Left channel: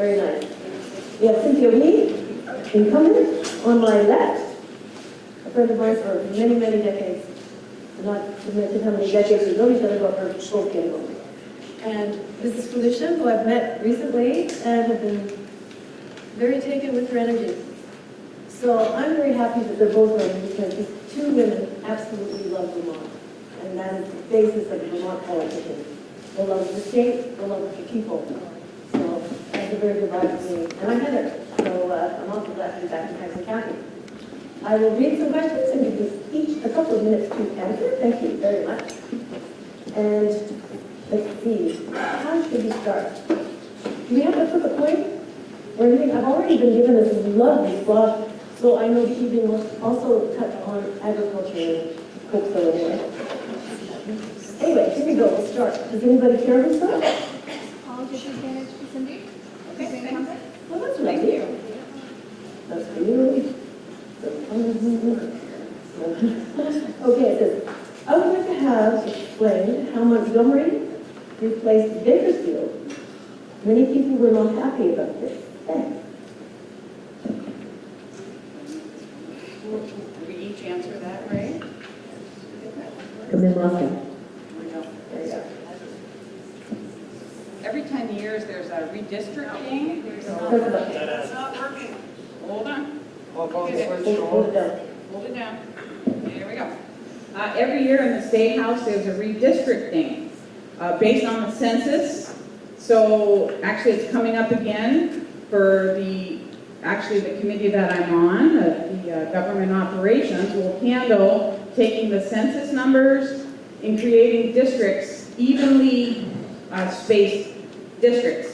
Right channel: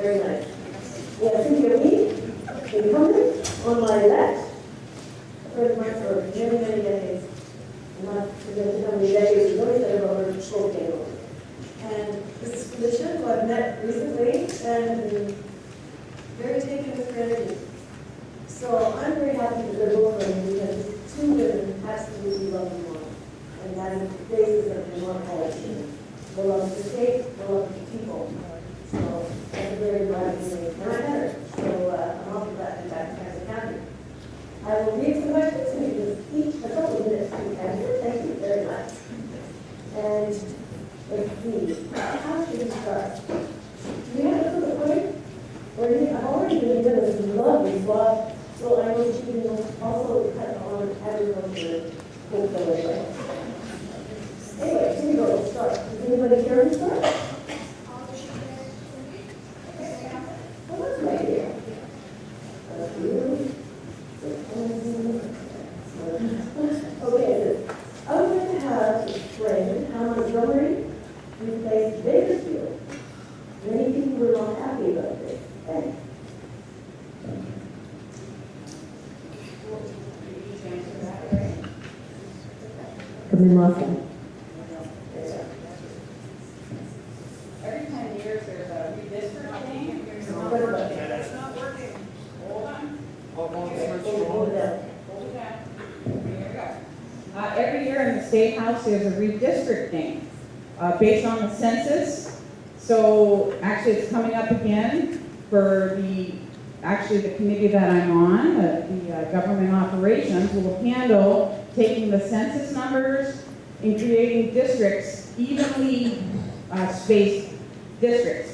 Very nice. We have Cynthia Wee, incumbent, on my left. A friend of mine for many, many decades. Not to mention how many decades we've known each other, but we're both getting on. And this is Felicia, who I've met recently and have been very taken with her energy. So I'm very happy that they're both on because these two women absolutely love Vermont. And that is the basis of Vermont politics. The love of the state, the love of the people. So that's a very good vibe for me. And I met her, so I'm awfully glad to be back in Tyson County. I will read some questions and give us each a couple of minutes to answer. Thank you very much. And let's see, how should we start? Do we have to flip a coin? Or anything? I've already been given this lovely blog, so I know she can also touch on agriculture, cocoa. Anyway, here we go. Let's start. Does anybody care to start? Well, that's right here. That's for you. Okay, it says, I would like to have explained how Montgomery replaced Bakersfield. Many people were not happy about this. Thanks. We each answer that, right? Come in, Moscow. There you go. Every 10 years there's a redistricting. That's not working. Hold on. Hold it down. Hold it down. There we go. Every year in the State House, there's a redistricting based on the census. So actually, it's coming up again for the committee that I'm on, the government operations, will handle taking the census numbers and creating districts, evenly spaced districts.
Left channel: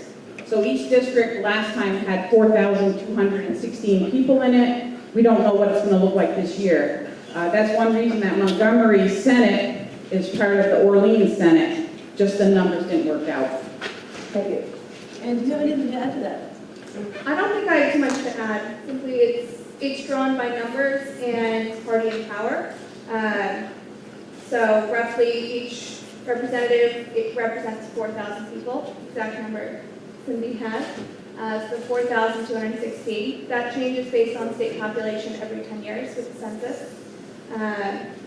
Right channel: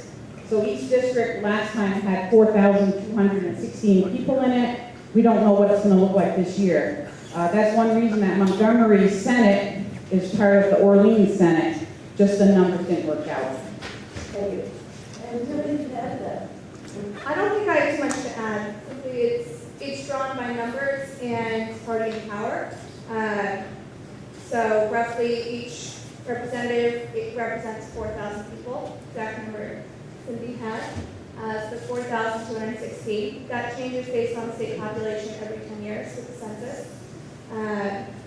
So each district last time had 4,216 people in it. We don't know what it's going to look like this year. That's one reason that Montgomery Senate is part of the Orleans Senate. Just the numbers didn't work out. Thank you. And do you have anything to add to that? I don't think I have too much to add. Simply, it's drawn by numbers and party and power. So roughly each representative, it represents 4,000 people. Exact number Cindy has. So 4,216. That changes based on state population every 10 years with the census.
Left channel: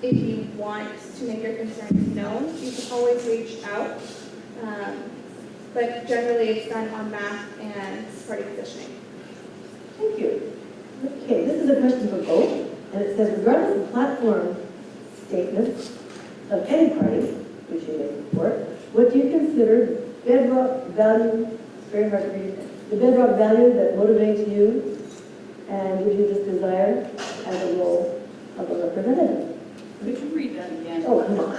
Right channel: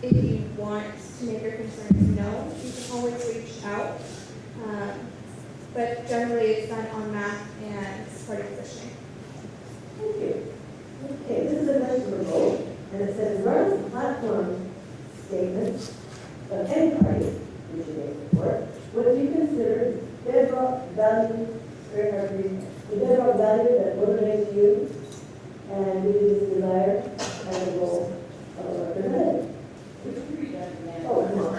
If you want to make your concerns known, you can always reach out. But generally it's done on math and party positioning. Thank you. Okay, this is a question for both, and it says, regardless of platform statements of any party, which you may support, what do you consider bedrock value, it's very hard to read, the bedrock value that motivates you and gives you this desire as a role of a representative? We should read that again. Oh, come on.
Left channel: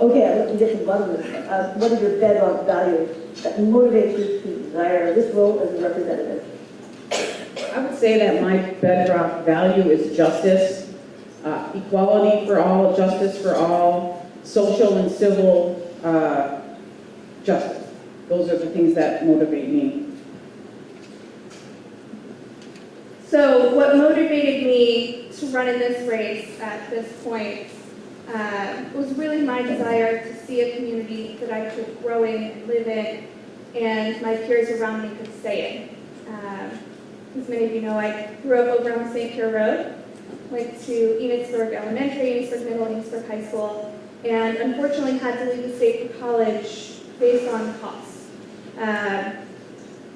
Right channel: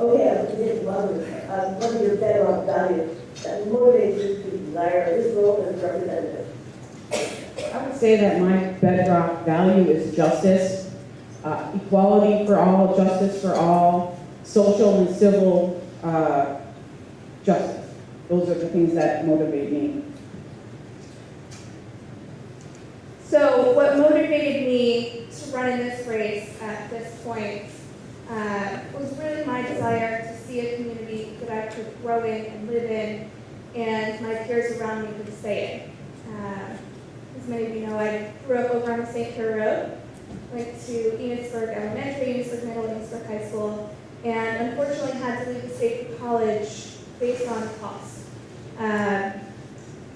Okay, I'd like to get to the bottom of it. What is your bedrock value that motivates you to desire this role as a representative? I would say that my bedrock value is justice, equality for all, justice for all, social and civil justice. Those are the things that motivate me. So what motivated me to run in this race at this point was really my desire to see a community that I could grow in and live in, and my peers around me could stay in. As many of you know, I grew up over on St. Pierre Road, went to Enosburg Elementary, Enosburg Middle, Enosburg High School, and unfortunately had to leave the state for college based on cost.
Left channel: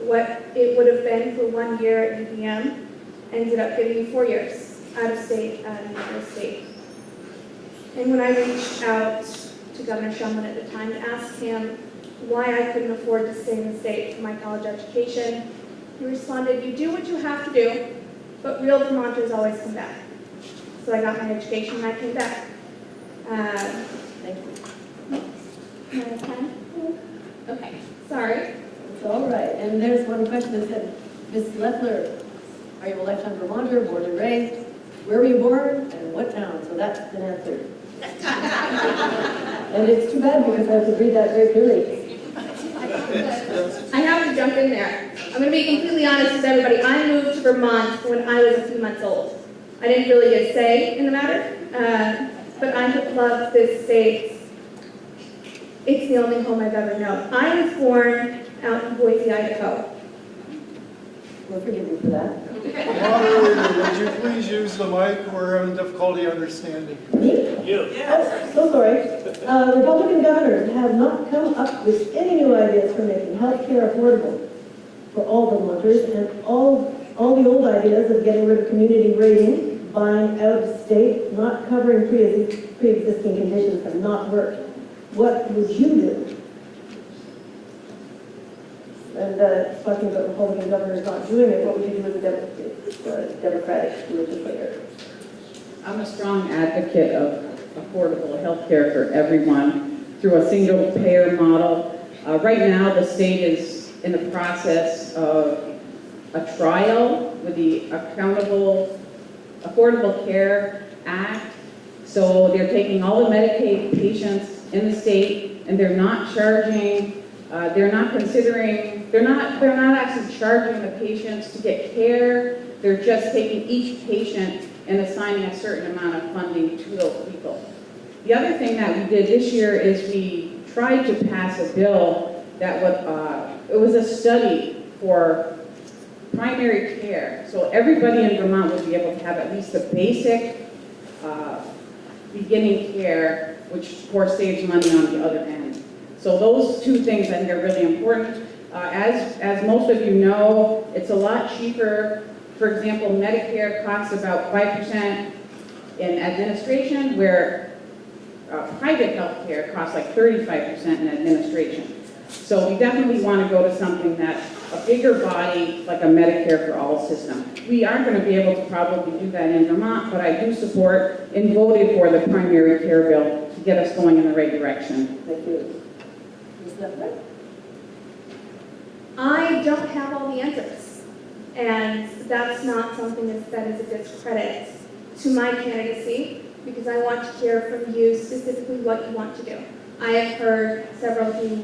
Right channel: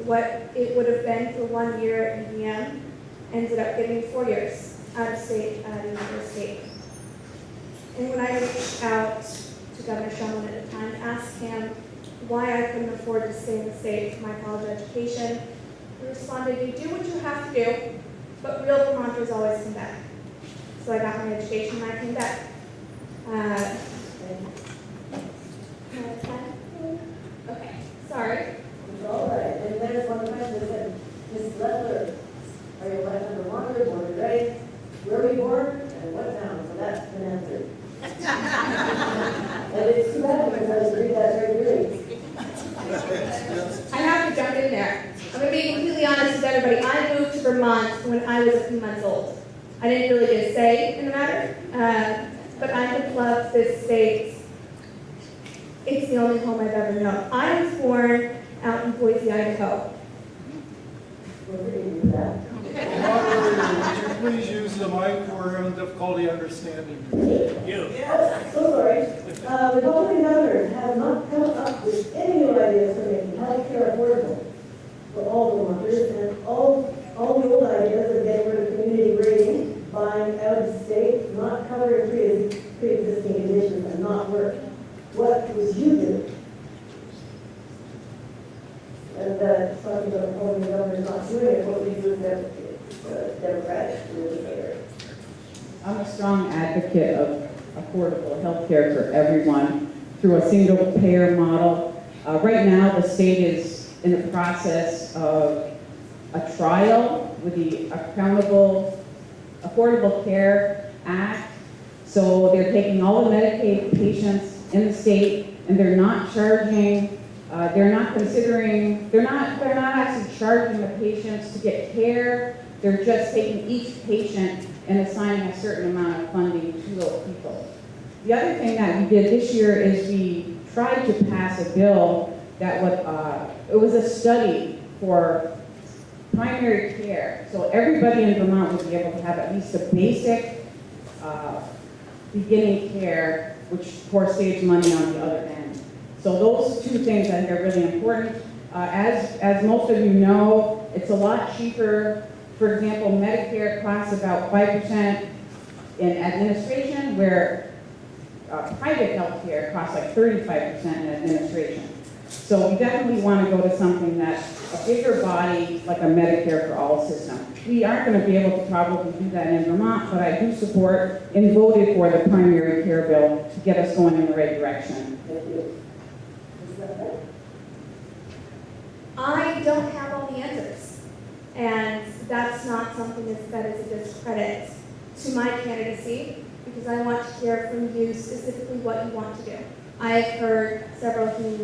What it would have been for 1 year at UVM ended up getting me 4 years out of state at another state. And when I reached out to Governor Shumlin at the time to ask him why I couldn't afford to stay in the state for my college education, he responded, "You do what you have to do, but real Vermonters always come back." So I got my education and I came back. Thank you. Okay, sorry. It's all right. And there's one question that said, Ms. Leffler, are you a lifetime Vermonter, born and raised? Where were you born and what town? So that's been answered. And it's too bad because I have to read that very clearly. I have to jump in there. I'm going to be completely honest with everybody. I moved to Vermont when I was a few months old. I didn't really get a say in the matter, but I have loved this state It's the only home I've ever known. I was born out in Boise, Idaho. We're forgiving for that. Would you please use the mic? We're having difficulty understanding you. Me? You. Oh, so sorry. Republican governors have not come up with any new ideas for making healthcare affordable for all Vermonters, and all the old ideas of getting rid of community rating, buying out of state, not covering pre-existing conditions have not worked. What would you do? And talking about Republican governors not doing it, what would you do as a Democratic legislator? I'm a strong advocate of affordable health care for everyone through a single payer model. Right now, the state is in the process of a trial with the Affordable Care Act. So they're taking all the Medicaid patients in the state, and they're not charging, they're not actually charging the patients to get care. They're just taking each patient and assigning a certain amount of funding to those people. The other thing that we did this year is we tried to pass a bill that it was a study for primary care. So everybody in Vermont would be able to have at least a basic beginning care, which of course saves money on the other end. So those two things I think are really important. As most of you know, it's a lot cheaper. For example, Medicare costs about 5% in administration, where private health care costs like 35% in administration. So we definitely want to go to something that's a bigger body, like a Medicare for all system. We aren't going to be able to probably do that in Vermont, but I do support and voted for the primary care bill to get us going in the right direction. Thank you. Ms. Leffler? I don't have all the answers, and that's not something that is a discredit to my candidacy, because I want to hear from you specifically what you want to do. I have heard several who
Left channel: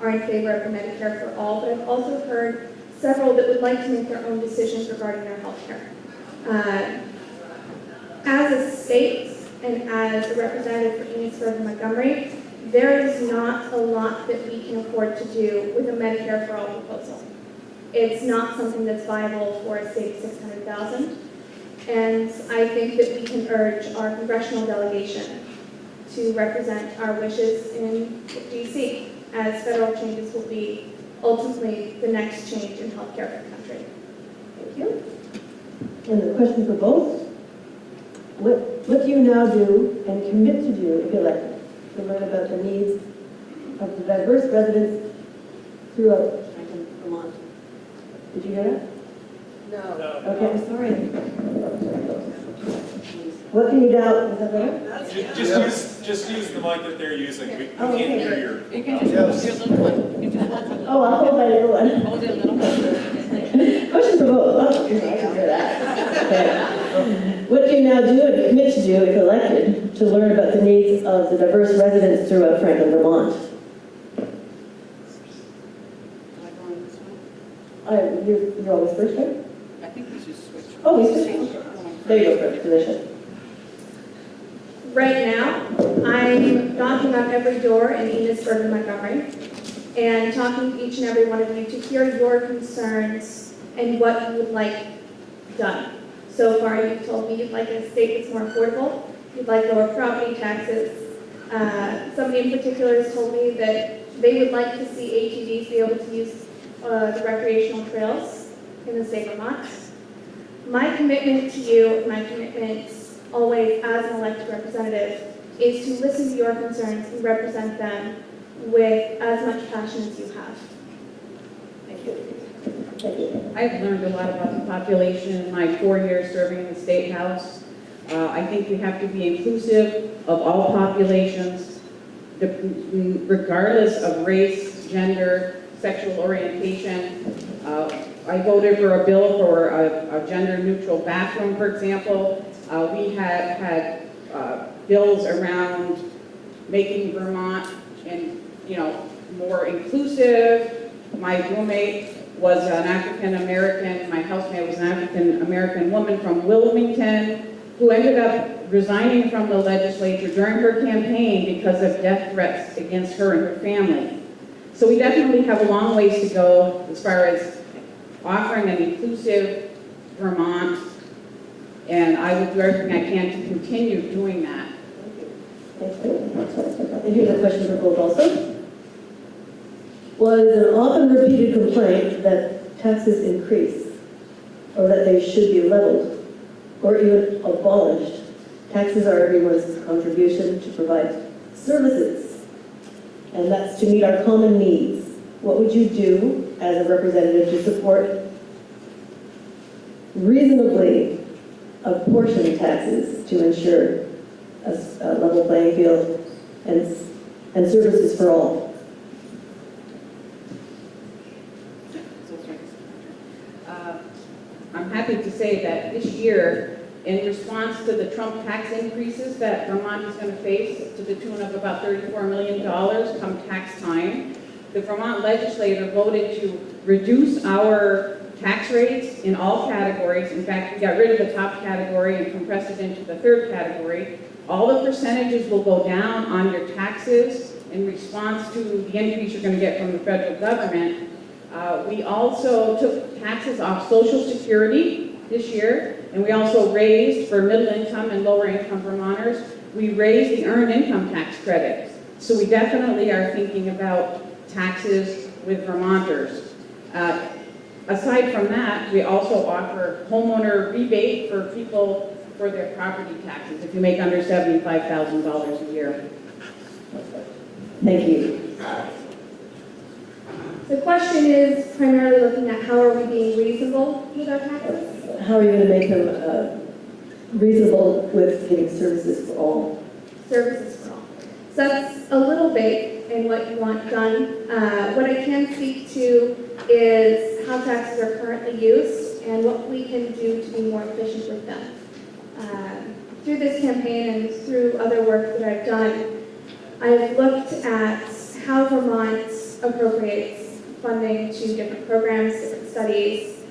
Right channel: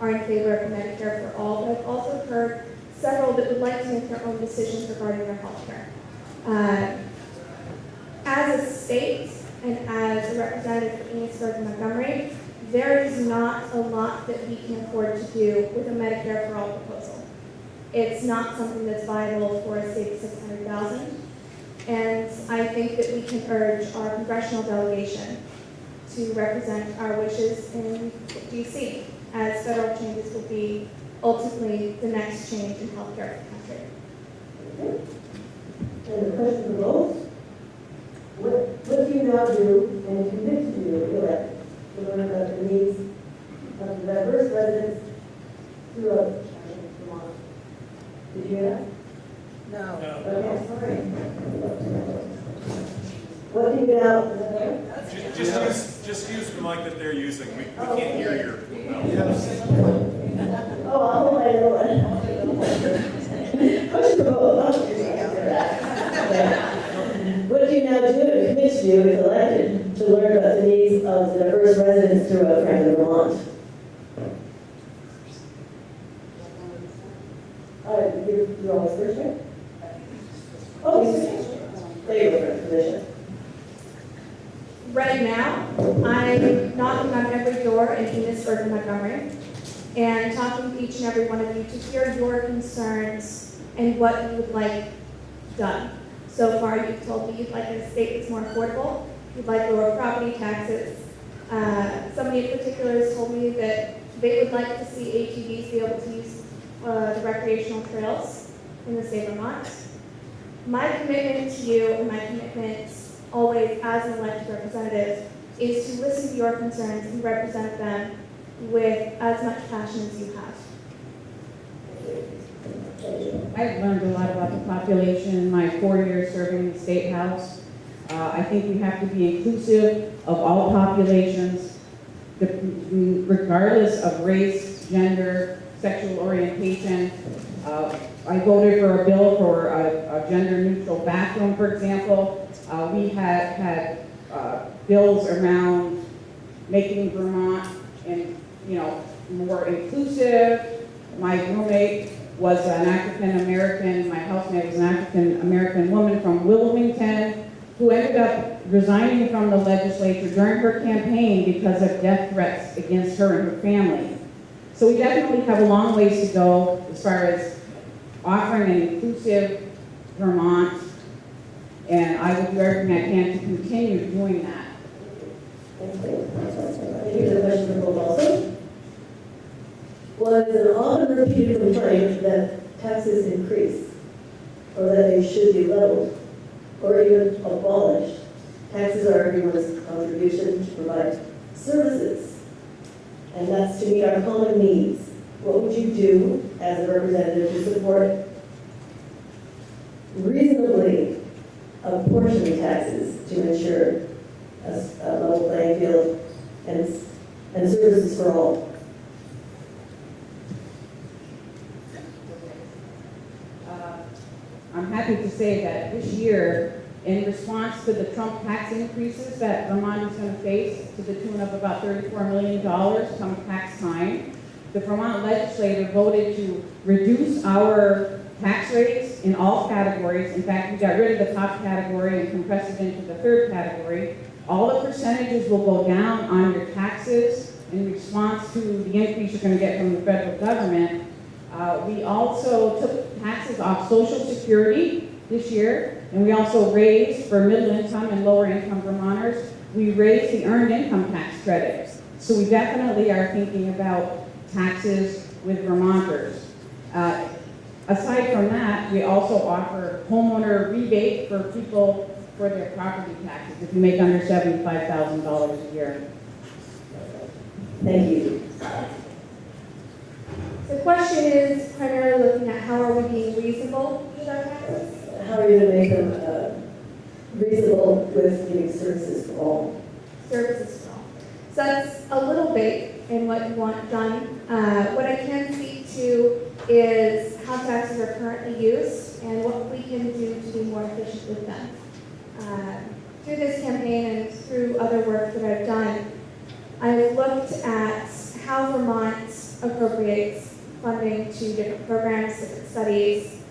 are in favor of Medicare for all, but I've also heard several that would like to make their own decisions regarding their health care. As a state and as a representative for Enosburg and Montgomery, there is not a lot that we can afford to do with a Medicare for all proposal. It's not something that's viable for a state of 600,000. And I think that we can urge our congressional delegation to represent our wishes in DC, as federal changes will be ultimately the next change in healthcare for the country. Thank you. And the question for both. What do you now do and commit to do if elected to learn about the needs of the diverse residents throughout Vermont? Did you hear that? No. Okay, sorry. What can you now, is that better? Just use the mic that they're using. We Oh, can't okay. hear your. You can just hold your little one. You can Oh, I'll hold my little one. hold your little one. Question for both. Oh, you're right, I'll do that. Okay. What do you now do and commit to do if elected to learn about the needs of the diverse residents throughout Franklin, Vermont? You're always first, right? I think we should switch. Oh, he's switching. There you go, first position. Right now, I'm knocking on every door in Enosburg and Montgomery and talking to each and every one of you to hear your concerns and what you would like done. So far, you've told me you'd like a state that's more affordable, you'd like lower property taxes. Somebody in particular has told me that they would like to see ATVs be able to use the recreational trails in the state of Vermont. My commitment to you and my commitment always as an elected representative is to listen to your concerns and represent them with as much passion as you have. Thank you. Thank you. I've learned a lot about the population in my 4 years serving in the State House. I think you have to be inclusive of all populations, regardless of race, gender, sexual orientation. I voted for a bill for a gender-neutral bathroom, for example. We had bills around making Vermont more inclusive. My roommate was an African American. My housemate was an African American woman from Wilmington. who ended up resigning from the legislature during her campaign because of death threats against her and her family. So we definitely have a long ways to go as far as offering an inclusive Vermont, and I will do everything I can to continue doing that. Thank you. And here's a question for both also. Was an often repeated complaint that taxes increase, or that they should be leveled, or even abolished. Taxes are everyone's contribution to provide services, and that's to meet our common needs. What would you do as a representative to support reasonably apportioned taxes to ensure a level playing field and services for all? I'm happy to say that this year, in response to the Trump tax increases that Vermont is going to face to the tune of about $34 million come tax time, the Vermont legislature voted to reduce our tax rates in all categories. In fact, we got rid of the top category and compressed it into the third category. All the percentages will go down on your taxes in response to the increase you're going to get from the federal government. We also took taxes off Social Security this year, and we also raised, for middle income and lower income Vermonters, we raised the earned income tax credit. So we definitely are thinking about taxes with Vermonters. Aside from that, we also offer homeowner rebate for people for their property taxes if you make under $75,000 a year. Thank you. The question is primarily looking at how are we being reasonable with our taxes? How are you going to make them reasonable with giving services for all? Services for all. So that's a little vague in what you want done. What I can speak to is how taxes are currently used and what we can do to be more efficient with them. Through this campaign and through other work that I've done, I've looked at how Vermont appropriates funding to different programs, different studies,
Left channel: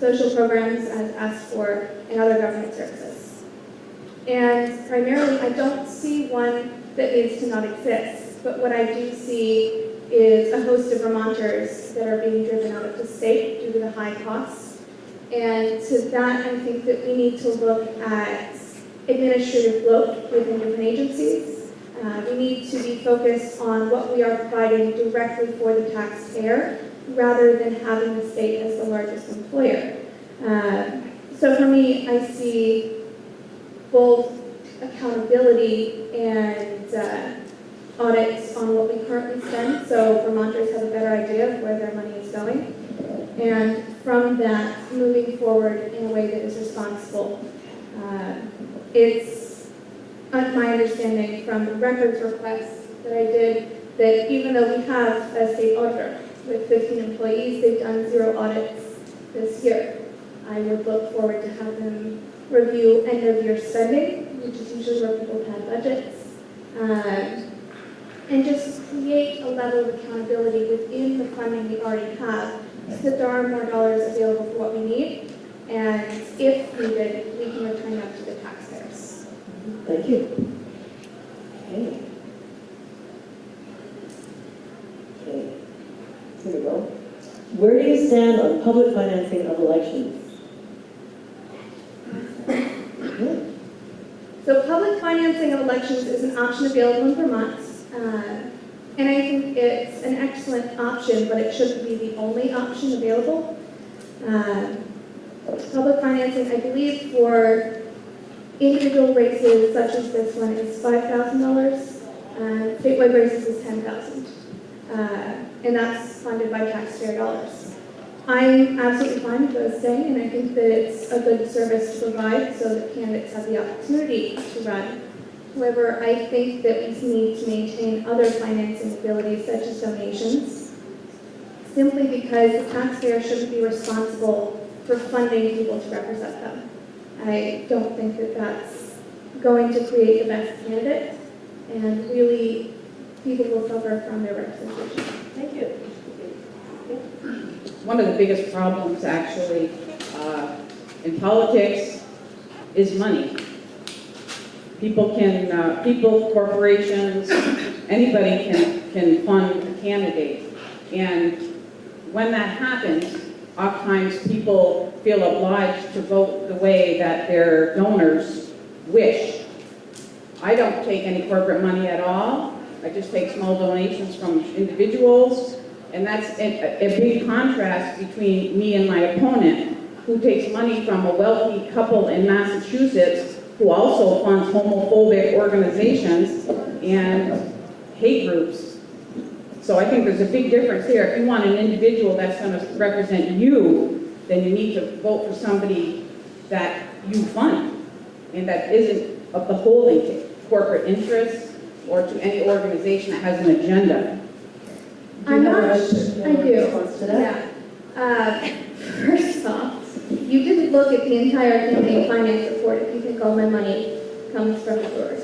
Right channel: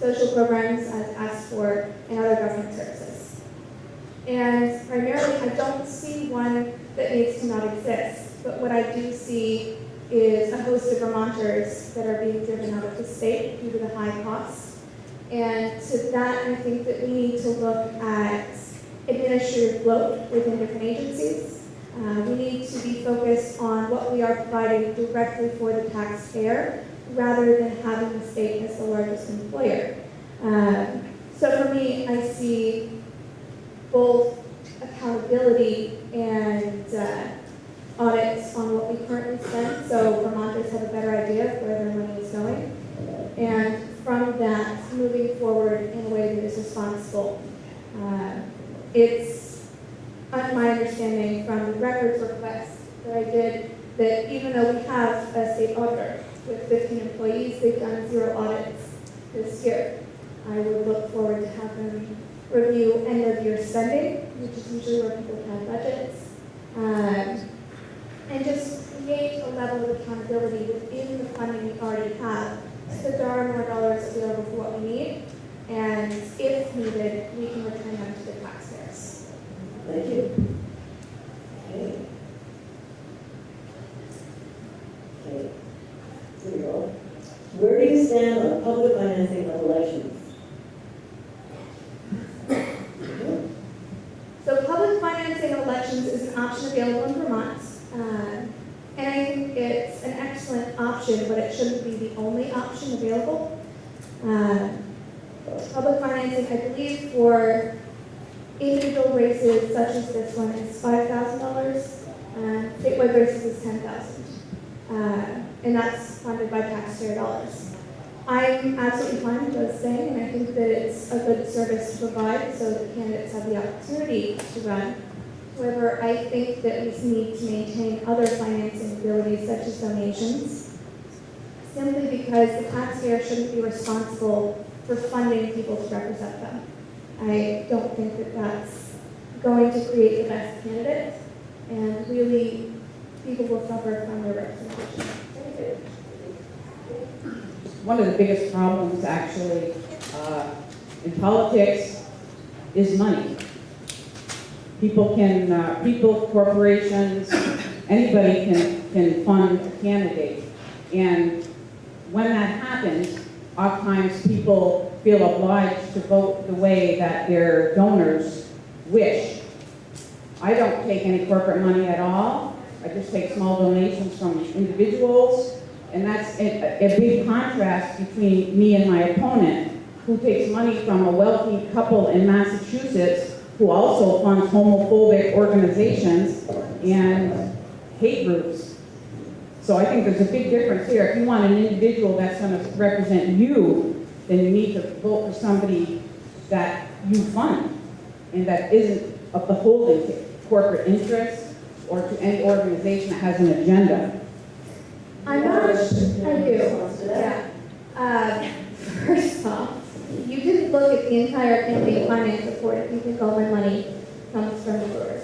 social programs as asked for, and other government services. And primarily, I don't see one that needs to not exist, but what I do see is a host of Vermonters that are being driven out of the state due to the high costs. And to that, I think that we need to look at administrative bloat within different agencies. We need to be focused on what we are providing directly for the taxpayer rather than having the state as the largest employer. So for me, I see both accountability and audits on what we currently spend, so Vermonters have a better idea of where their money is going. And from that, moving forward in a way that is responsible. It's my understanding from the records requests that I did that even though we have a state auditor with 15 employees, they've done 0 audits this year. I would look forward to have them review end of year spending, which is usually where people have budgets, and just create a level of accountability within the funding we already have so that there are more dollars available for what we need, and if needed, we can return them to the taxpayers. Thank you. Okay. Okay. Here we go. Where do you stand on public financing of elections? So public financing of elections is an option available in Vermont, and I think it's an excellent option, but it shouldn't be the only option available. Public financing, I believe, for individual races such as this one is $5,000, and statewide races is $10,000, and that's funded by taxpayer dollars. I'm absolutely fine with those staying, and I think that it's a good service to provide so that candidates have the opportunity to run. However, I think that we need to maintain other financing abilities such as donations, simply because the taxpayer shouldn't be responsible for funding people to represent them. I don't think that that's going to create the best candidate, and really people will suffer from their representation. Thank you. One of the biggest problems actually in politics is money. People can, people, corporations, anybody can fund a candidate. And when that happens, oftentimes people feel obliged to vote the way that their donors wish. I don't take any corporate money at all. I just take small donations from individuals. And that's a big contrast between me and my opponent, who takes money from a wealthy couple in Massachusetts who also funds homophobic organizations and hate groups. So I think there's a big difference here. If you want an individual that's going to represent you, then you need to vote for somebody that you fund and that isn't beholden to corporate interests or to any organization that has an agenda. I'm not, I do. Response to that? Yeah. First off, you didn't look at the entire campaign finance report if you think all my money comes from yours.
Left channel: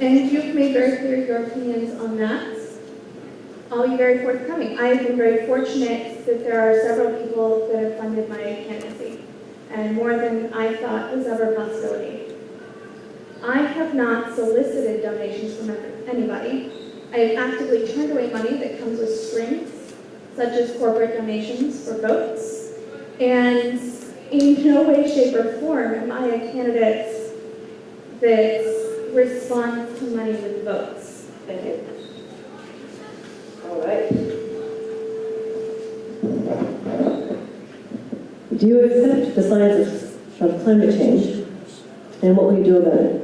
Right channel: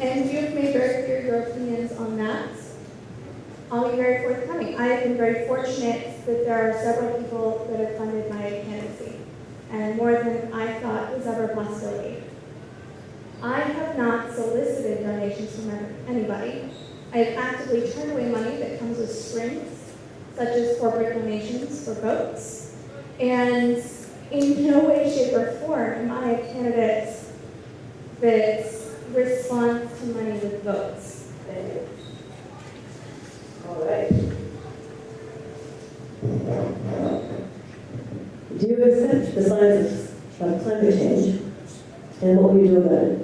And you've made very clear your opinions on that. I'll be very forthcoming. I have been very fortunate that there are several people that have funded my candidacy, and more than I thought was ever a possibility. I have not solicited donations from anybody. I have actively turned away money that comes with strings, such as corporate donations for votes. And in no way, shape, or form am I a candidate that responds to money with votes. Thank you. All right. Do you accept the science of climate change, and what will you do about it?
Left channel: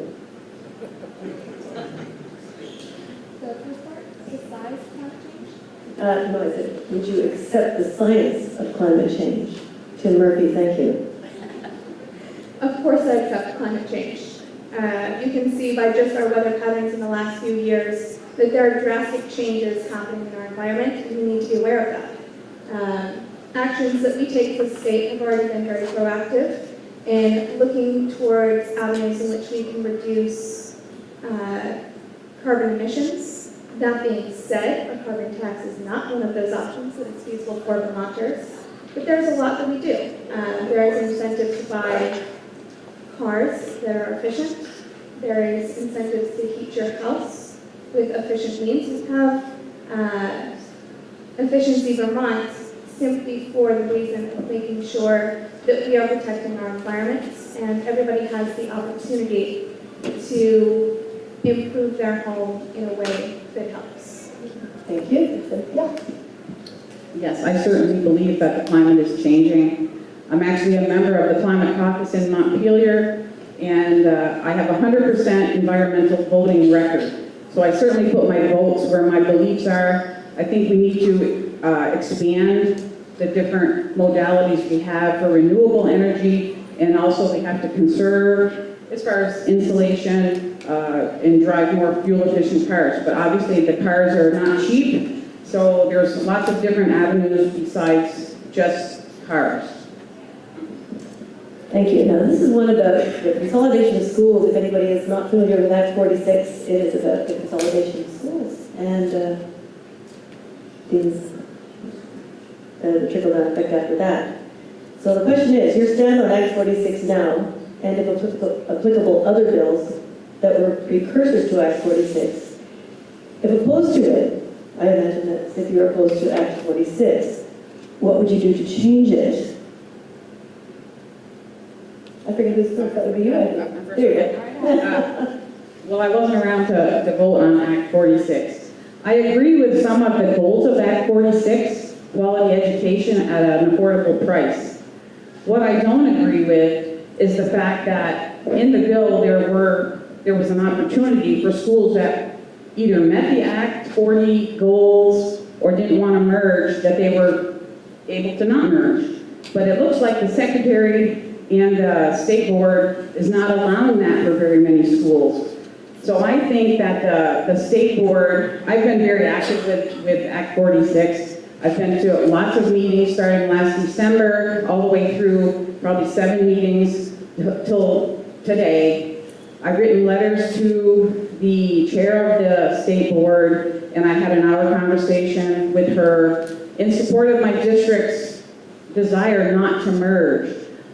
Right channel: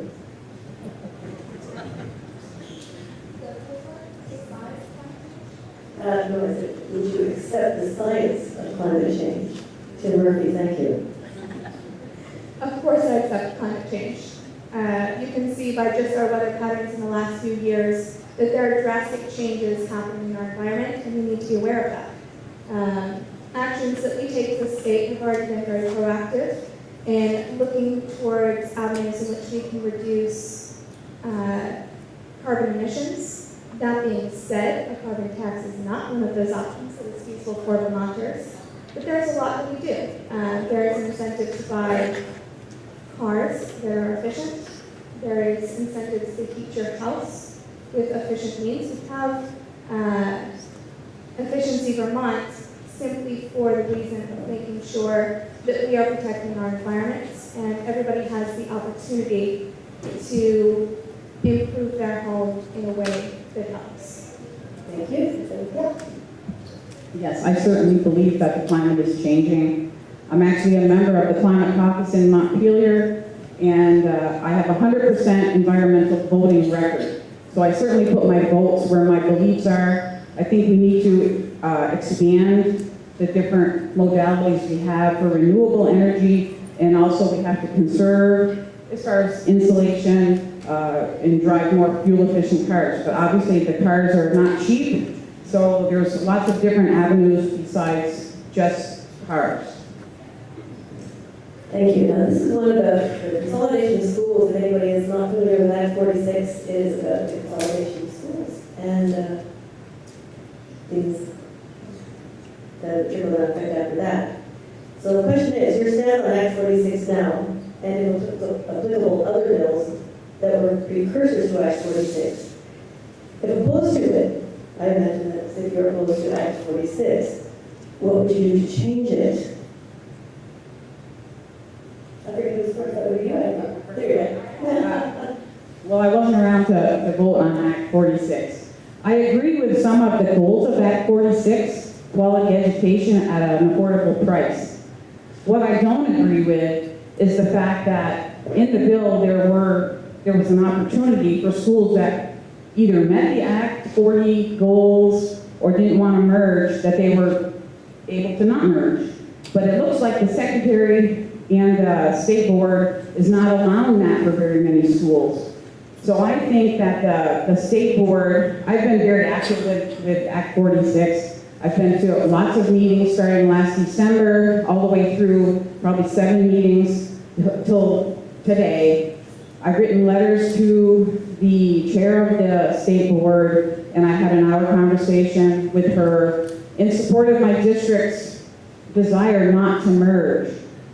No, I said, would you accept the science of climate change? Tim Murphy, thank you. Of course I accept climate change. You can see by just our weather patterns in the last few years that there are drastic changes happening in our environment, and we need to be aware of that. Actions that we take as a state have already been very proactive in looking towards avenues in which we can reduce carbon emissions. That being said, a carbon tax is not one of those options that is feasible for Vermonters, but there's a lot that we do. There is an incentive to buy cars that are efficient. There is incentives to heat your house with efficient means. We have Efficiency Vermont simply for the reason of making sure that we are protecting our environments and everybody has the opportunity to improve their home in a way that helps. Thank you. Yeah. Yes, I certainly believe that the climate is changing. I'm actually a member of the Climate Caucus in Montpelier, and I have a 100% environmental voting record. So I certainly put my votes where my beliefs are. I think we need to expand the different modalities we have for renewable energy, and also we have to conserve as far as insulation and drive more fuel-efficient cars. But obviously the cars are not cheap, so there's lots of different avenues besides just cars. Thank you. Now, this is one of the consolidation of schools. If anybody is not familiar with Act 46, it is about the consolidation of schools and the trickle-down effect after that. So the question is, your stand on Act 46 now, and if applicable other bills that were precursors to Act 46. If opposed to it, I imagine that if you're opposed to Act 46, what would you do to change it? I forget who's first, that would be you. There you go. Well, I wasn't around to vote on Act 46. I agree with some of the goals of Act 46, quality education at an affordable price. What I don't agree with is the fact that in the bill there was an opportunity for schools that either met the Act 40 goals or didn't want to merge, that they were able to not merge. But it looks like the secretary and the state board is not allowing that for very many schools. So I think that the state board, I've been very active with Act 46. I've been to lots of meetings starting last December, all the way through probably 7 meetings till today. I've written letters to the chair of the state board, and I had an hour conversation with her in support of my district's desire not to merge.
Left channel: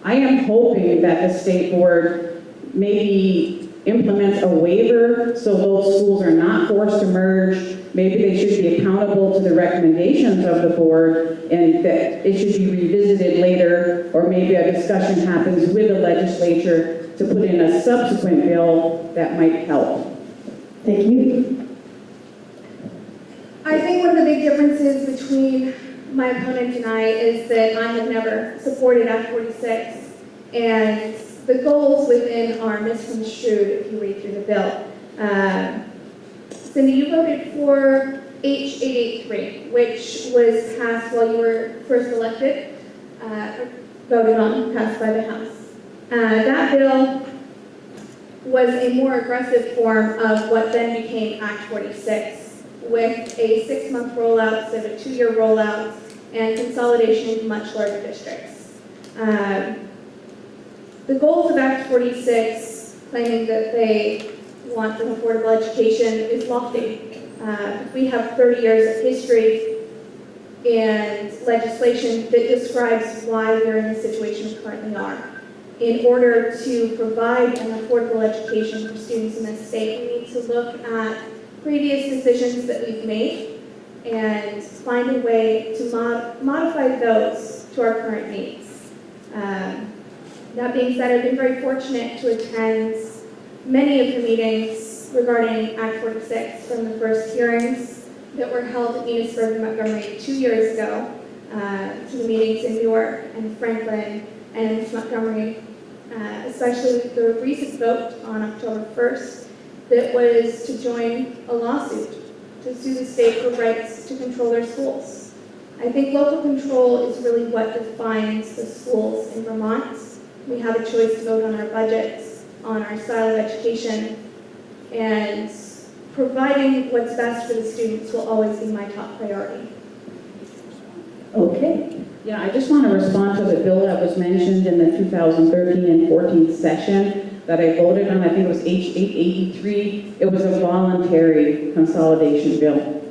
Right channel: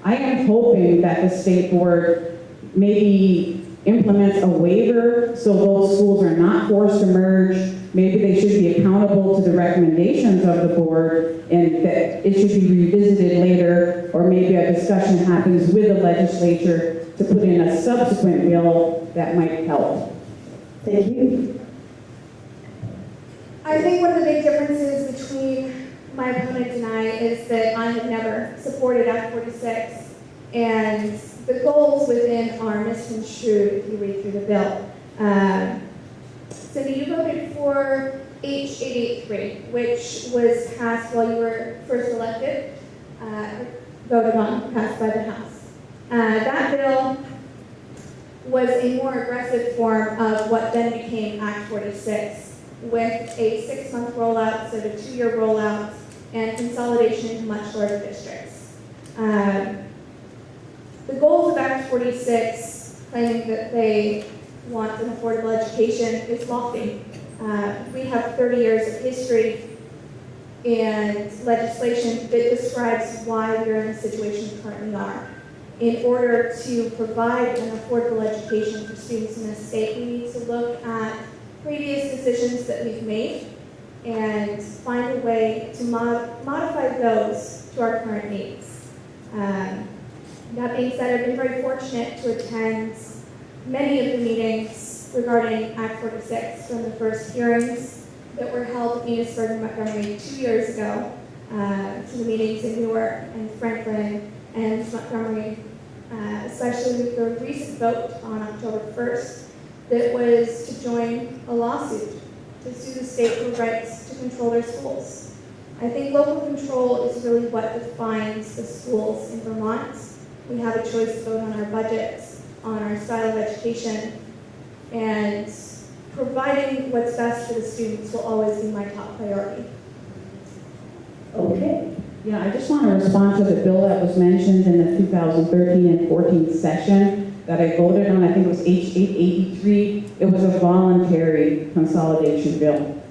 I am hoping that the state board maybe implements a waiver so those schools are not forced to merge. Maybe they should be accountable to the recommendations of the board and that it should be revisited later, or maybe a discussion happens with the legislature to put in a subsequent bill that might help. Thank you. I think one of the big differences between my opponent and I is that I have never supported Act 46, and the goals within are misconstrued if you read through the bill. Cindy, you voted for H883, which was passed while you were first elected, voted on, passed by the House. That bill was a more aggressive form of what then became Act 46, with a 6-month rollout instead of a 2-year rollout and consolidation into much larger districts. The goals of Act 46, claiming that they want an affordable education, is lofty. We have 30 years of history and legislation that describes why we're in the situation we currently are. In order to provide an affordable education for students in this state, we need to look at previous decisions that we've made and find a way to modify those to our current needs. That being said, I've been very fortunate to attend many of the meetings regarding Act 46 from the first hearings that were held in Enosburg and Montgomery 2 years ago, to the meetings in Newark and Franklin and Montgomery, especially with the recent vote on October 1st that was to join a lawsuit to sue the state for rights to control their schools. I think local control is really what defines the schools in Vermont. We have a choice to vote on our budgets, on our style of education, and providing what's best for the students will always be my top priority. Okay. Yeah, I just want to respond to the bill that was mentioned in the 2013 and 14 session that I voted on. I think it was H883. It was a voluntary consolidation bill.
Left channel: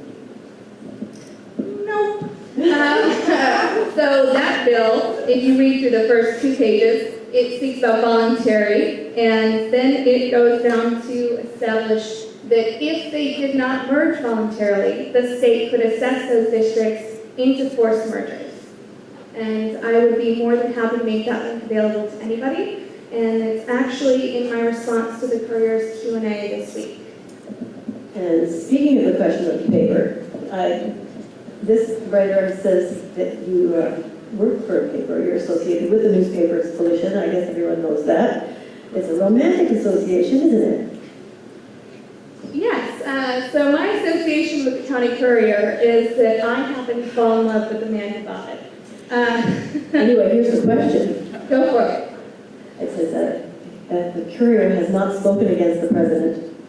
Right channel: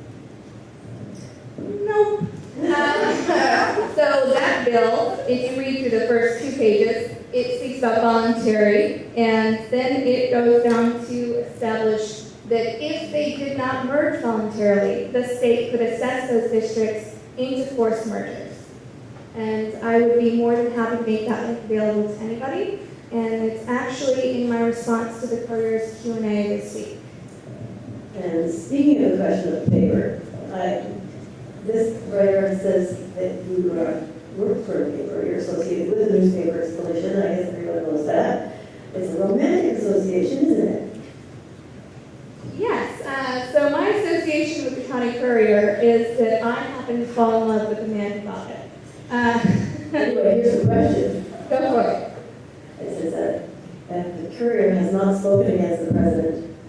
Nope. So that bill, if you read through the first 2 pages, it speaks about voluntary, and then it goes down to establish that if they did not merge voluntarily, the state could assess those districts into forced mergers. And I would be more than happy to make that link available to anybody, and it's actually in my response to the Courier's Q&A this week. And speaking of the question of the paper, this writer says that you work for a paper, you're associated with the newspaper's Coalition. I guess everyone knows that. It's a romantic association, isn't it? Yes, so my association with the County Courier is that I happen to fall in love with the man who bought it. Anyway, here's the question. Go for it. It says that the Courier has not spoken against the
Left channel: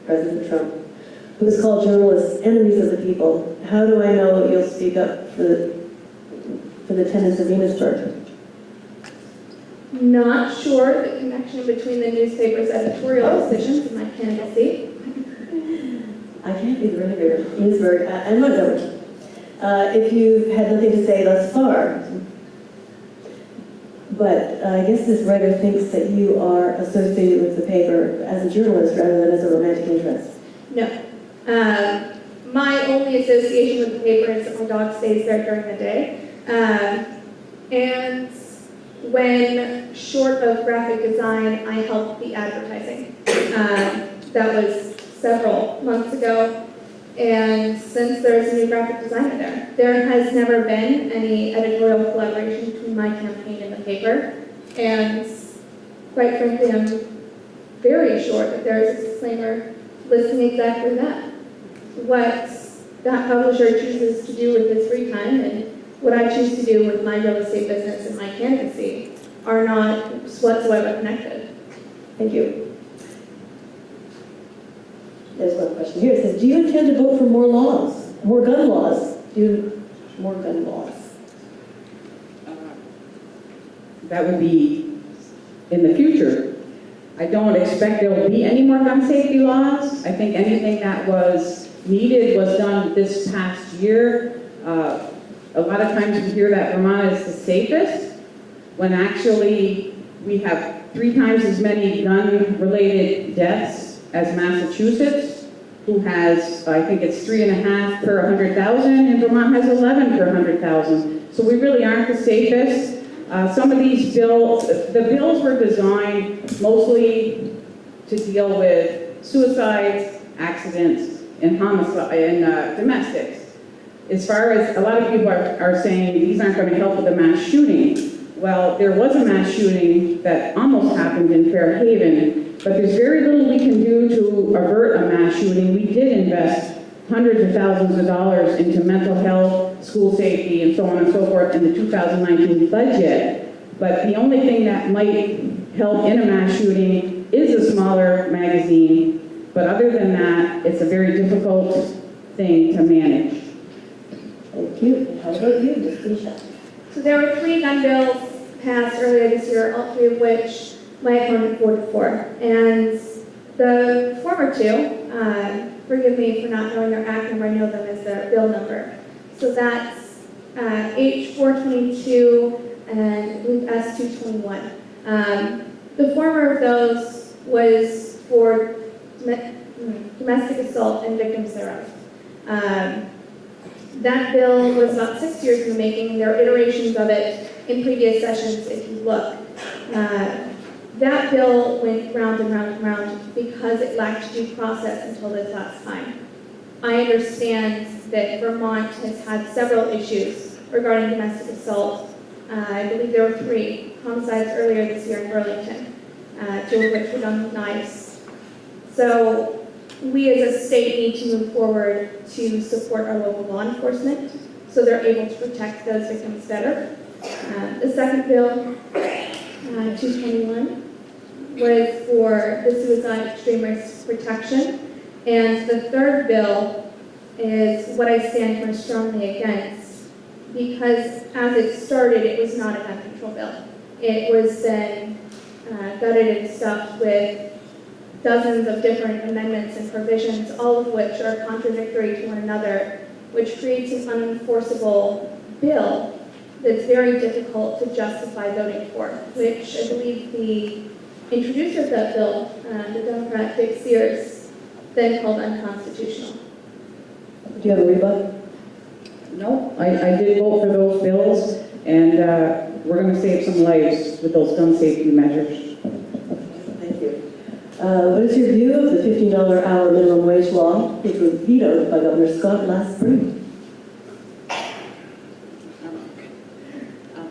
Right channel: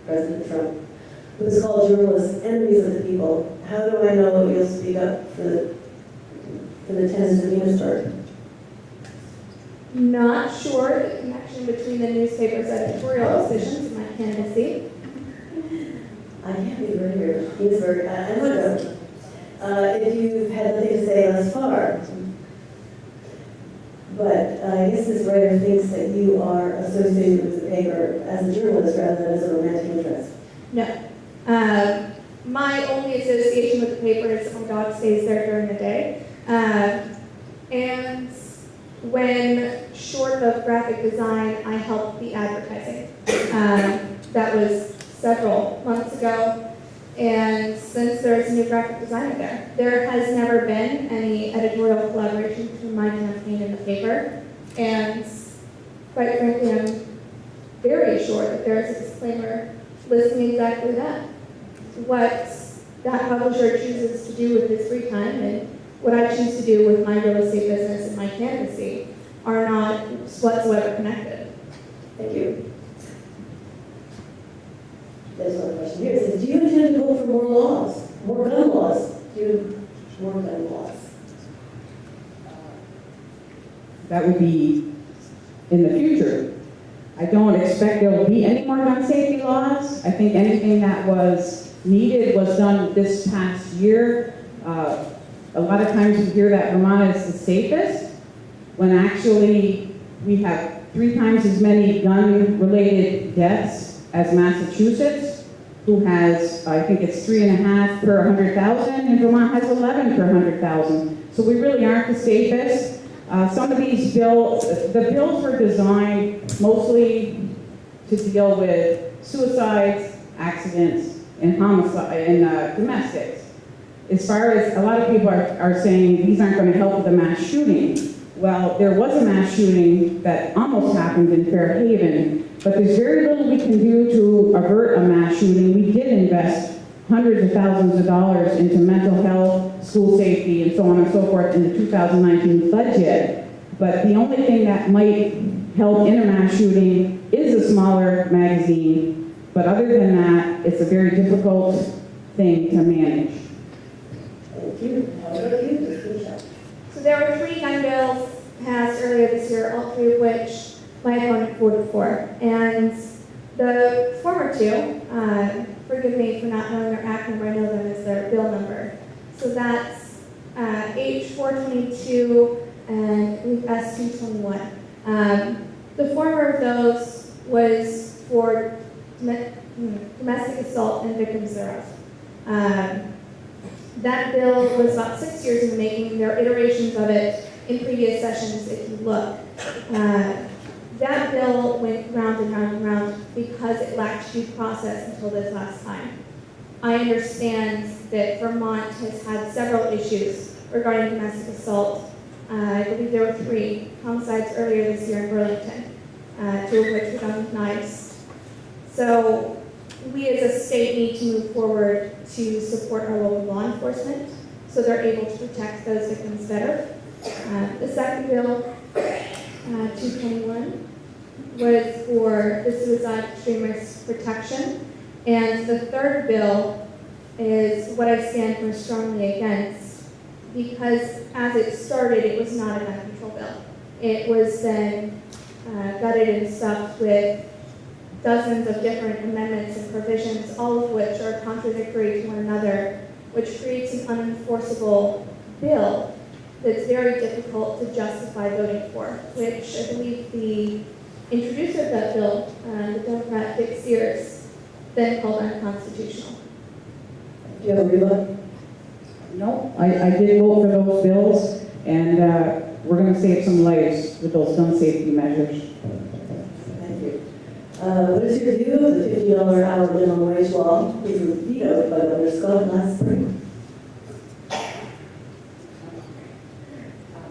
President Trump, who has called journalists enemies of the people. How do I know you'll speak up for the tenants of Enosburg? Not sure the connection between the newspaper's editorial decisions and my candidacy. I can't be really weird. Enosburg, I'm not going. If you've had nothing to say thus far. But I guess this writer thinks that you are associated with the paper as a journalist rather than as a romantic interest. No. My only association with the paper is that my dog stays there during the day. And when short of graphic design, I helped the advertising. That was several months ago. And since there's a new graphic designer there has never been any editorial collaboration between my campaign and the paper. And quite frankly, I'm very sure that there's a disclaimer listing exactly that. What that publisher chooses to do with his free time and what I choose to do with my real estate business and my candidacy are not whatsoever connected. Thank you. There's one question here. It says, do you intend to vote for more laws, more gun laws? More gun laws? That will be in the future. I don't expect there will be any more gun safety laws. I think anything that was needed was done this past year. A lot of times we hear that Vermont is the safest, when actually We have 3 times as many gun-related deaths as Massachusetts, who has, I think it's 3.5 per 100,000, and Vermont has 11 per 100,000. So we really aren't the safest. Some of these bills, the bills were designed mostly to deal with suicides, accidents, and homicide, and domestics. As far as a lot of people are saying these aren't going to help with the mass shooting. Well, there was a mass shooting that almost happened in Fairhaven, but there's very little we can do to avert a mass shooting. We did invest hundreds of thousands of dollars into mental health, school safety, and so on and so forth in the 2019 budget. But the only thing that might help in a mass shooting is a smaller magazine. But other than that, it's a very difficult thing to manage. Thank you. How about you, Ms. Keisha? So there were 3 gun bills passed earlier this year, all 3 of which my opponent voted for. And the former 2, forgive me for not knowing their acronym, I know them as their bill number. So that's H422 and I believe S221. The former of those was for domestic assault and victims thereof. That bill was about 6 years in the making, and there are iterations of it in previous sessions if you look. That bill went round and round and round because it lacked due process until this last time. I understand that Vermont has had several issues regarding domestic assault. I believe there were 3 homicides earlier this year in Burlington, 2 of which were done with knives. So we as a state need to move forward to support our local law enforcement so they're able to protect those victims better. The second bill, 221, was for the suicide extreme risk protection. And the third bill is what I stand most strongly against because as it started, it was not a gun control bill. It was then gutted and stuffed with dozens of different amendments and provisions, all of which are contradictory to one another, which creates an unenforceable bill that's very difficult to justify voting for, which I believe the introducer of that bill, the Democrat Dick Sears, then called unconstitutional. Do you have a rebuttal? No, I did vote for those bills, and we're going to save some lives with those gun safety measures. Thank you. What is your view of the $15 hour minimum wage law, which was vetoed by Governor Scott last spring?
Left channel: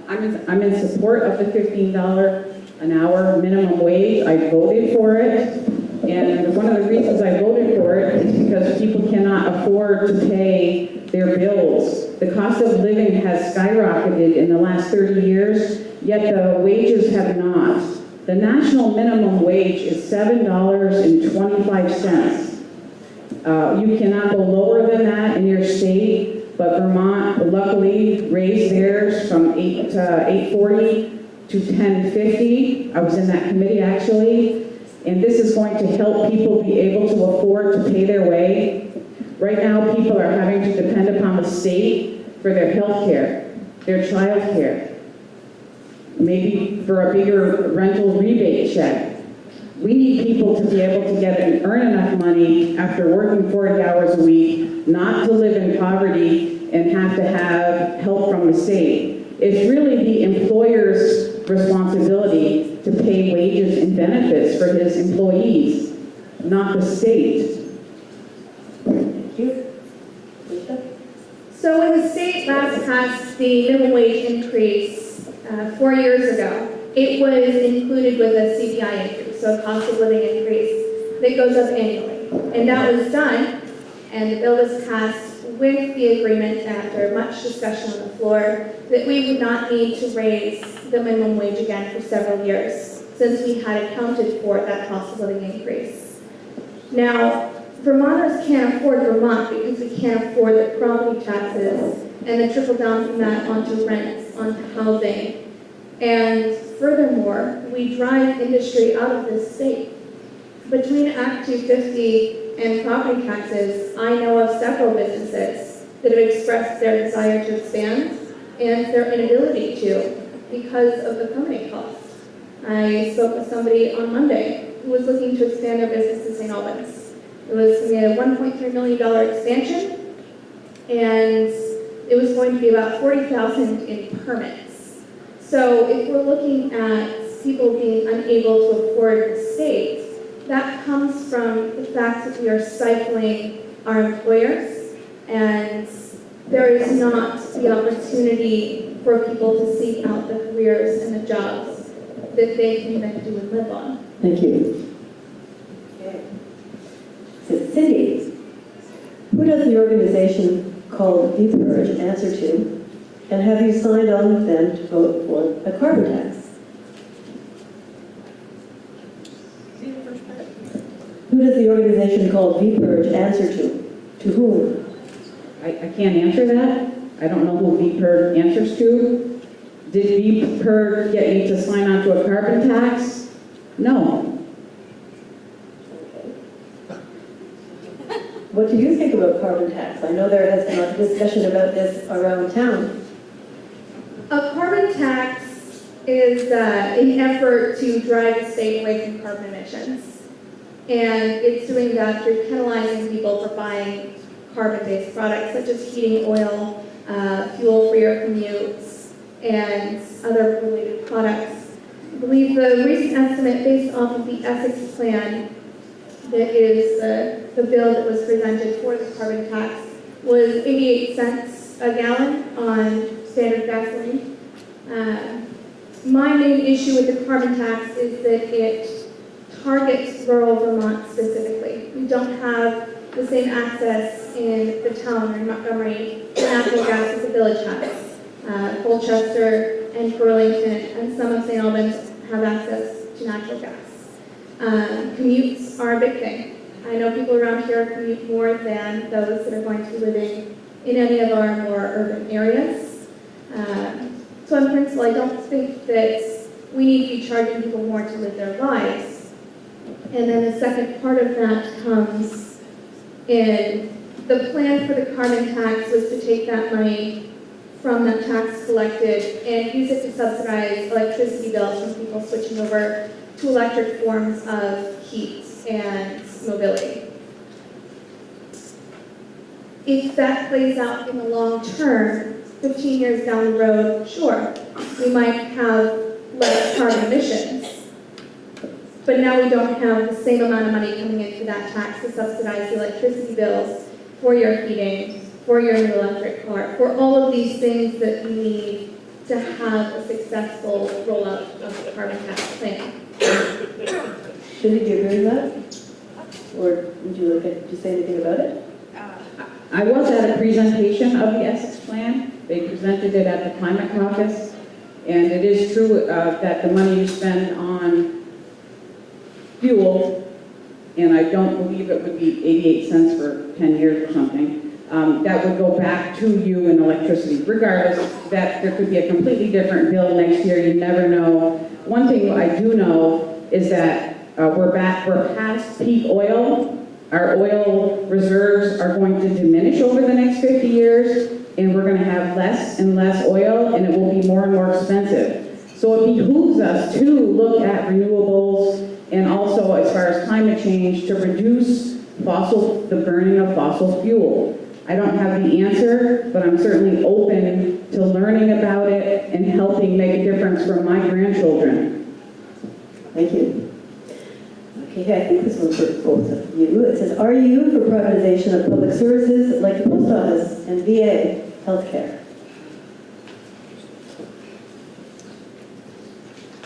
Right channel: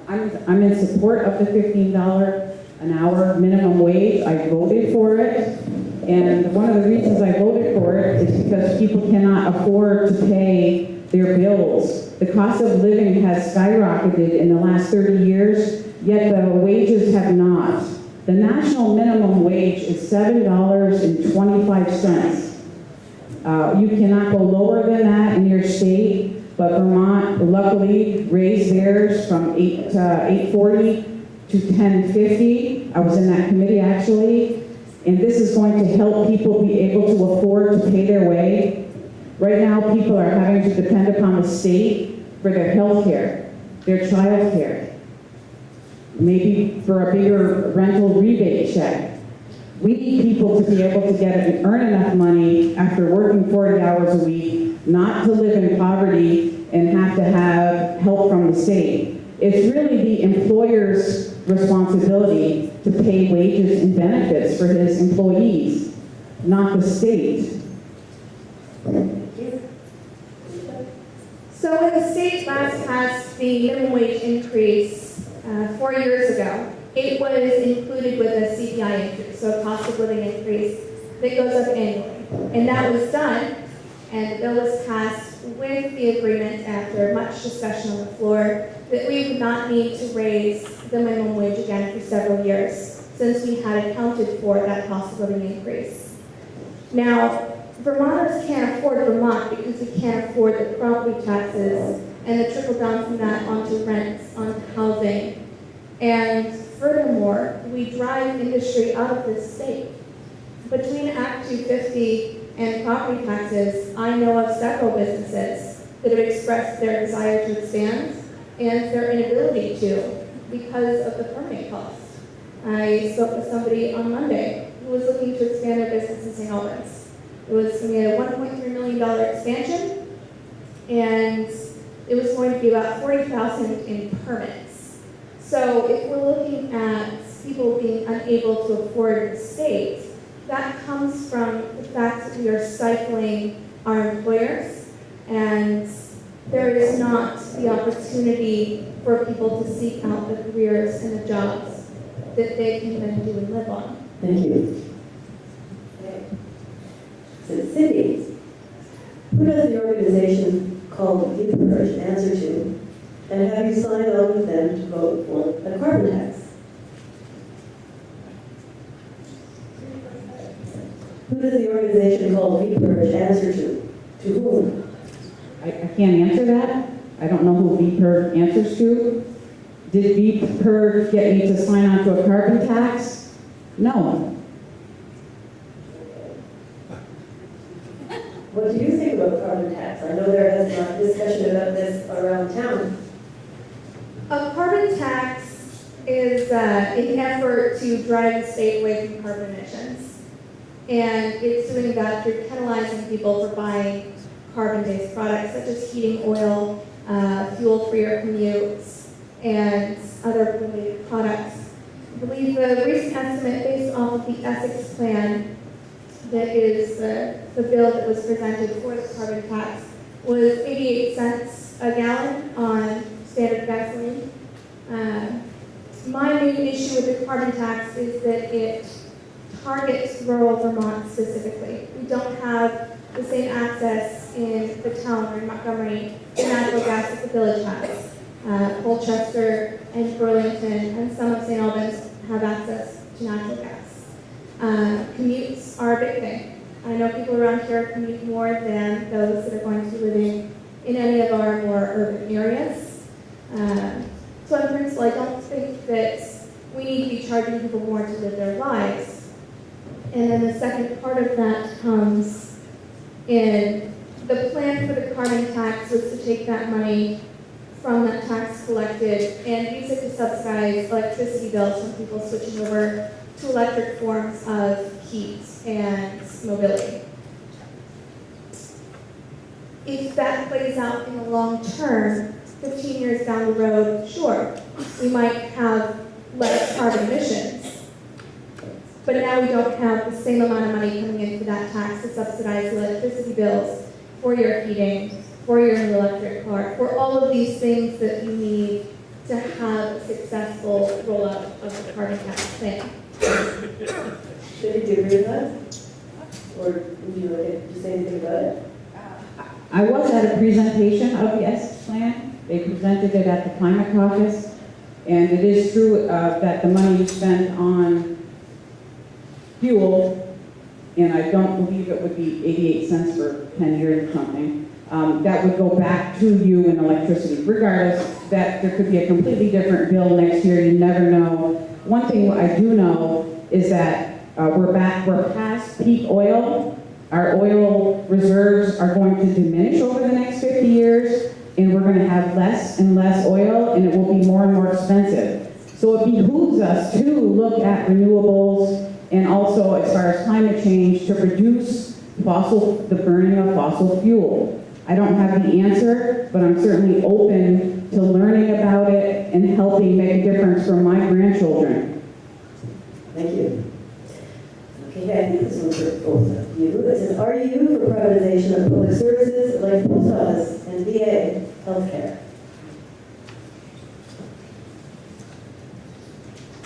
I'm in support of the $15 an hour minimum wage. I voted for it, and one of the reasons I voted for it is because people cannot afford to pay their bills. The cost of living has skyrocketed in the last 30 years, yet the wages have not. The national minimum wage is $7.25. You cannot go lower than that in your state, but Vermont luckily raised theirs from $8.40 to $10.50. I was in that committee actually, and this is going to help people be able to afford to pay their way. Right now, people are having to depend upon the state for their health care, their child care, maybe for a bigger rental rebate check. We need people to be able to get and earn enough money after working 40 hours a week, not to live in poverty and have to have help from the state. It's really the employer's responsibility to pay wages and benefits for his employees, not the state. Thank you. So when the state last passed the minimum wage increase 4 years ago, it was included with a CPI increase, so a cost of living increase that goes up annually. And that was done, and the bill was passed with the agreement after much discussion on the floor that we would not need to raise the minimum wage again for several years, since we had accounted for that cost of living increase. Now, Vermonters can't afford Vermont because we can't afford the property taxes and the trickle down from that onto rents, onto housing. And furthermore, we drive industry out of this state. Between Act 250 and property taxes, I know of several businesses that have expressed their desire to expand and their inability to because of the permitting costs. I spoke with somebody on Monday who was looking to expand their business in St. Albans. It was going to be a $1.3 million expansion, and it was going to be about $40,000 in permits. So if we're looking at people being unable to afford the state, that comes from the fact that we are stifling our employers, and there is not the opportunity for people to seek out the careers and the jobs that they can then do and live on. Thank you. Okay. So Cindy, who does the organization called VPURGE answer to, and have you signed on with them to vote for a carbon tax? See the first part? Who does the organization called VPURGE answer to? To whom? I can't answer that. I don't know who VPER answers to. Did VPER get me to sign on to a carbon tax? No. What do you think about carbon tax? I know there has been a discussion about this around town. A carbon tax is an effort to drive the state away from carbon emissions. And it's doing that through penalizing people for buying carbon-based products such as heating oil, fuel for your commutes, and other related products. I believe the recent estimate based off of the Essex plan that is the bill that was presented for the carbon tax was 88 cents a gallon on standard gasoline. My main issue with the carbon tax is that it targets rural Vermont specifically. We don't have the same access in the town or in Montgomery to natural gas as the village has. Colchester and Burlington and some of St. Albans have access to natural gas. Commutes are a big thing. I know people around here commute more than those that are going to be living in any of our more urban areas. So in principle, I don't think that we need to be charging people more to live their lives. And then the second part of that comes in the plan for the carbon tax was to take that money from that tax collected and use it to subsidize electricity bills from people switching over to electric forms of heat and mobility. If that plays out in the long term, 15 years down the road, sure, we might have less carbon emissions. But now we don't have the same amount of money coming into that tax to subsidize the electricity bills for your heating, for your new electric car, for all of these things that we need to have a successful rollout of the carbon tax thing. Should you agree with that? Or would you like to say anything about it? I was at a presentation of the Essex plan. They presented it at the Climate Caucus. And it is true that the money you spend on fuel, and I don't believe it would be 88 cents for 10 years or something, that would go back to you in electricity. Regardless, that there could be a completely different bill next year. You never know. One thing I do know is that we're past peak oil. Our oil reserves are going to diminish over the next 50 years, and we're going to have less and less oil, and it will be more and more expensive. So it behooves us to look at renewables and also, as far as climate change, to reduce the burning of fossil fuel. I don't have the answer, but I'm certainly open to learning about it and helping make a difference for my grandchildren. Thank you. Okay, I think this one's for both of you. It says, are you for privatization of public services like the post office and VA healthcare?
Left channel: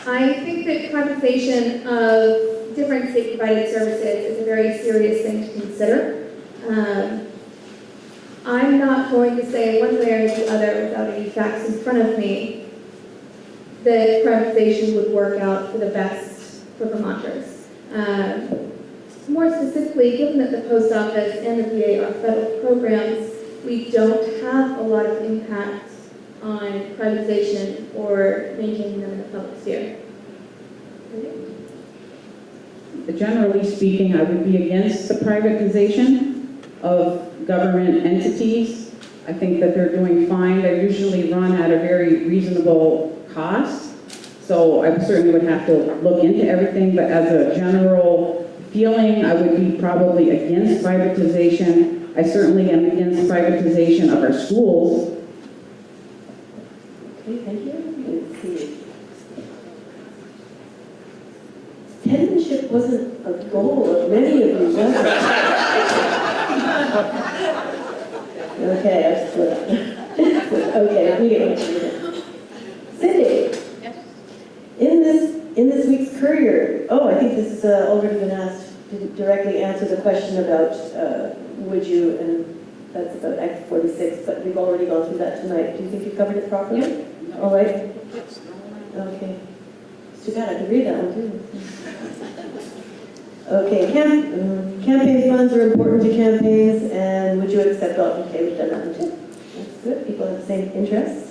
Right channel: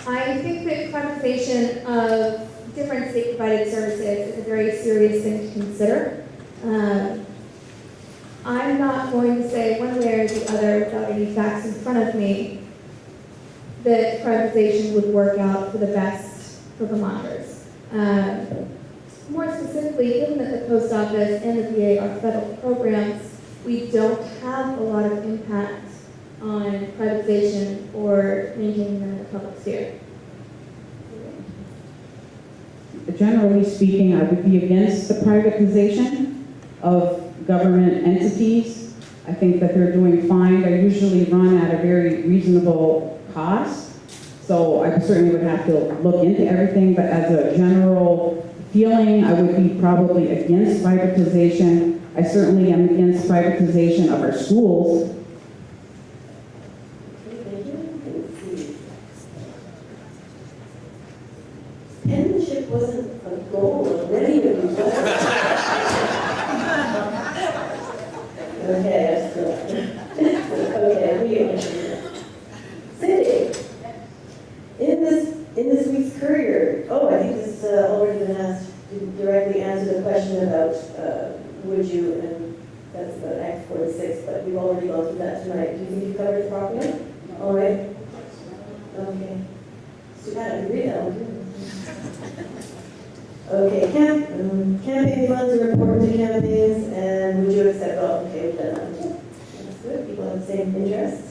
I think that privatization of different state-provided services is a very serious thing to consider. I'm not going to say one way or the other without any facts in front of me that privatization would work out for the best for Vermonters. More specifically, given that the post office and the VA are federal programs, we don't have a lot of impact on privatization or maintaining them in the public sphere. Generally speaking, I would be against the privatization of government entities. I think that they're doing fine. They're usually run at a very reasonable cost. So I certainly would have to look into everything, but as a general feeling, I would be probably against privatization. I certainly am against privatization of our schools. Okay, thank you. Let's see. Penmanship wasn't a goal of many of you, was it? Okay, I split. Okay, we get what you did. Cindy, in this week's Courier, I think this has already been asked to directly answer the question about would you, and that's about Act 46, but we've already gone through that tonight. Do you think you covered it properly? Yeah. All right. Okay. Too bad I can read that one too. Okay, campaign funds are important to campaigns, and would you accept golf? Okay, we've done that one too. That's good. People have the same interests.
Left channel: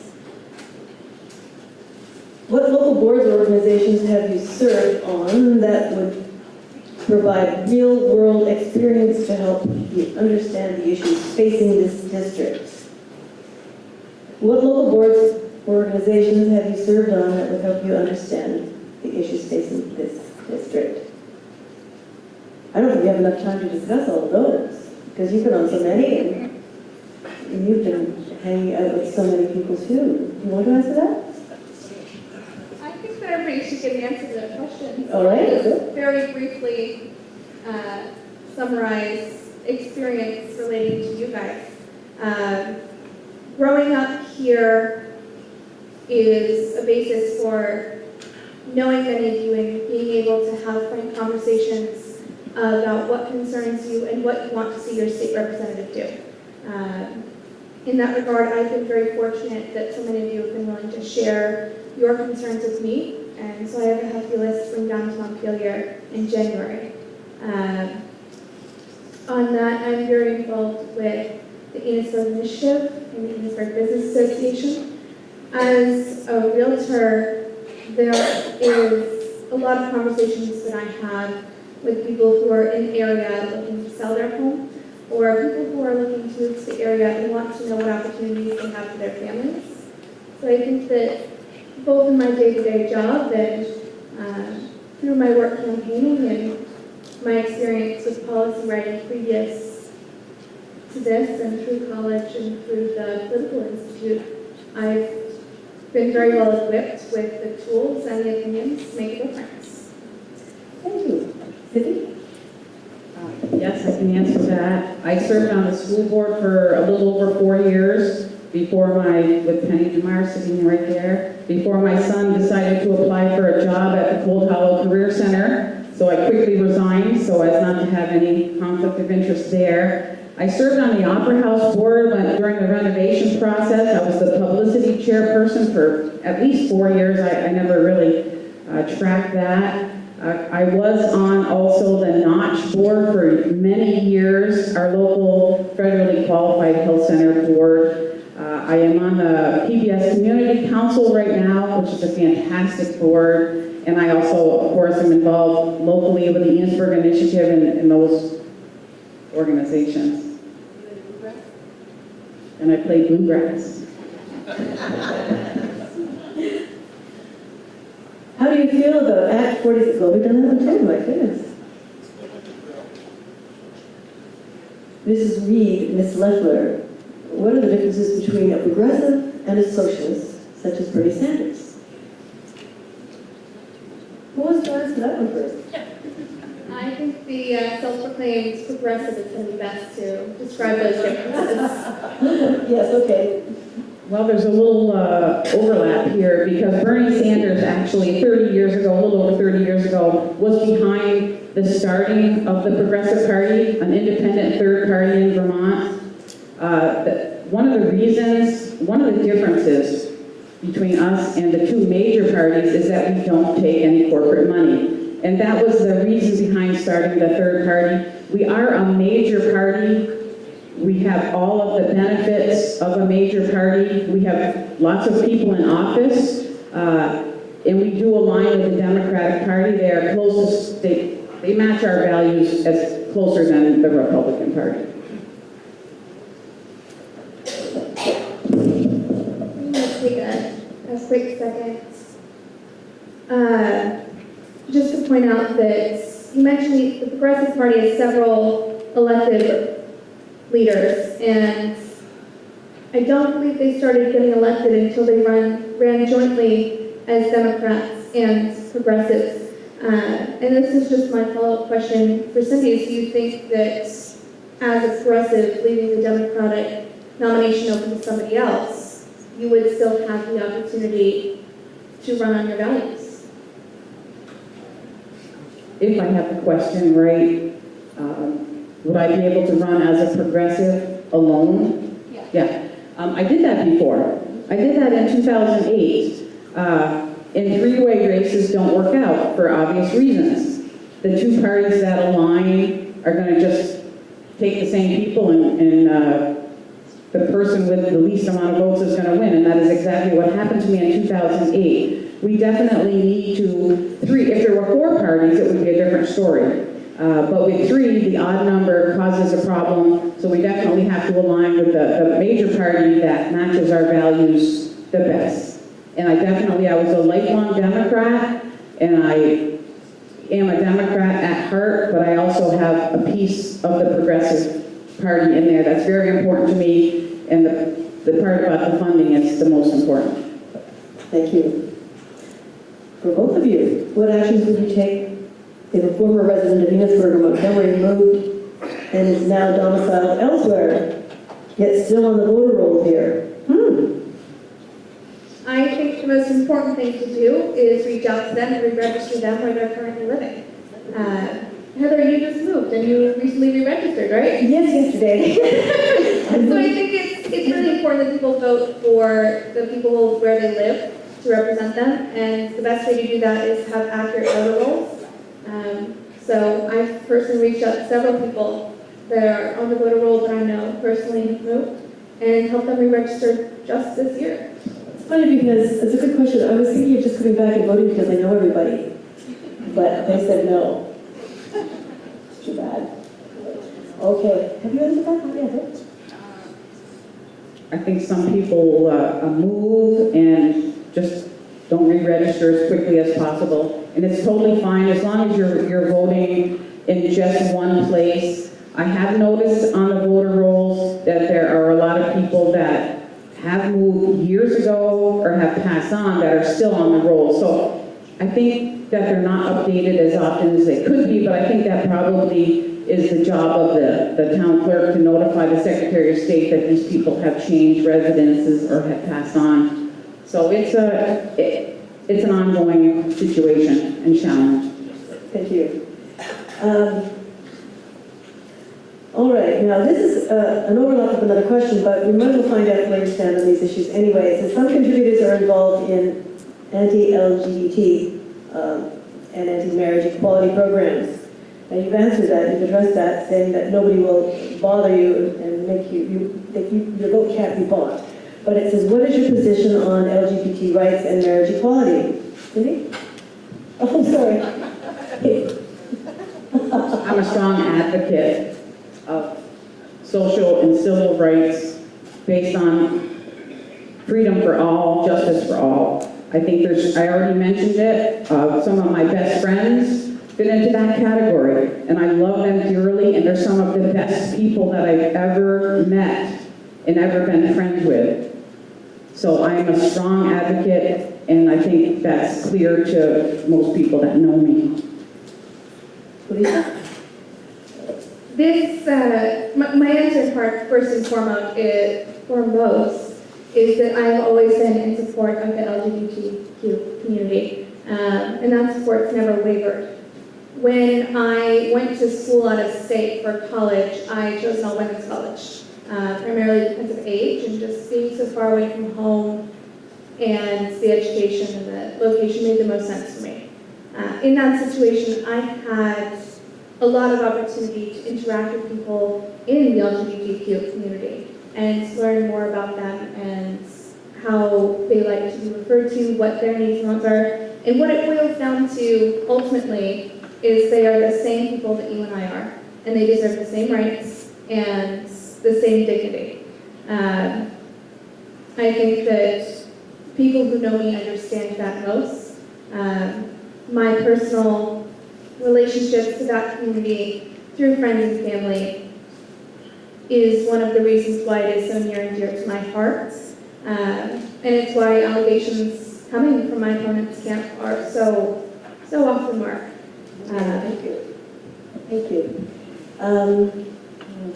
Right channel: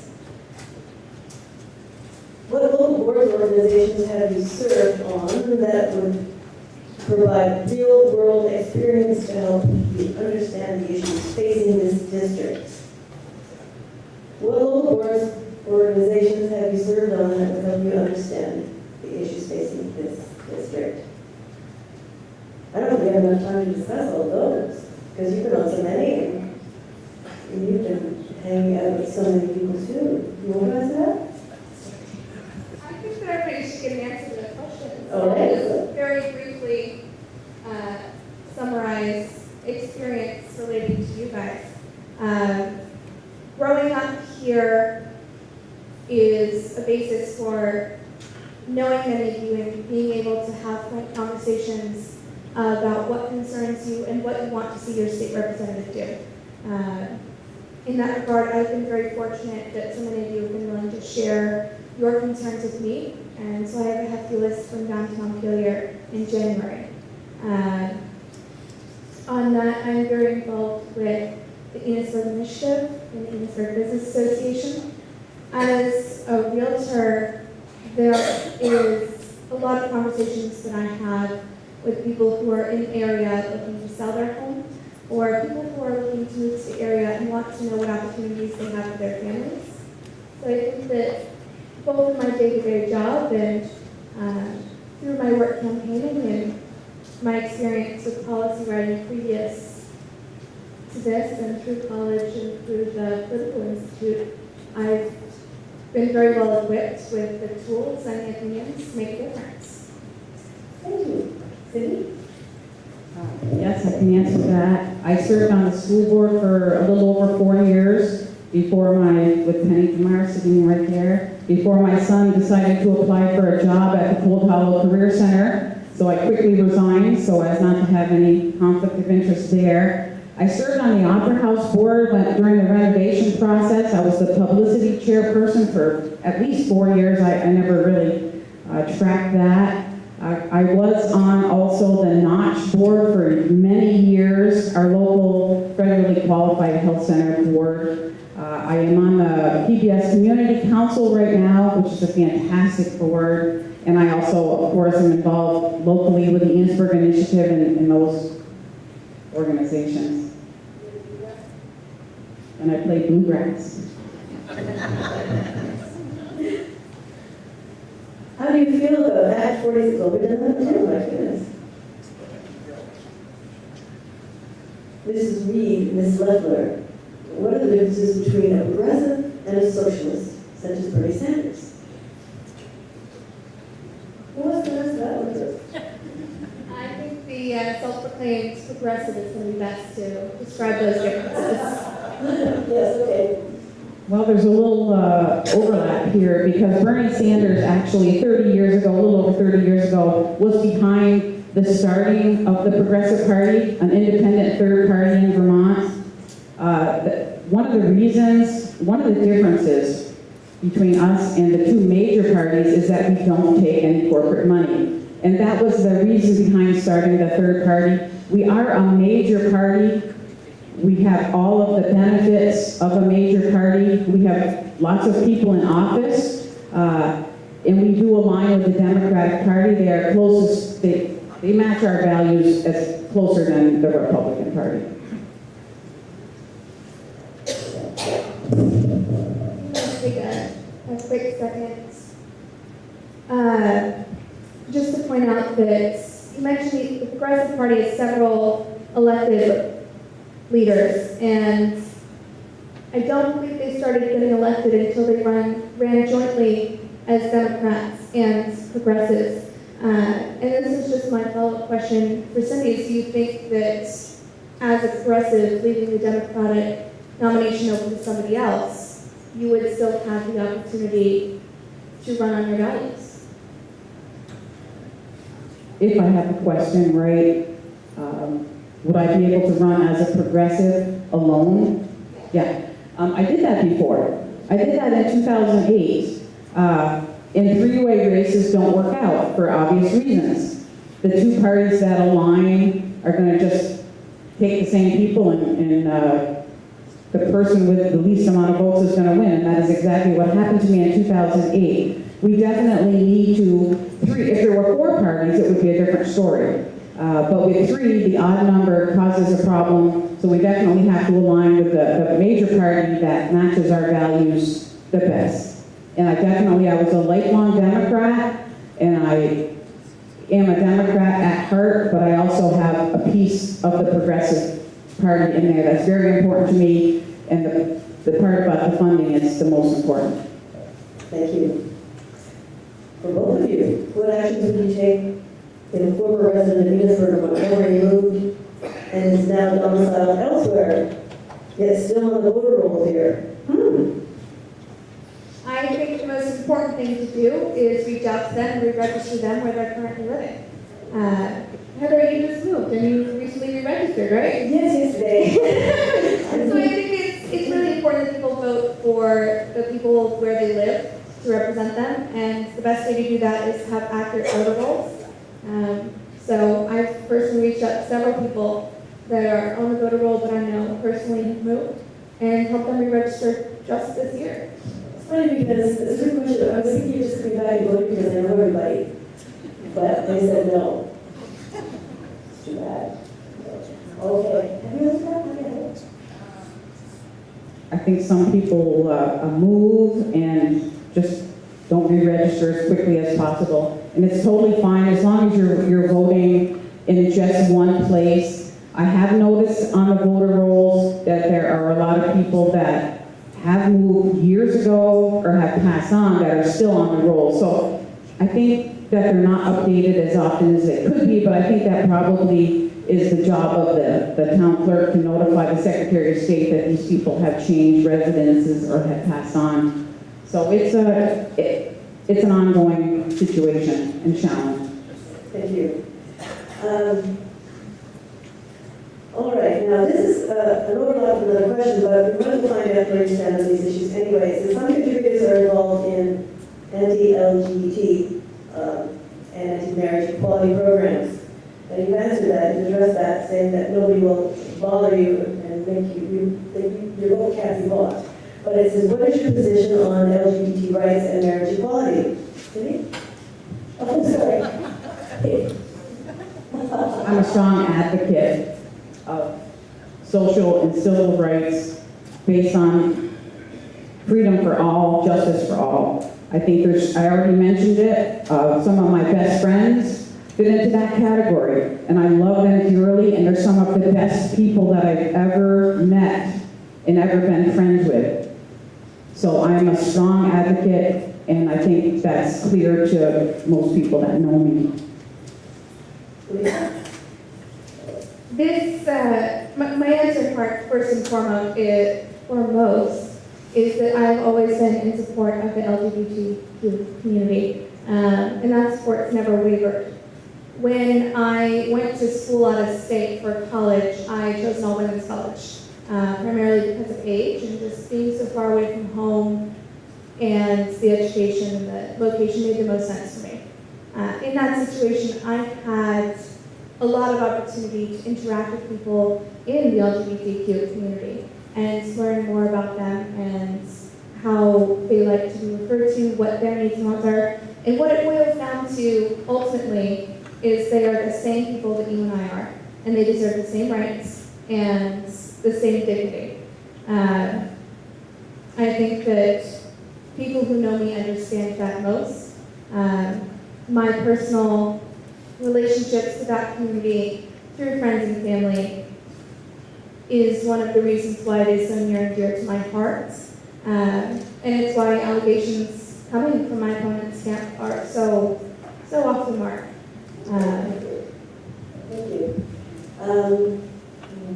What local boards or organizations have you served on that would provide real-world experience to help you understand the issues facing this district? What local boards or organizations have you served on that would help you understand the issues facing this district? I don't think we have enough time to discuss all of those, because you've been on so many, and you've been hanging out with so many people too. You want to answer that? I think that everybody should give an answer to that question. All right. I'll just very briefly summarize experience relating to you guys. Growing up here is a basis for knowing many of you and being able to have frank conversations about what concerns you and what you want to see your state representative do. In that regard, I've been very fortunate that so many of you have been willing to share your concerns with me, and so I have a hefty list from down to Montpelier in January. On that, I'm very involved with the Enosburg Initiative and the Enosburg Business Association. As a realtor, there is a lot of conversations that I have with people who are in the area looking to sell their home, or people who are looking to move to the area and want to know what opportunities they have for their families. So I think that both in my day-to-day job and through my work campaigning and my experience with policy writing previous to this and through college and through the Political Institute, I've been very well equipped with the tools and the opinions to make a difference. Thank you. Cindy? Yes, I can answer that. I served on the school board for a little over 4 years with Penny DeMar sitting right there, before my son decided to apply for a job at the Cold Hollow Career Center. So I quickly resigned so as not to have any conflict of interest there. I served on the Opera House board during the renovation process. I was the publicity chairperson for at least 4 years. I never really tracked that. I was on also the Notch board for many years, our local federally qualified health center board. I am on the PBS Community Council right now, which is a fantastic board. And I also, of course, am involved locally with the Enosburg Initiative and those organizations. And I play bluegrass. How do you feel about Act 46? Well, we've done that too, my goodness. Mrs. Reed, Ms. Leffler, what are the differences between a progressive and a socialist, such as Bernie Sanders? Who wants to answer that one first? I think the self-proclaimed progressive is going to be best to describe those differences. Yes, okay. Well, there's a little overlap here because Bernie Sanders actually 30 years ago, a little over 30 years ago, was behind the starting of the Progressive Party, an independent third party in Vermont. One of the differences between us and the two major parties is that we don't take any corporate money. And that was the reason behind starting the third party. We are a major party. We have all of the benefits of a major party. We have lots of people in office, and we do align with the Democratic Party. They are closest, they match our values as closer than the Republican Party. Let's take a quick second just to point out that you mentioned the Progressive Party has several elected leaders, and I don't believe they started getting elected until they ran jointly as Democrats and Progressives. And this is just my follow-up question for Cindy. Do you think that as a progressive, leaving the Democratic nomination open to somebody else, you would still have the opportunity to run on your values? If I have the question right, would I be able to run as a progressive alone? Yeah. I did that before. I did that in 2008. And three-way races don't work out for obvious reasons. The two parties that align are going to just take the same people, and the person with the least amount of votes is going to win, and that is exactly what happened to me in 2008. We definitely need three. If there were four parties, it would be a different story. But with three, the odd number causes a problem, so we definitely have to align with the major party that matches our values the best. And I was a lifelong Democrat, and I am a Democrat at heart, but I also have a piece of the Progressive Party in there that's very important to me, and the part about the funding is the most important. Thank you. For both of you, what actions would you take if a former resident of Enosburg or Montgomery moved and is now domiciled elsewhere, yet still on the voter roll here? I think the most important thing to do is reach out to them and re-register them where they're currently living. Heather, you just moved and you recently re-registered, right? Yes, yesterday. So I think it's really important that people vote for the people where they live to represent them, and the best way to do that is to have accurate voter rolls. So I've personally reached out to several people that are on the voter roll that I know personally who moved and helped them re-register just this year. It's funny because it's a good question. I was thinking of just coming back and voting because I know everybody, but they said no. It's too bad. Okay. Have you answered that? I think some people move and just don't re-register as quickly as possible. And it's totally fine as long as you're voting in just one place. I have noticed on the voter rolls that there are a lot of people that have moved years ago or have passed on that are still on the roll. So I think that they're not updated as often as they could be, but I think that probably is the job of the town clerk to notify the Secretary of State that these people have changed residences or have passed on. So it's an ongoing situation and challenge. Thank you. All right, now this is an overlap of another question, but we might as well find out where you stand on these issues anyway. So some contributors are involved in anti-LGBT and anti-marriage equality programs. And you've answered that, you've addressed that, saying that nobody will bother you and make your vote can't be bought. But it says, what is your position on LGBT rights and marriage equality? Cindy? Oh, sorry. I'm a strong advocate of social and civil rights based on freedom for all, justice for all. I think I already mentioned it, some of my best friends fit into that category, and I love them dearly, and they're some of the best people that I've ever met and ever been friends with. So I'm a strong advocate, and I think that's clear to most people that know me. This, my answer part, first and foremost, is that I've always been in support of the LGBTQ community, and that support's never wavered. When I went to school out of state for college, I chose an all-women's college, primarily because of age and just being so far away from home, and the education and the location made the most sense for me. In that situation, I had a lot of opportunity to interact with people in the LGBTQ community and to learn more about them and how they like to be referred to, what their needs and wants are. And what it boils down to, ultimately, is they are the same people that you and I are, and they deserve the same rights and the same dignity. I think that people who know me understand that most, My personal relationships to that community through friends and family is one of the reasons why it is so near and dear to my heart. And it's why allegations coming from my opponent's camp are so off the mark. Thank you. Thank you. All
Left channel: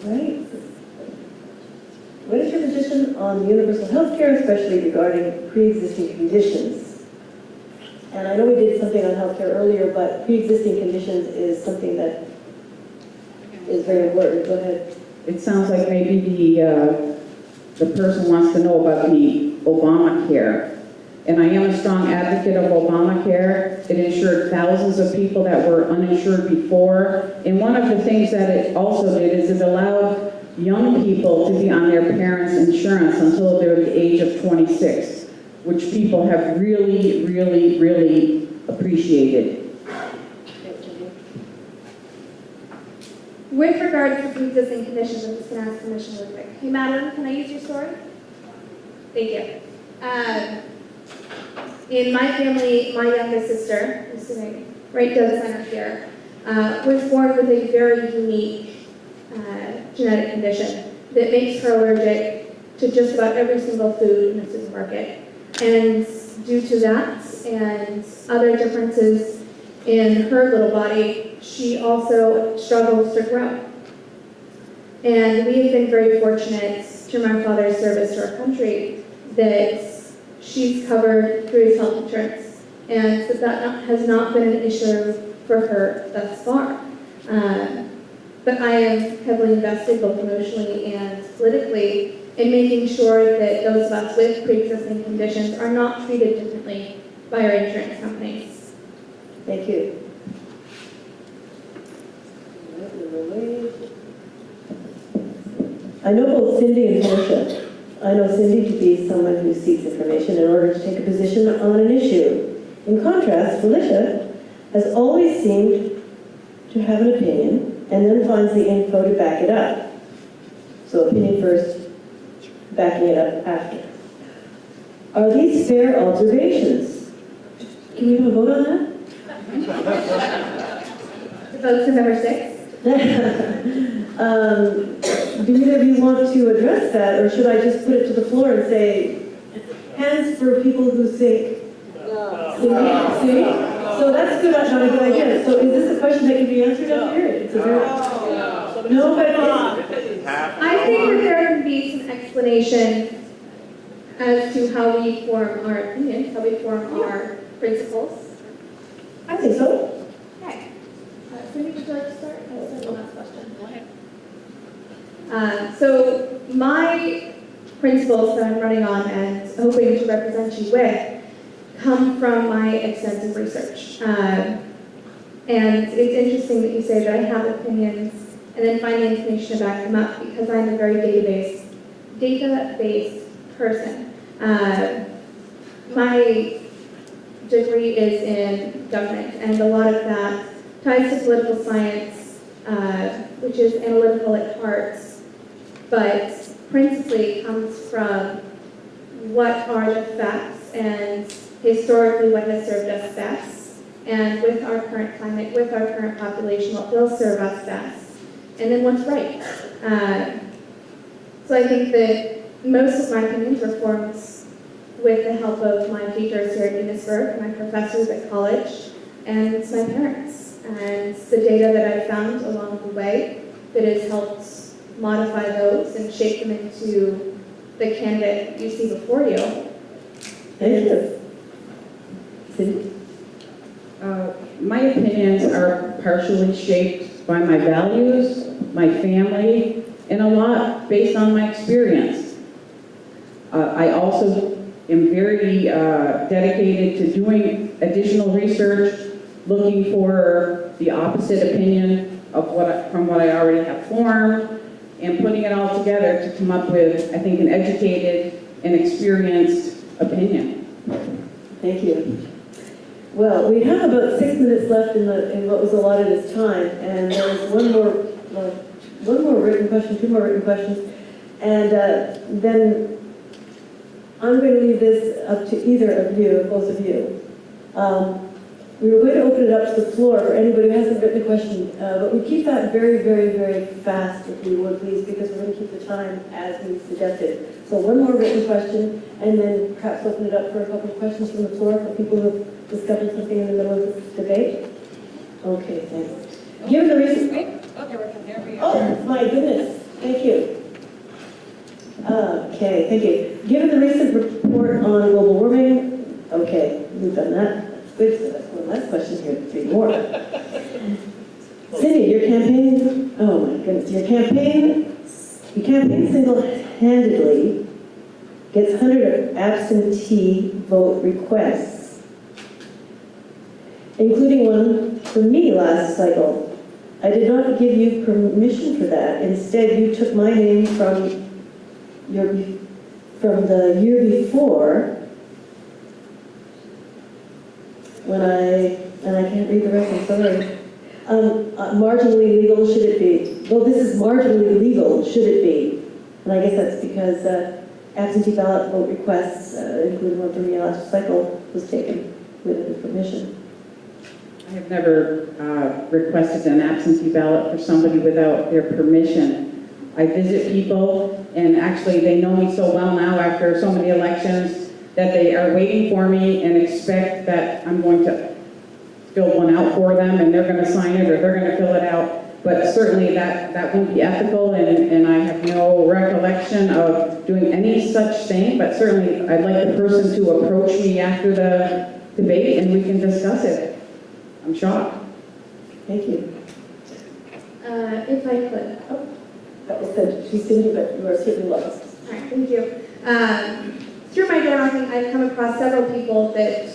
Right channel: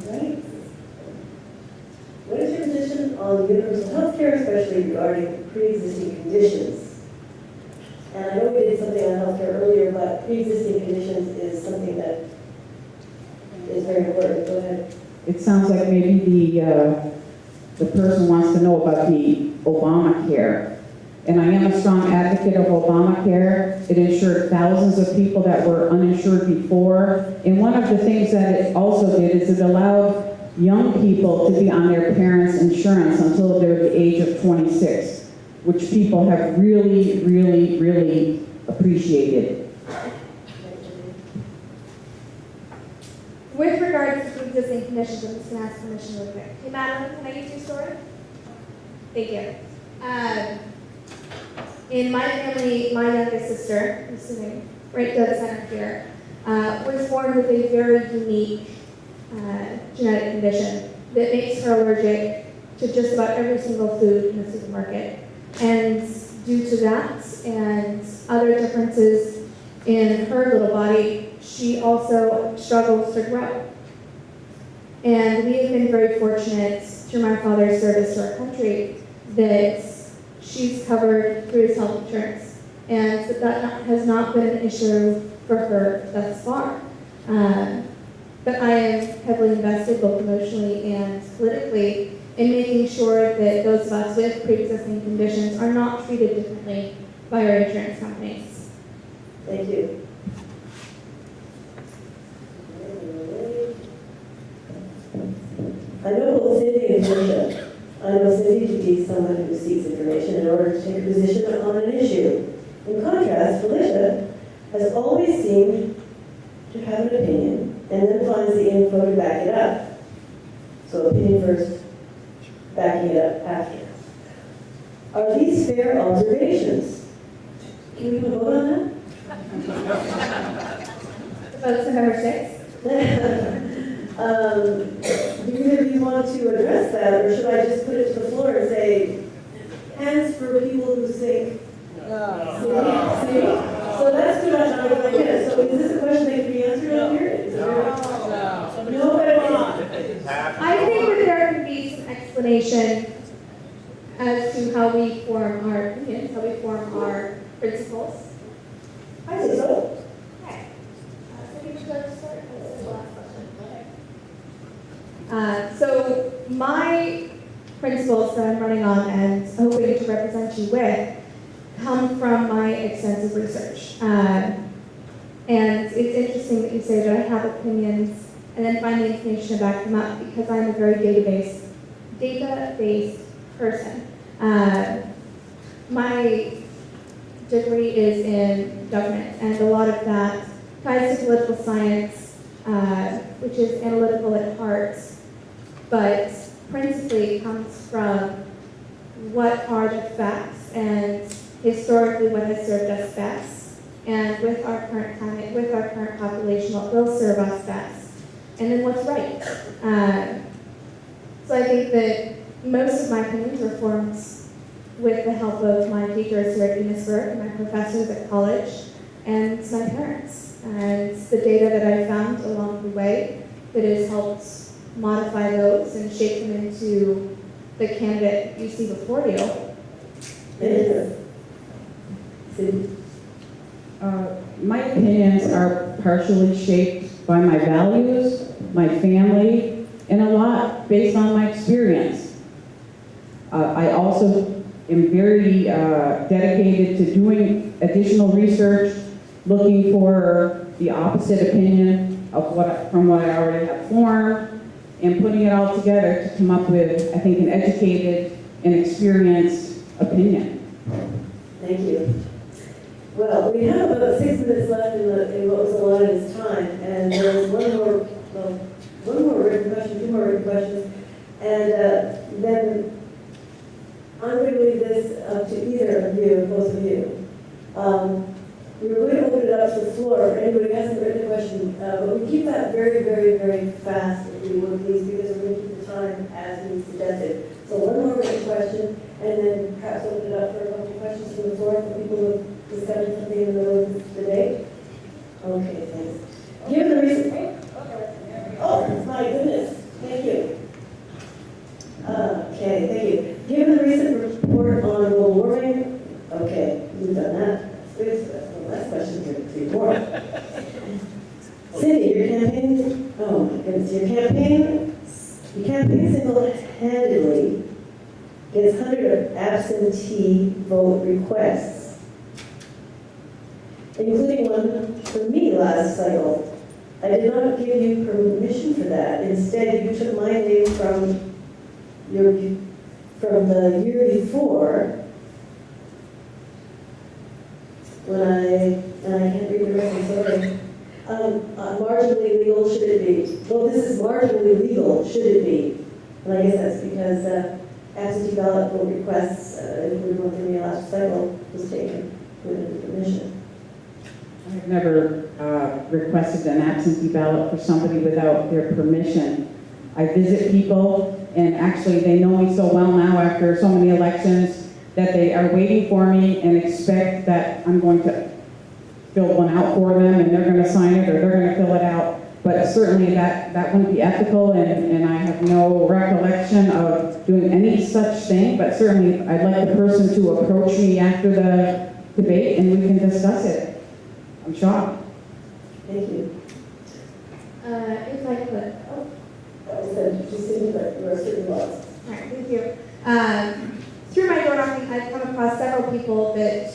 right. What is your position on universal health care, especially regarding pre-existing conditions? And I know we did something on health care earlier, but pre-existing conditions is something that is very important. Go ahead. It sounds like maybe the person wants to know about the Obamacare. And I am a strong advocate of Obamacare. It insured thousands of people that were uninsured before. And one of the things that it also did is it allowed young people to be on their parents' insurance until they're the age of 26, which people have really, really, really appreciated. With regards to pre-existing conditions, I'm just going to ask permission really quick. Hey, Madeline, can I use your story? Thank you. In my family, my youngest sister, who's sitting right dead center here, was born with a very unique genetic condition that makes her allergic to just about every single food in the supermarket. And due to that and other differences in her little body, she also struggles to grow. And we have been very fortunate through my father's service to our country that she's covered through his health insurance, and that has not been an issue for her thus far. But I am heavily invested, both emotionally and politically, in making sure that those of us with pre-existing conditions are not treated differently by our insurance companies. Thank you. I know both Cindy and Felicia. I know Cindy to be someone who seeks information in order to take a position on an issue. In contrast, Felicia has always seemed to have an opinion and then finds the info to back it up. So opinion first, backing it up after. Are these fair observations? Can we have a vote on that? Votes for number 6. Do either of you want to address that, or should I just put it to the floor and say, hands for people who think? No. See? So that's good, not a good idea. So is this a question that can be answered out here? It's a very... No, but I think that there can be some explanation as to how we form our opinions, how we form our principles. I think so. Okay. Cindy, would you like to start? That's the last question. So my principles that I'm running on and hoping to represent you with come from my extensive research. And it's interesting that you say that I have opinions and then find the information to back them up, because I'm a very data-based person. My degree is in government, and a lot of that ties to political science, which is analytical at heart, but principally comes from what are the facts and historically what has served us best, and with our current climate, with our current population, what will serve us best, and then what's right. So I think that most of my opinions were formed with the help of my teachers here at Enosburg, my professors at college, and my parents. And the data that I found along the way that has helped modify those and shape them into the candidate you see before you. Thank you. Cindy? My opinions are partially shaped by my values, my family, and a lot based on my experience. I also am very dedicated to doing additional research, looking for the opposite opinion of from what I already have formed, and putting it all together to come up with, I think, an educated and experienced opinion. Thank you. Well, we have about 6 minutes left in what was allotted as time, and there's one more written question, 2 more written questions, and then I'm going to leave this up to either of you, both of you. We were going to open it up to the floor for anybody who hasn't written a question, but we keep that very, very, very fast, if you would please, because we're going to keep the time as we suggested. So one more written question, and then perhaps open it up for a couple of questions from the floor for people who discovered something in the middle of this debate. Okay, thanks. Given the recent... Okay, there we go. Oh, my goodness, thank you. Okay, thank you. Given the recent report on global warming, okay, we've done that. That's good. So that's one last question here, 3 more. Cindy, your campaign, oh my goodness, your campaign single-handedly gets hundreds of absentee vote requests, including one for me last cycle. I did not give you permission for that. Instead, you took my name from the year before, and I can't read the rest, I'm sorry. Marginally legal, should it be? Well, this is marginally legal, should it be? And I guess that's because absentee ballot vote requests, including one from the last cycle, was taken with permission. I have never requested an absentee ballot for somebody without their permission. I visit people, and actually they know me so well now after so many elections that they are waiting for me and expect that I'm going to fill one out for them and they're going to sign it or they're going to fill it out. But certainly that wouldn't be ethical, and I have no recollection of doing any such thing, but certainly I'd like the person to approach me after the debate and we can discuss it. I'm shocked. Thank you. If I could. Oh, That was good. She's sitting, but you are certainly lost. all right, thank you. Through my door knocking, I've come across several people that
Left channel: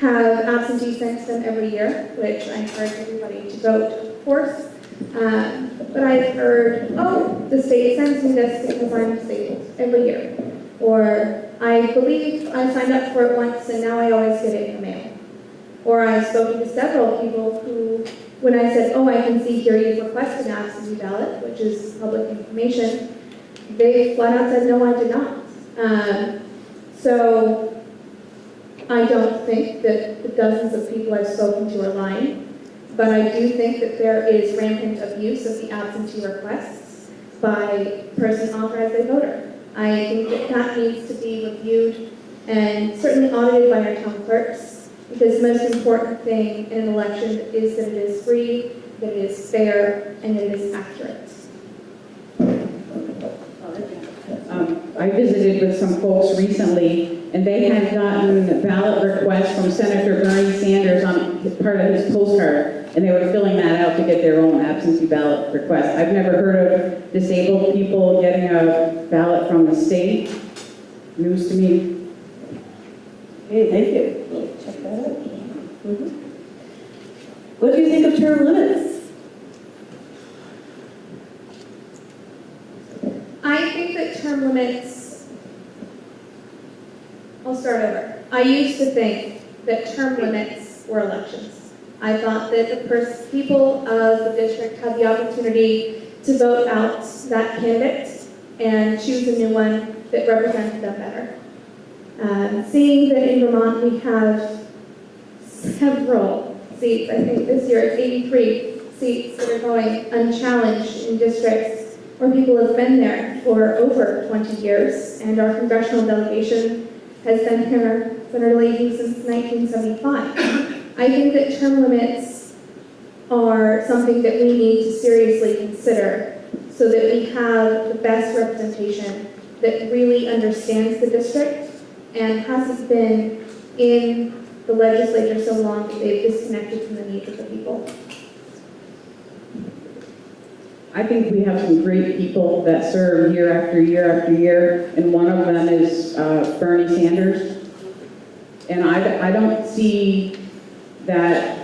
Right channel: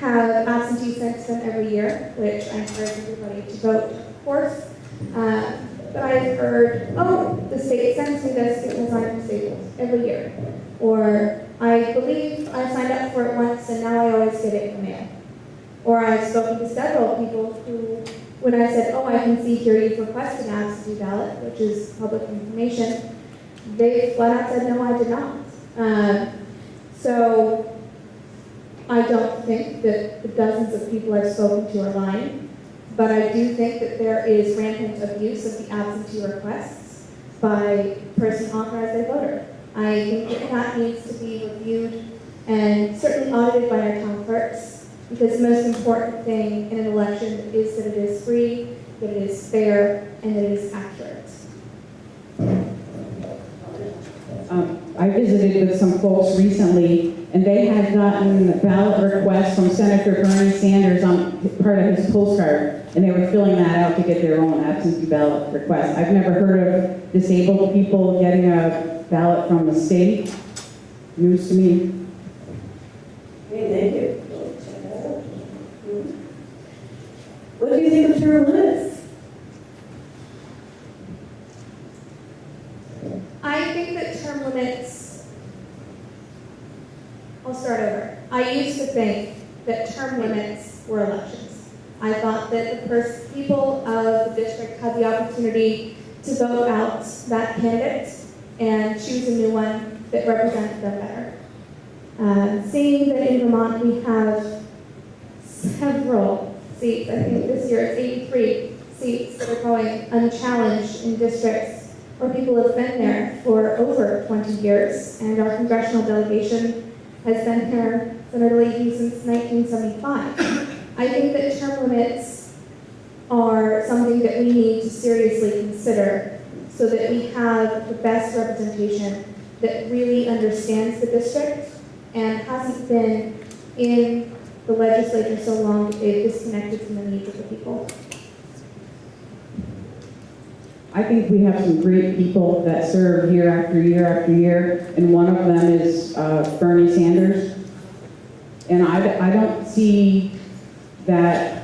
have absentee sent to them every year, which I encourage everybody to vote, of course. But I've heard, oh, the state sends me this because I'm disabled every year. Or I believe I signed up for it once and now I always get it in the mail. Or I've spoken to several people who, when I said, oh, I can see here you've requested an absentee ballot, which is public information, they flat out said, no, I did not. So I don't think that the dozens of people I've spoken to are lying, but I do think that there is rampant abuse of the absentee requests by a person authorized by voter. I think that that needs to be reviewed and certainly audited by our town clerks, because the most important thing in an election is that it is free, that it is fair, and that it is accurate. I visited with some folks recently, and they had gotten ballot requests from Senator Bernie Sanders on part of his postcard, and they were filling that out to get their own absentee ballot request. I've never heard of disabled people getting a ballot from the state. News to me. Okay, thank you. We'll check that out. Mm-hmm. What do you think of term limits? I think that term limits, I'll start over. I used to think that term limits were elections. I thought that the people of the district had the opportunity to vote out that candidate and choose a new one that represented them better. Seeing that in Vermont we have several seats, I think this year it's 83 seats that are going unchallenged in districts where people have been there for over 20 years, and our congressional delegation has been here literally since 1975. I think that term limits are something that we need to seriously consider so that we have the best representation that really understands the district and hasn't been in the legislature so long that they've disconnected from the needs of the people. I think we have some great people that serve year after year after year, and one of them is Bernie Sanders. And I don't see that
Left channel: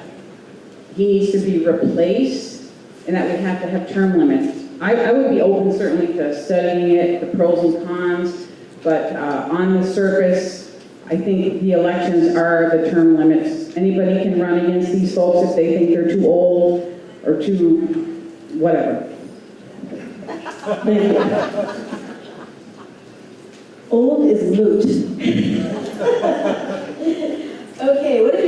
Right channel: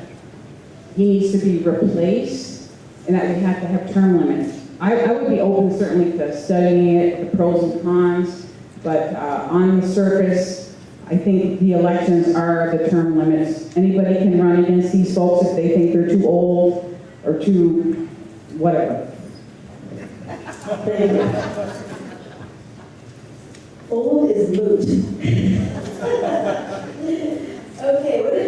he needs to be replaced and that we have to have term limits. I would be open certainly to studying it, the pros and cons, but on the surface, I think the elections are the term limits. Anybody can run against these folks if they think they're too old or too whatever. Thank you. Old is moot. Okay, what did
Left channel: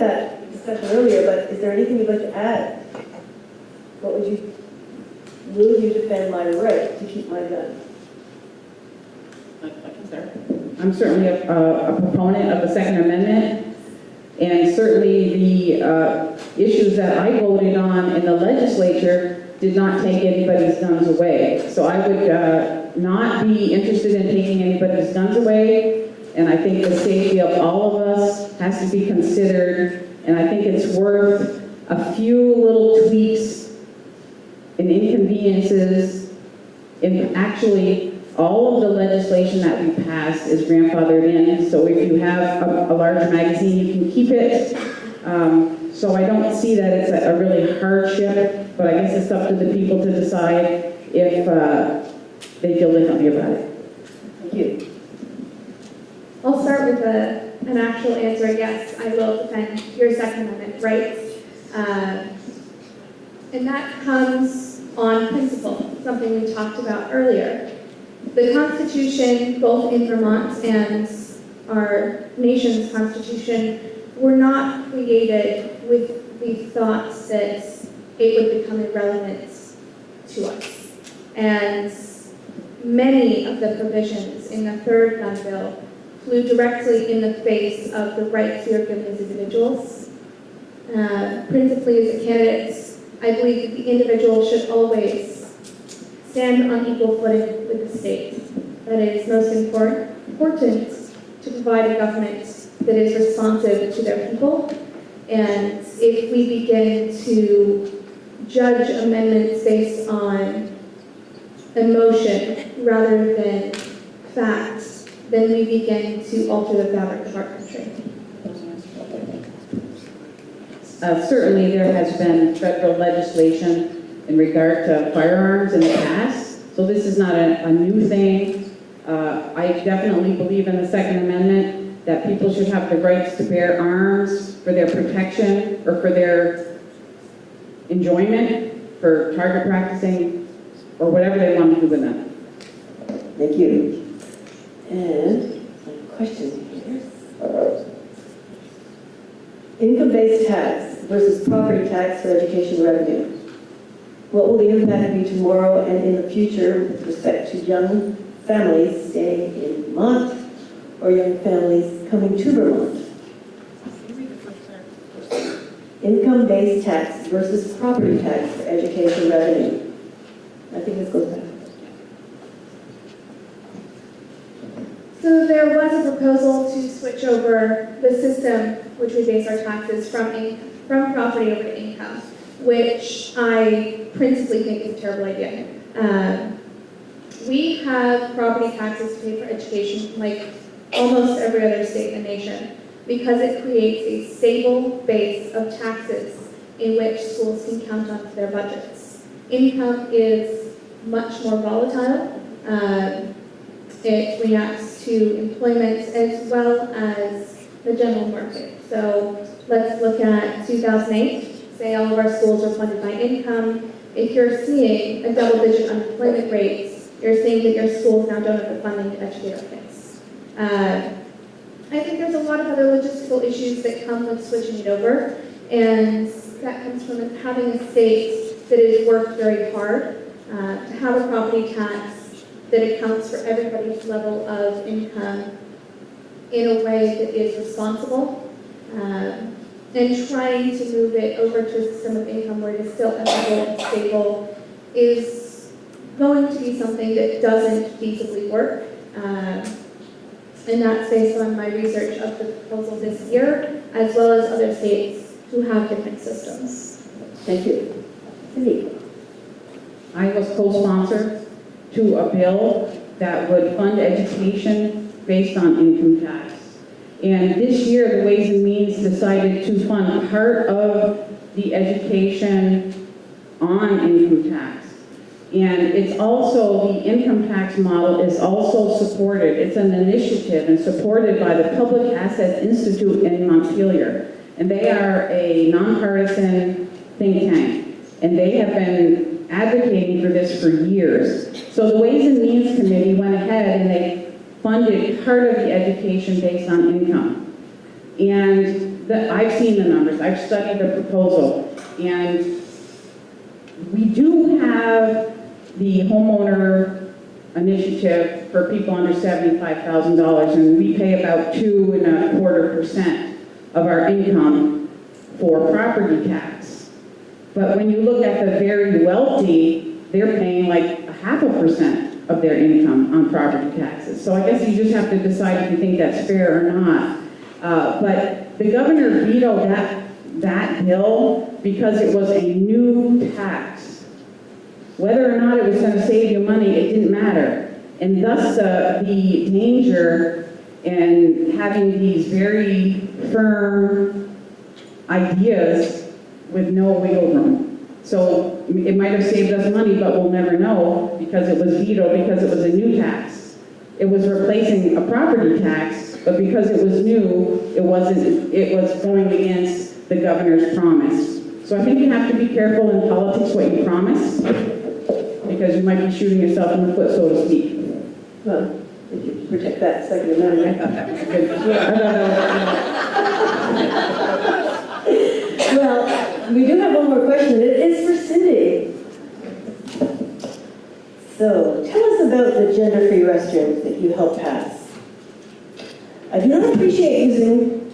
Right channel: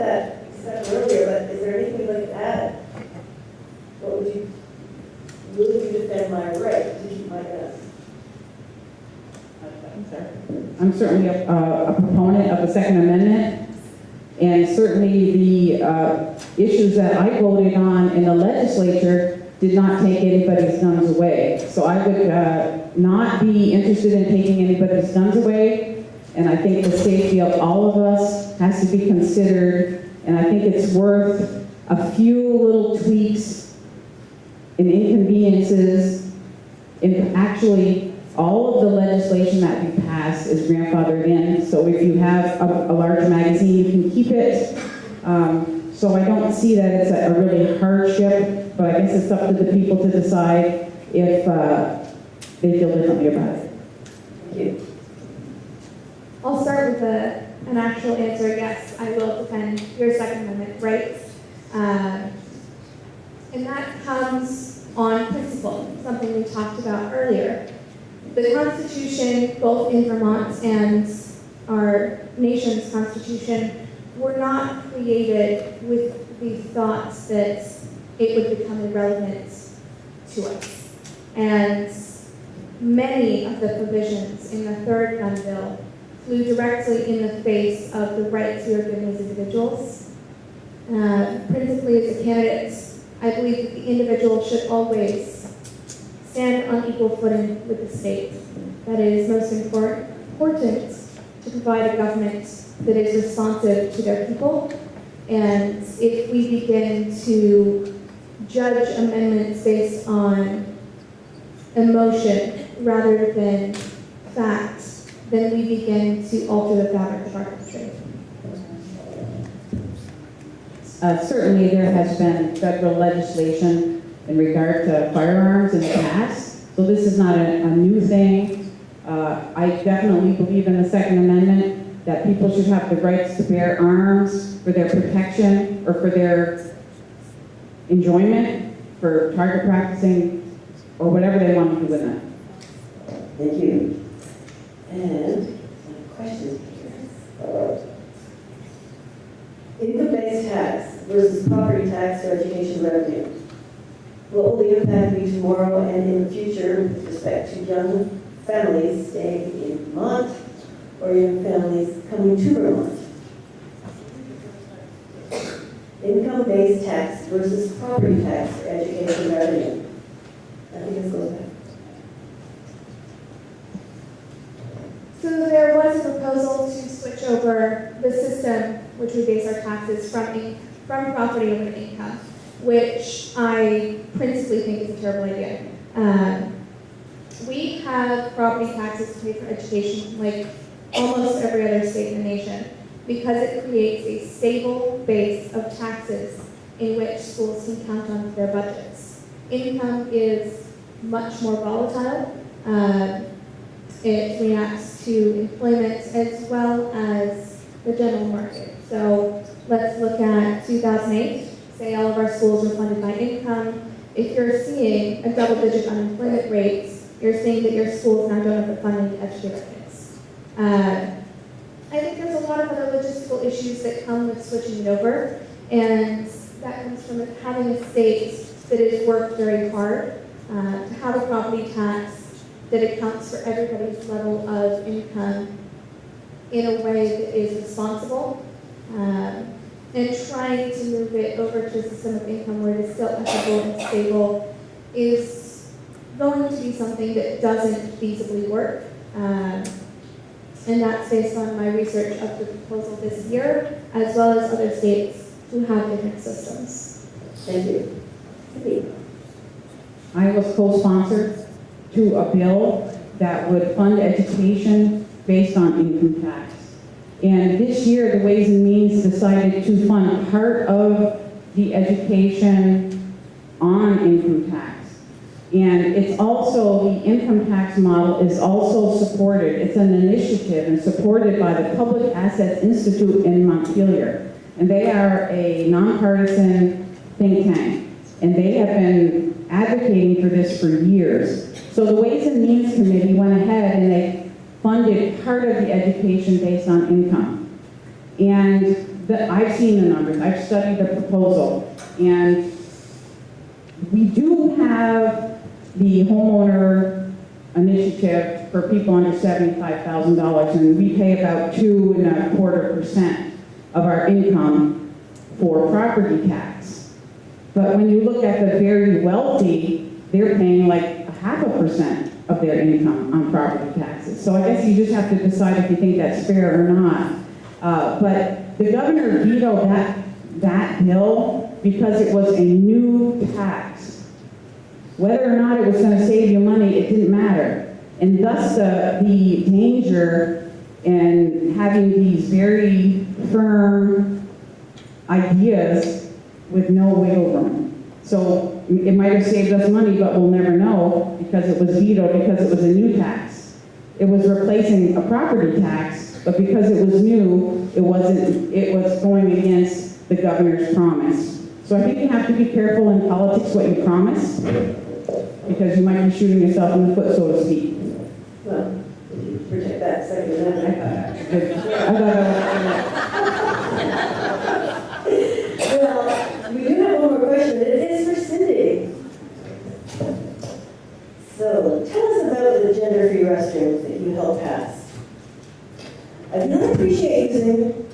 had that discussion earlier, but is there anything you'd like to add? What would you, will you defend my right to keep my gun? I'm certainly a proponent of the Second Amendment, and certainly the issues that I voted on in the legislature did not take anybody's guns away. So I would not be interested in taking anybody's guns away, and I think the safety of all of us has to be considered, and I think it's worth a few little tweaks and inconveniences. In actually, all of the legislation that we pass is grandfathered in, so if you have a large magazine, you can keep it. So I don't see that it's a really hardship, but I guess it's up to the people to decide if they feel differently about it. Thank you. I'll start with an actual answer. Yes, I will defend your Second Amendment rights. And that comes on principle, something we talked about earlier. The Constitution, both in Vermont and our nation's Constitution, were not created with the thoughts that it would become irrelevant to us. And many of the provisions in the third gun bill flew directly in the face of the rights we are given as individuals. Principally as a candidate, I believe that the individual should always stand on equal footing with the state. That it is most important to provide a government that is responsive to their people. And if we begin to judge amendments based on emotion rather than facts, then we begin to alter the fabric of our country. Certainly there has been federal legislation in regard to firearms in the past, so this is not a new thing. I definitely believe in the Second Amendment that people should have the rights to bear arms for their protection or for their enjoyment, for target practicing, or whatever they want to do with them. Thank you. And a question here. Income-based tax versus property tax for education revenue. What will the impact be tomorrow and in the future with respect to young families staying in Vermont or young families coming to Vermont? Income-based tax versus property tax for education revenue. I think this goes back. So there was a proposal to switch over the system which we base our taxes from property over to income, which I principally think is a terrible idea. We have property taxes to pay for education like almost every other state in the nation because it creates a stable base of taxes in which schools can count on for their budgets. Income is much more volatile. It reacts to employment as well as the general market. So let's look at 2008. Say all of our schools are funded by income. If you're seeing a double-digit unemployment rate, you're seeing that your schools now don't have the funding to educate our kids. I think there's a lot of other logistical issues that come with switching it over, and that comes from having a state that has worked very hard to have a property tax that accounts for everybody's level of income in a way that is responsible, and trying to move it over to a system of income where it is still equitable and stable is going to be something that doesn't feasibly work. And that's based on my research of the proposal this year, as well as other states who have different systems. Thank you. Cindy. I was co-sponsor to a bill that would fund education based on income tax. And this year, the Ways and Means decided to fund part of the education on income tax. And it's also, the income tax model is also supported. It's an initiative and supported by the Public Assets Institute in Montpelier. And they are a nonpartisan think tank. And they have been advocating for this for years. So the Ways and Means Committee went ahead and they funded part of the education based on income. And I've seen the numbers, I've studied the proposal, and we do have the homeowner initiative for people under $75,000, and we pay about 2.25% of our income for property tax. But when you look at the very wealthy, they're paying like 0.5% of their income on property taxes. So I guess you just have to decide if you think that's fair or not. But the governor vetoed that bill because it was a new tax. Whether or not it was going to save you money, it didn't matter. And thus the danger in having these very firm ideas with no wiggle room. So it might have saved us money, but we'll never know because it was vetoed, because it was a new tax. It was replacing a property tax, but because it was new, it was going against the governor's promise. So I think you have to be careful in politics what you promise, because you might be shooting yourself in the foot, so to speak. Well, if you protect that Second Amendment. Well, we do have one more question. It is for Cindy. So, tell us about the gender-free restrooms that you helped pass. I do not appreciate using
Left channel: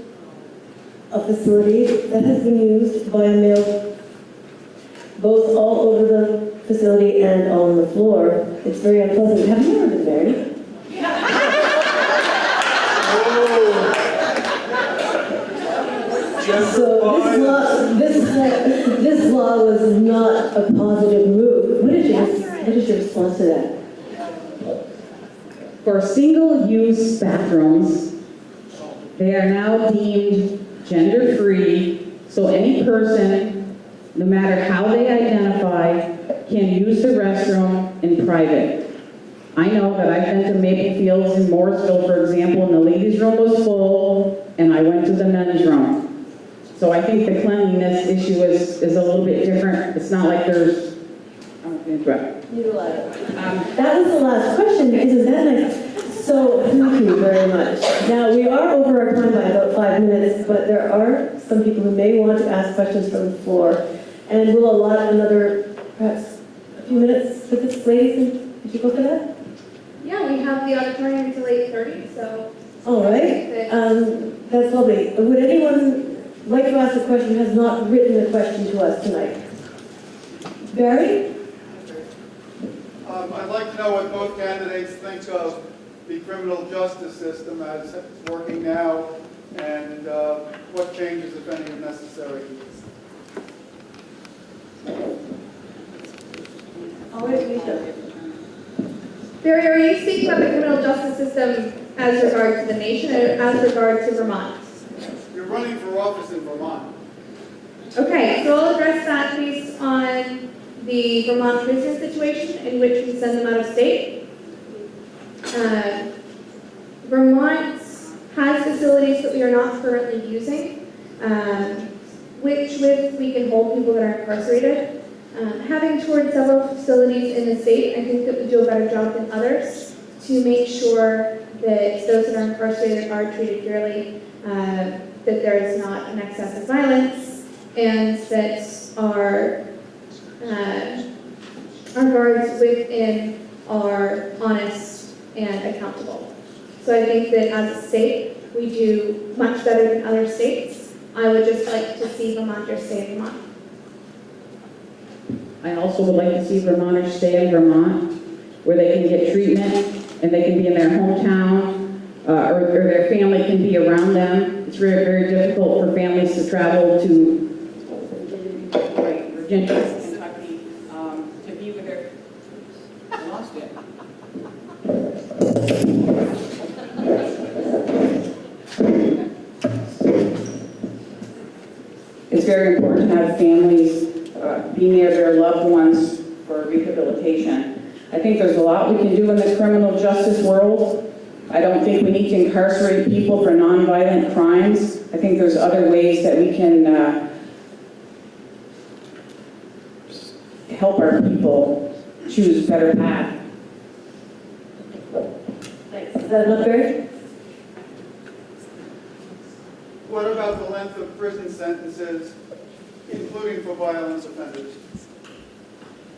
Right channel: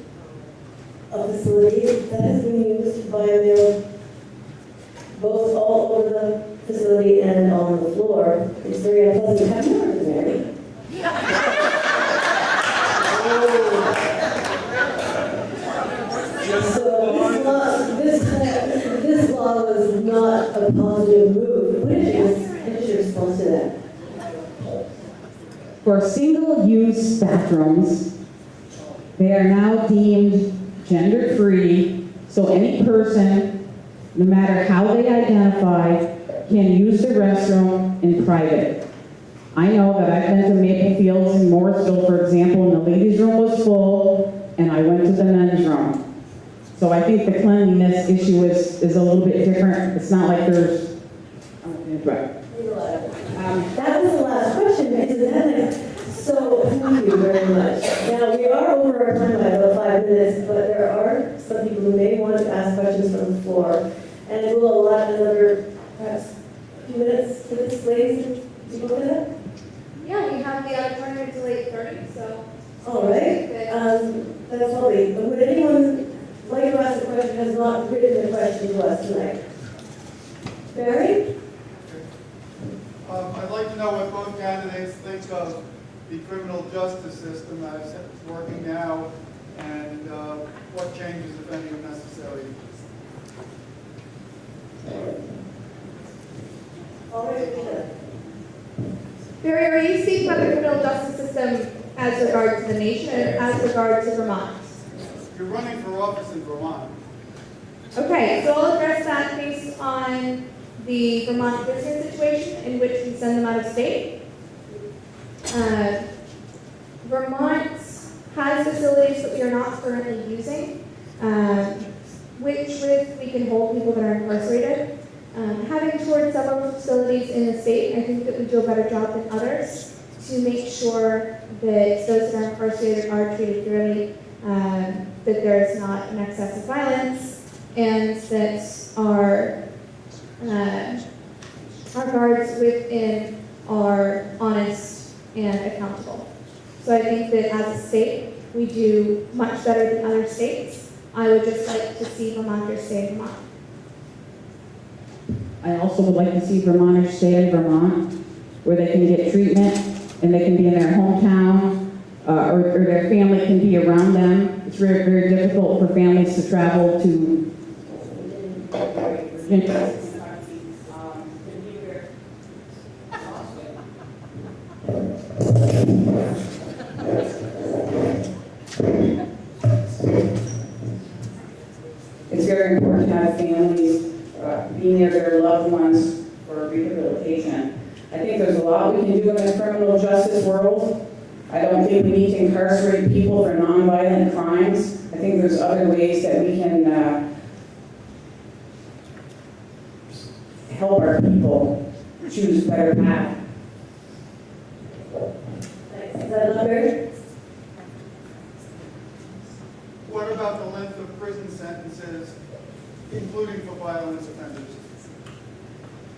a facility that has been used by a male, both all over the facility and on the floor. It's very unpleasant. Have you ever been married? So this law was not a positive move. What is your response to that? For single-use bathrooms, they are now deemed gender-free, so any person, no matter how they identify, can use the restroom in private. I know that I've been to Maple Fields in Morrisville, for example, and the ladies' room was full, and I went to the men's room. So I think the cleanliness issue is a little bit different. It's not like there's, That was the last question, because is that nice? So, thank you very much. Now, we are over our time by about 5 minutes, but there are some people who may want to ask questions from the floor. And we'll allot another, perhaps, a few minutes for this, ladies. Did you go for that? Yeah, we have the auditorium until 8:30, so. All right. That's lovely. Would anyone like to ask a question who has not written a question to us tonight? Barry? I'd like to know what both candidates think of the criminal justice system as it's working now, and what changes, if any, are necessary. All right, Lisa. Barry, are you speaking about the criminal justice system as regards to the nation or as regards to Vermont? You're running for office in Vermont. Okay, so I'll address that based on the Vermont prisoner situation in which we send them out of state. Vermont has facilities that we are not currently using, which we can hold people that are incarcerated. Having toured several facilities in the state, I think that we do a better job than others to make sure that those that are incarcerated are treated fairly, that there is not an excess of violence, and that our guards within are honest and accountable. So I think that as a state, we do much better than other states. I would just like to see Vermonters stay in Vermont. I also would like to see Vermonters stay in Vermont, where they can get treatment and they can be in their hometown, or their family can be around them. It's very, very difficult for families to travel to Virginia, Kentucky, to be with their, I lost it. It's very important to have families be near their loved ones for rehabilitation. I think there's a lot we can do in the criminal justice world. I don't think we need to incarcerate people for nonviolent crimes. I think there's other ways that we can help our people choose a better path. Thanks. Is that enough, Barry? What about about the length of prison sentences, including for violence offenders?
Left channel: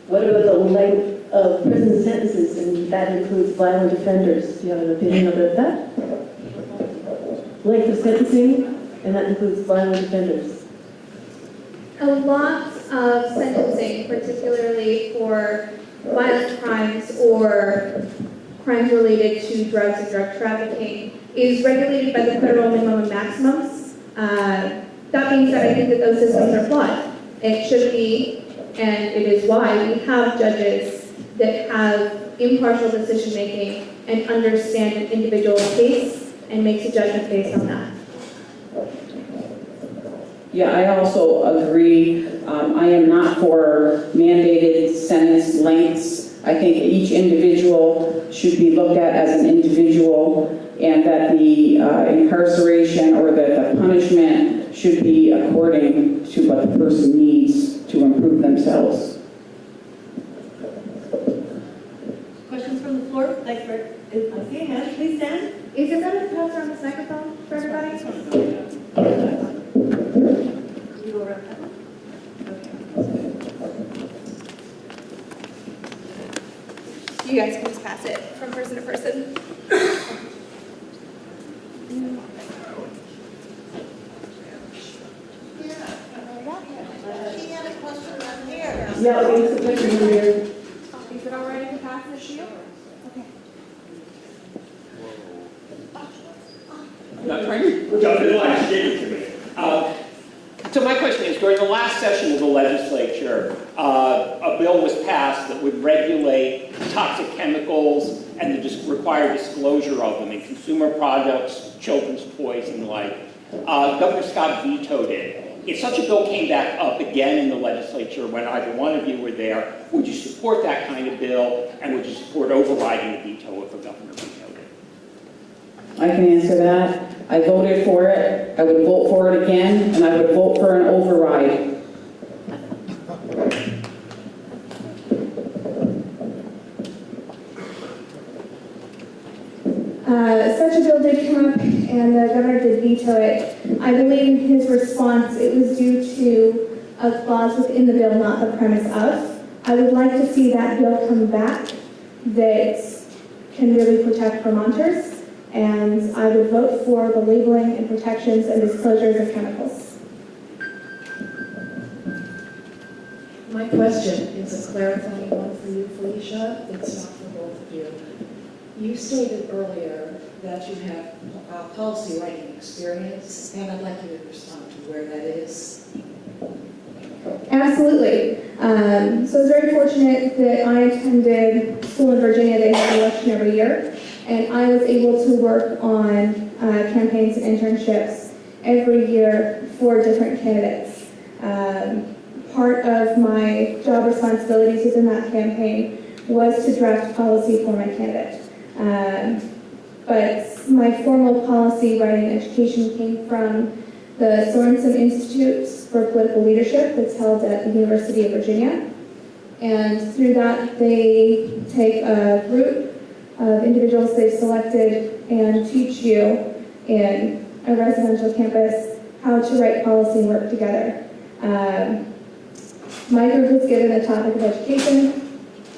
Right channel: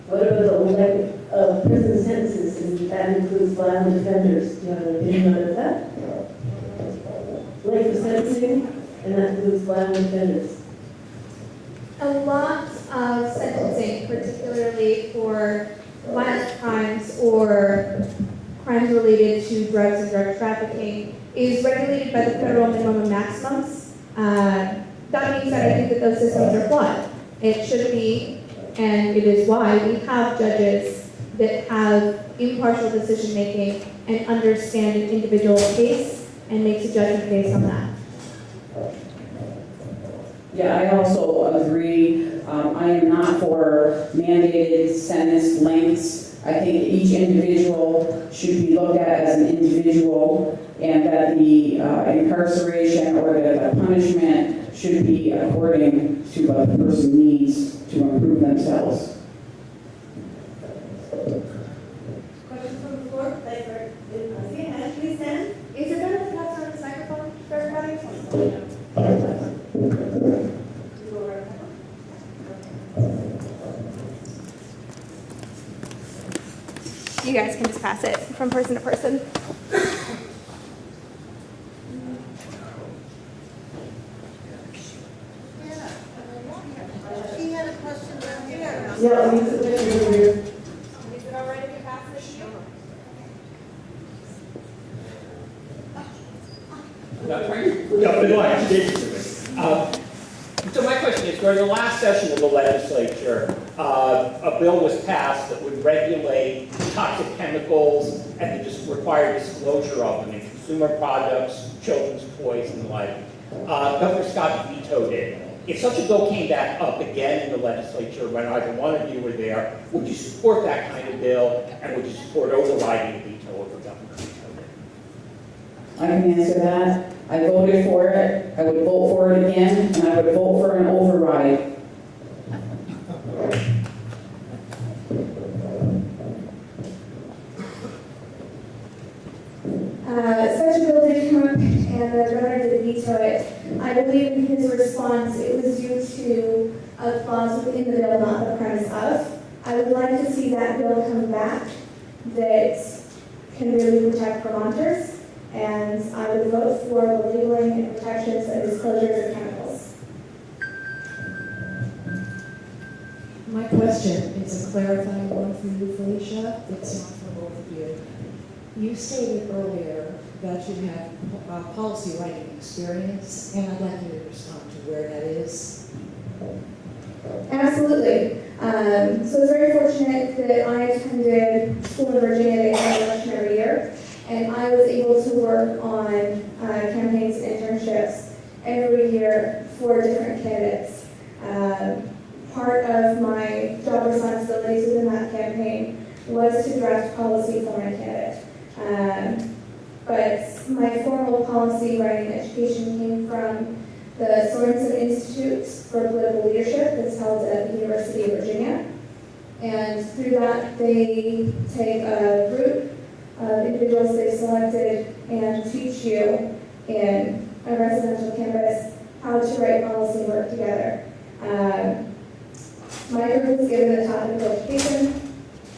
What about the length of prison sentences, and that includes violent offenders? Do you have an opinion about that? Length of sentencing, and that includes violent offenders. A lot of sentencing, particularly for violent crimes or crimes related to drugs and drug trafficking, is regulated by the federal minimum and maximums. That being said, I think that those systems are flawed. It should be, and it is why we have judges that have impartial decision-making and understand an individual case and makes a judgment based on that. Yeah, I also agree. I am not for mandated sentence lengths. I think each individual should be looked at as an individual, and that the incarceration or the punishment should be according to what the person needs to improve themselves. Questions from the floor? Thanks, Rick. I see a hand. Please stand. Is it better to pass around this microphone for everybody? You go right ahead. You guys can just pass it from person to person. She had a question down here. Yeah, we have some questions over here. Is it all right if you pass this to you? Jump in line. So my question is, during the last session of the legislature, a bill was passed that would regulate toxic chemicals and the required disclosure of them in consumer products, children's toys, and the like. Governor Scott vetoed it. If such a bill came back up again in the legislature when either one of you were there, would you support that kind of bill, and would you support overriding the veto if the governor vetoed it? I can answer that. I voted for it. I would vote for it again, and I would vote for an override. Such a bill did come up, and the governor did veto it. I believe in his response it was due to a clause within the bill, not the premise of. I would like to see that bill come back that can really protect Vermonters, and I would vote for the labeling and protections and disclosures of chemicals. My question is a clarifying one for you, Felicia. It's not for both of you. You stated earlier that you have policy writing experience, and I'd like you to respond to where that is. Absolutely. So I was very fortunate that I attended school in Virginia. They have an election every year, and I was able to work on campaigns and internships every year for different candidates. Part of my job responsibilities within that campaign was to draft policy for my candidate. But my formal policy writing education came from the Sorensen Institute for Political Leadership that's held at the University of Virginia. And through that, they take a group of individuals they've selected and teach you in a residential campus how to write policy and work together. My group was given the topic of education.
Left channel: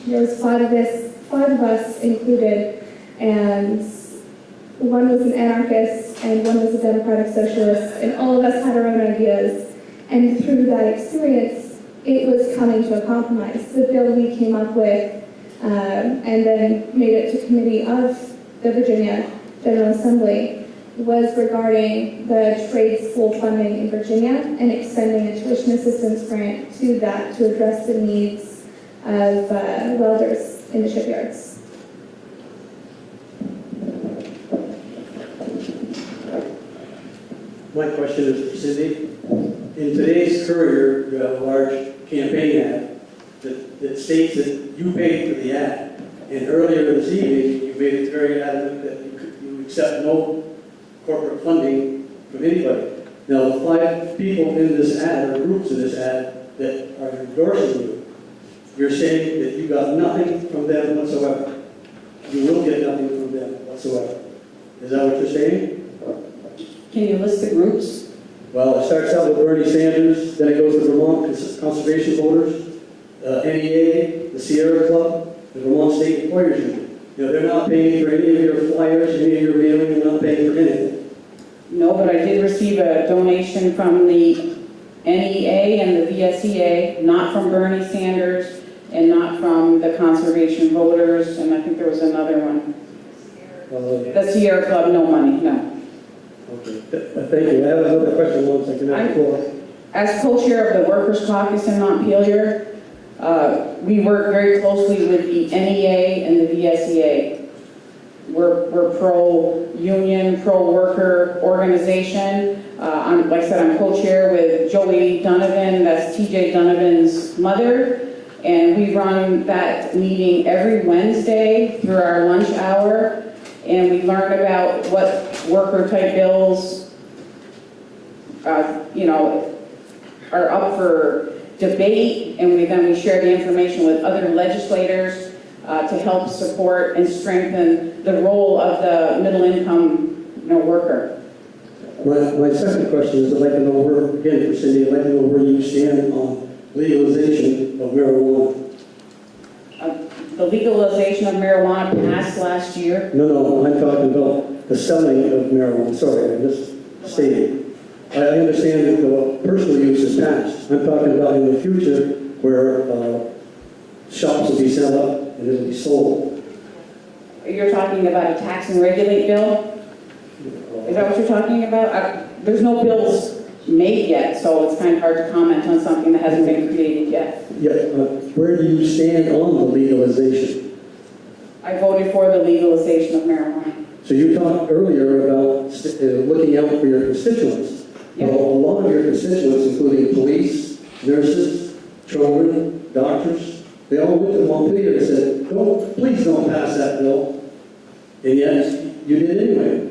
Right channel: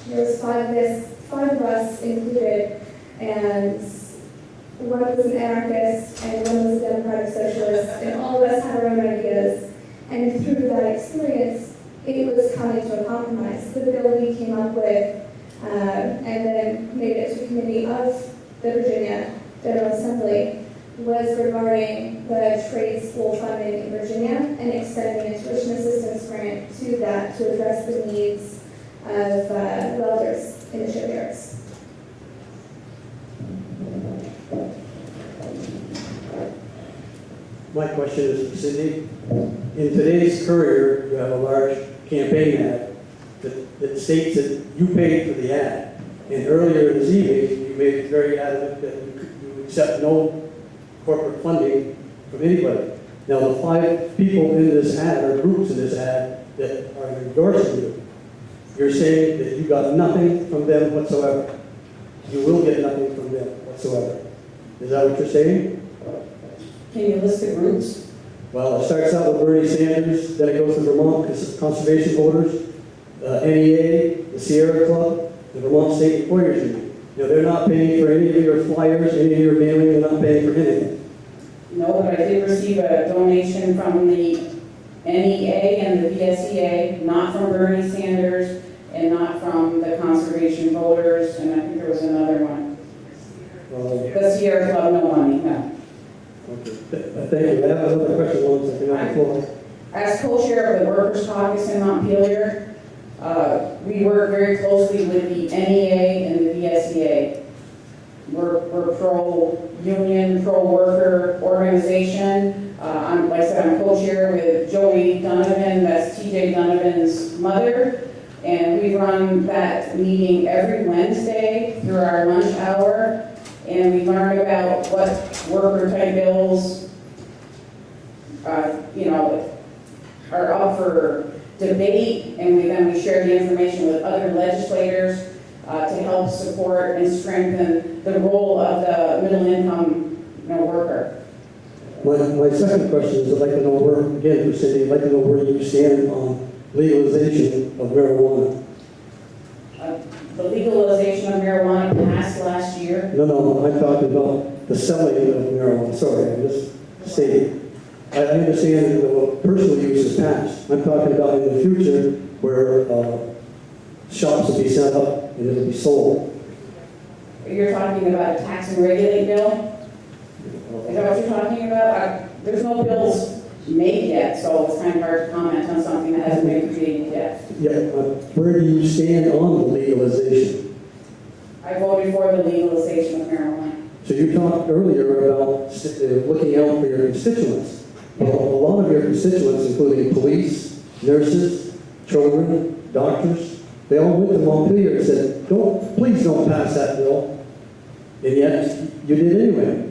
There was five of us included, and one was an anarchist and one was a democratic socialist, and all of us had our own ideas. And through that experience, it was coming to a compromise. The bill we came up with and then made it to committee of the Virginia General Assembly was regarding the trade school funding in Virginia and extending a tuition assistance grant to that to address the needs of welders in the shipyards. My question is for Cindy. In today's Courier, you have a large campaign ad that states that you paid for the ad. And earlier this evening, you made it very adamant that you accept no corporate funding from anybody. Now, the 5 people in this ad, or groups in this ad, that are endorsing you, you're saying that you got nothing from them whatsoever. You will get nothing from them whatsoever. Is that what you're saying? Can you list the groups? Well, it starts out with Bernie Sanders, then it goes to Vermont Conservation Voters, NEA, the Sierra Club, the Vermont State Employers Union. You know, they're not paying for any of your flyers, any of your mailing, they're not paying for anything. No, but I did receive a donation from the NEA and the VSEA, not from Bernie Sanders and not from the Conservation Voters, and I think there was another one. The Sierra Club, no money, no. Okay, thank you. I have another question, once I can have the floor. As co-chair of the Workers' Caucus in Montpelier, we work very closely with the NEA and the VSEA. We're pro-union, pro-worker organization. Like I said, I'm co-chair with Joey Donovan, that's TJ Donovan's mother, and we run that meeting every Wednesday through our lunch hour, and we learn about what worker-type bills, are up for debate, and then we share the information with other legislators to help support and strengthen the role of the middle-income worker. My second question is, I'd like to know where, again, for Cindy, I'd like to know where you stand on legalization of marijuana. The legalization of marijuana passed last year. No, I'm talking about the selling of marijuana. Sorry, I just stated. I understand that the personal use is passed. I'm talking about in the future where shops will be set up and it'll be sold. You're talking about a tax and regulate bill? Is that what you're talking about? There's no bills made yet, so it's kind of hard to comment on something that hasn't been created yet. Yeah, where do you stand on the legalization? I voted for the legalization of marijuana. So you talked earlier about looking out for your constituents. Yeah. Well, a lot of your constituents, including police, nurses, children, doctors, they all went to Montpelier and said, please don't pass that bill. And yet, you did anyway.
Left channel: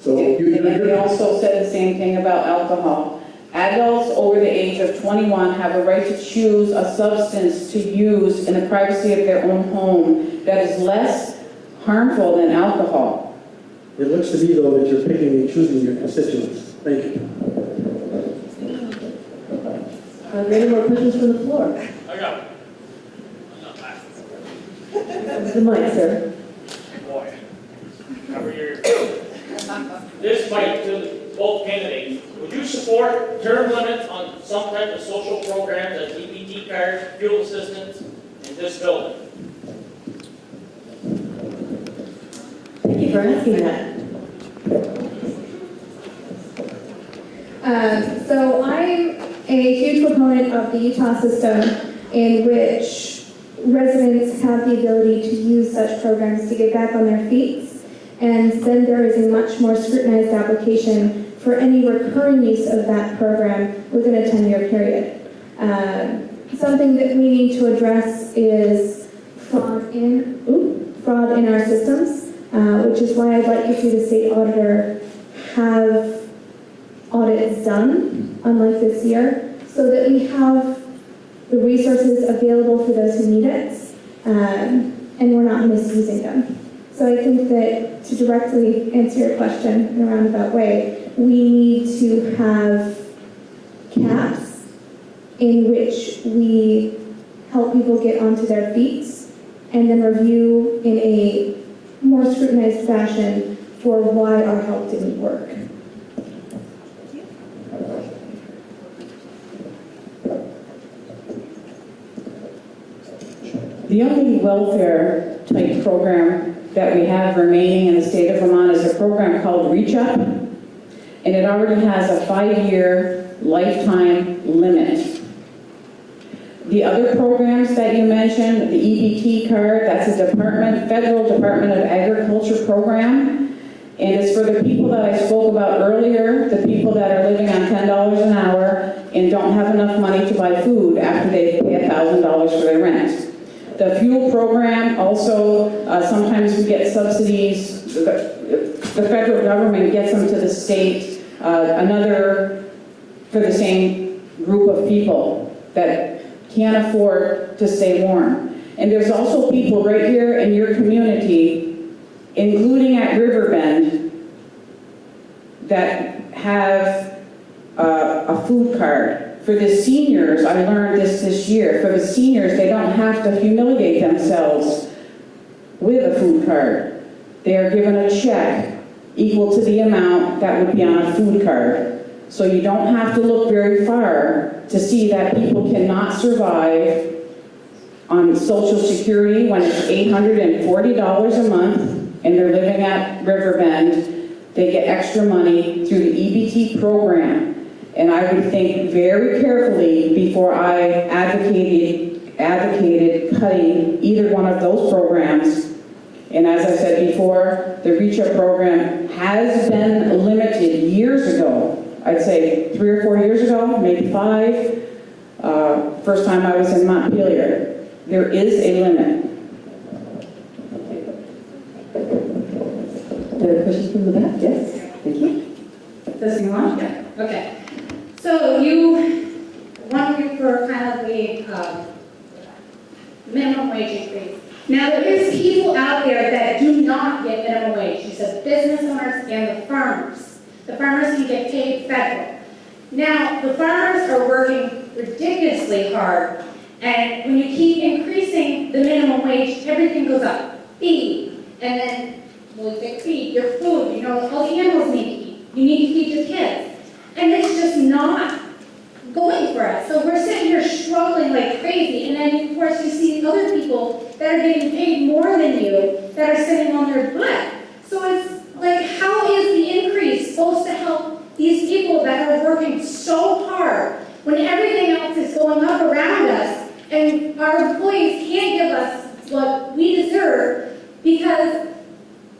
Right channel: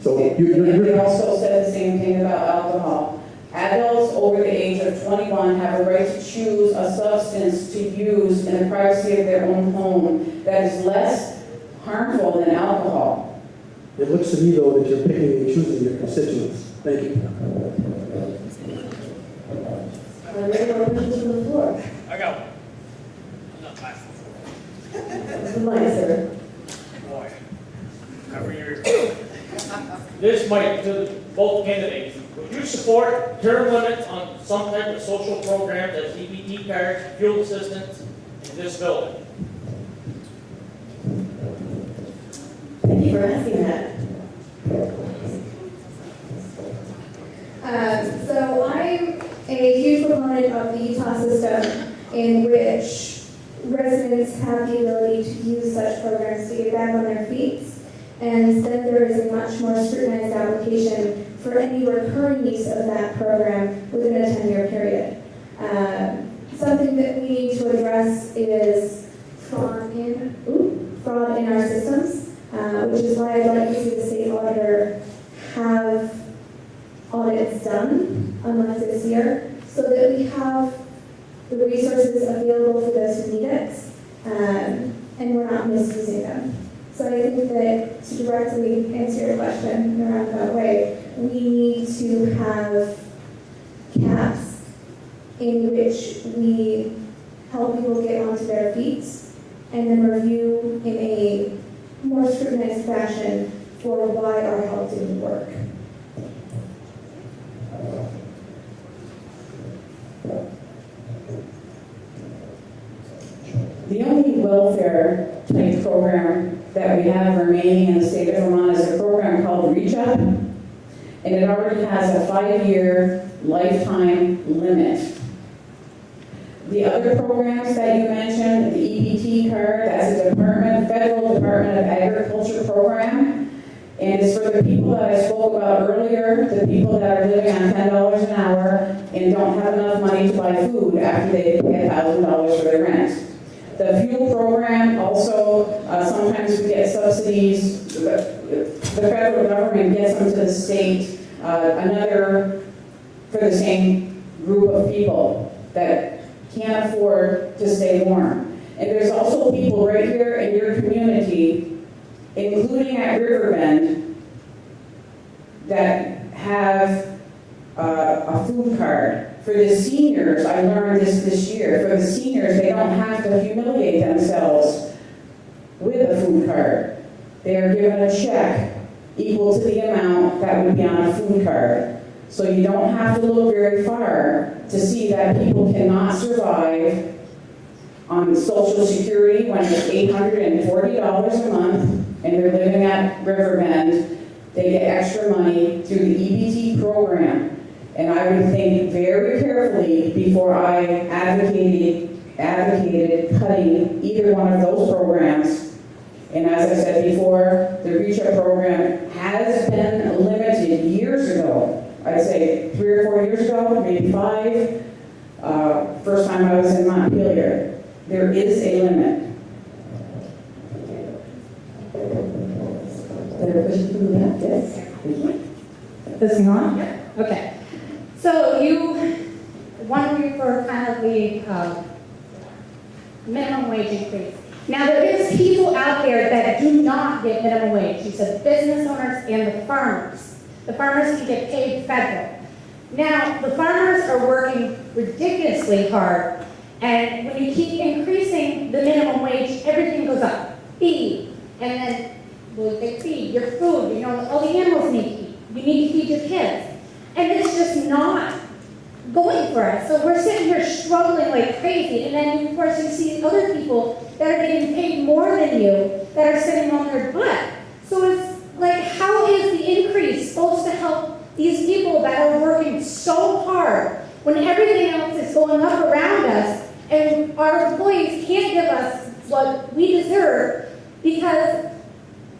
So And they also said the same thing about alcohol. Adults over the age of 21 have a right to choose a substance to use in the privacy of their own home that is less harmful than alcohol. It looks to me, though, that you're picking and choosing your constituents. Thank you. Are there any more questions from the floor? I got one. I'm not laughing. The mic, sir. Boy, every year. This might to both candidates. Would you support term limits on some type of social programs as EBT cards, fuel assistance in this building? Thank you for asking that. So I'm a huge proponent of the Utah system in which residents have the ability to use such programs to get back on their feet. And then there is a much more scrutinized application for any recurring use of that program within a 10-year period. Something that we need to address is fraud in our systems, which is why I'd like to see the state auditor have audits done, unlike this year, so that we have the resources available for those who need it, and we're not misusing them. So I think that to directly answer your question in a roundabout way, we need to have caps in which we help people get onto their feet and then review in a more scrutinized fashion for why our help didn't work. The only welfare type program that we have remaining in the state of Vermont is a program called Reach Up, and it already has a 5-year lifetime limit. The other programs that you mentioned, the EBT card, that's a federal Department of Agriculture program, and it's for the people that I spoke about earlier, the people that are living on $10 an hour and don't have enough money to buy food after they pay $1,000 for their rent. The fuel program also, sometimes we get subsidies, the federal government gets them to the state, another for the same group of people that can't afford to stay warm. And there's also people right here in your community, including at Riverbend, that have For the seniors, I learned this year, for the seniors, they don't have to humiliate themselves with a food card. They are given a check equal to the amount that would be on a food card. So you don't have to look very far to see that people cannot survive on Social Security when it's $840 a month and they're living at Riverbend. They get extra money through the EBT program. And I would think very carefully before I advocated cutting either one of those programs. And as I said before, the Reach Up program has been limited years ago. I'd say 3 or 4 years ago, maybe 5. First time I was in Montpelier. There is a limit. Another question from the back, yes? Thank you. This thing on? Yeah. Okay. So you wondering for kind of the minimum wage increase. Now there is people out there that do not get minimum wage. You said business owners and the farmers. The farmers can get paid federal. Now the farmers are working ridiculously hard, and when you keep increasing the minimum wage, everything goes up. Feed, and then well, you get feed, your food, you know, all the animals need to eat. You need to feed your kids. And it's just not going for us. So we're sitting here struggling like crazy. And then, of course, you see other people that are getting paid more than you that are sitting on their butt. So it's like, how is the increase supposed to help these people that are working so hard when everything else is going up around us and our employees can't give us what we deserve because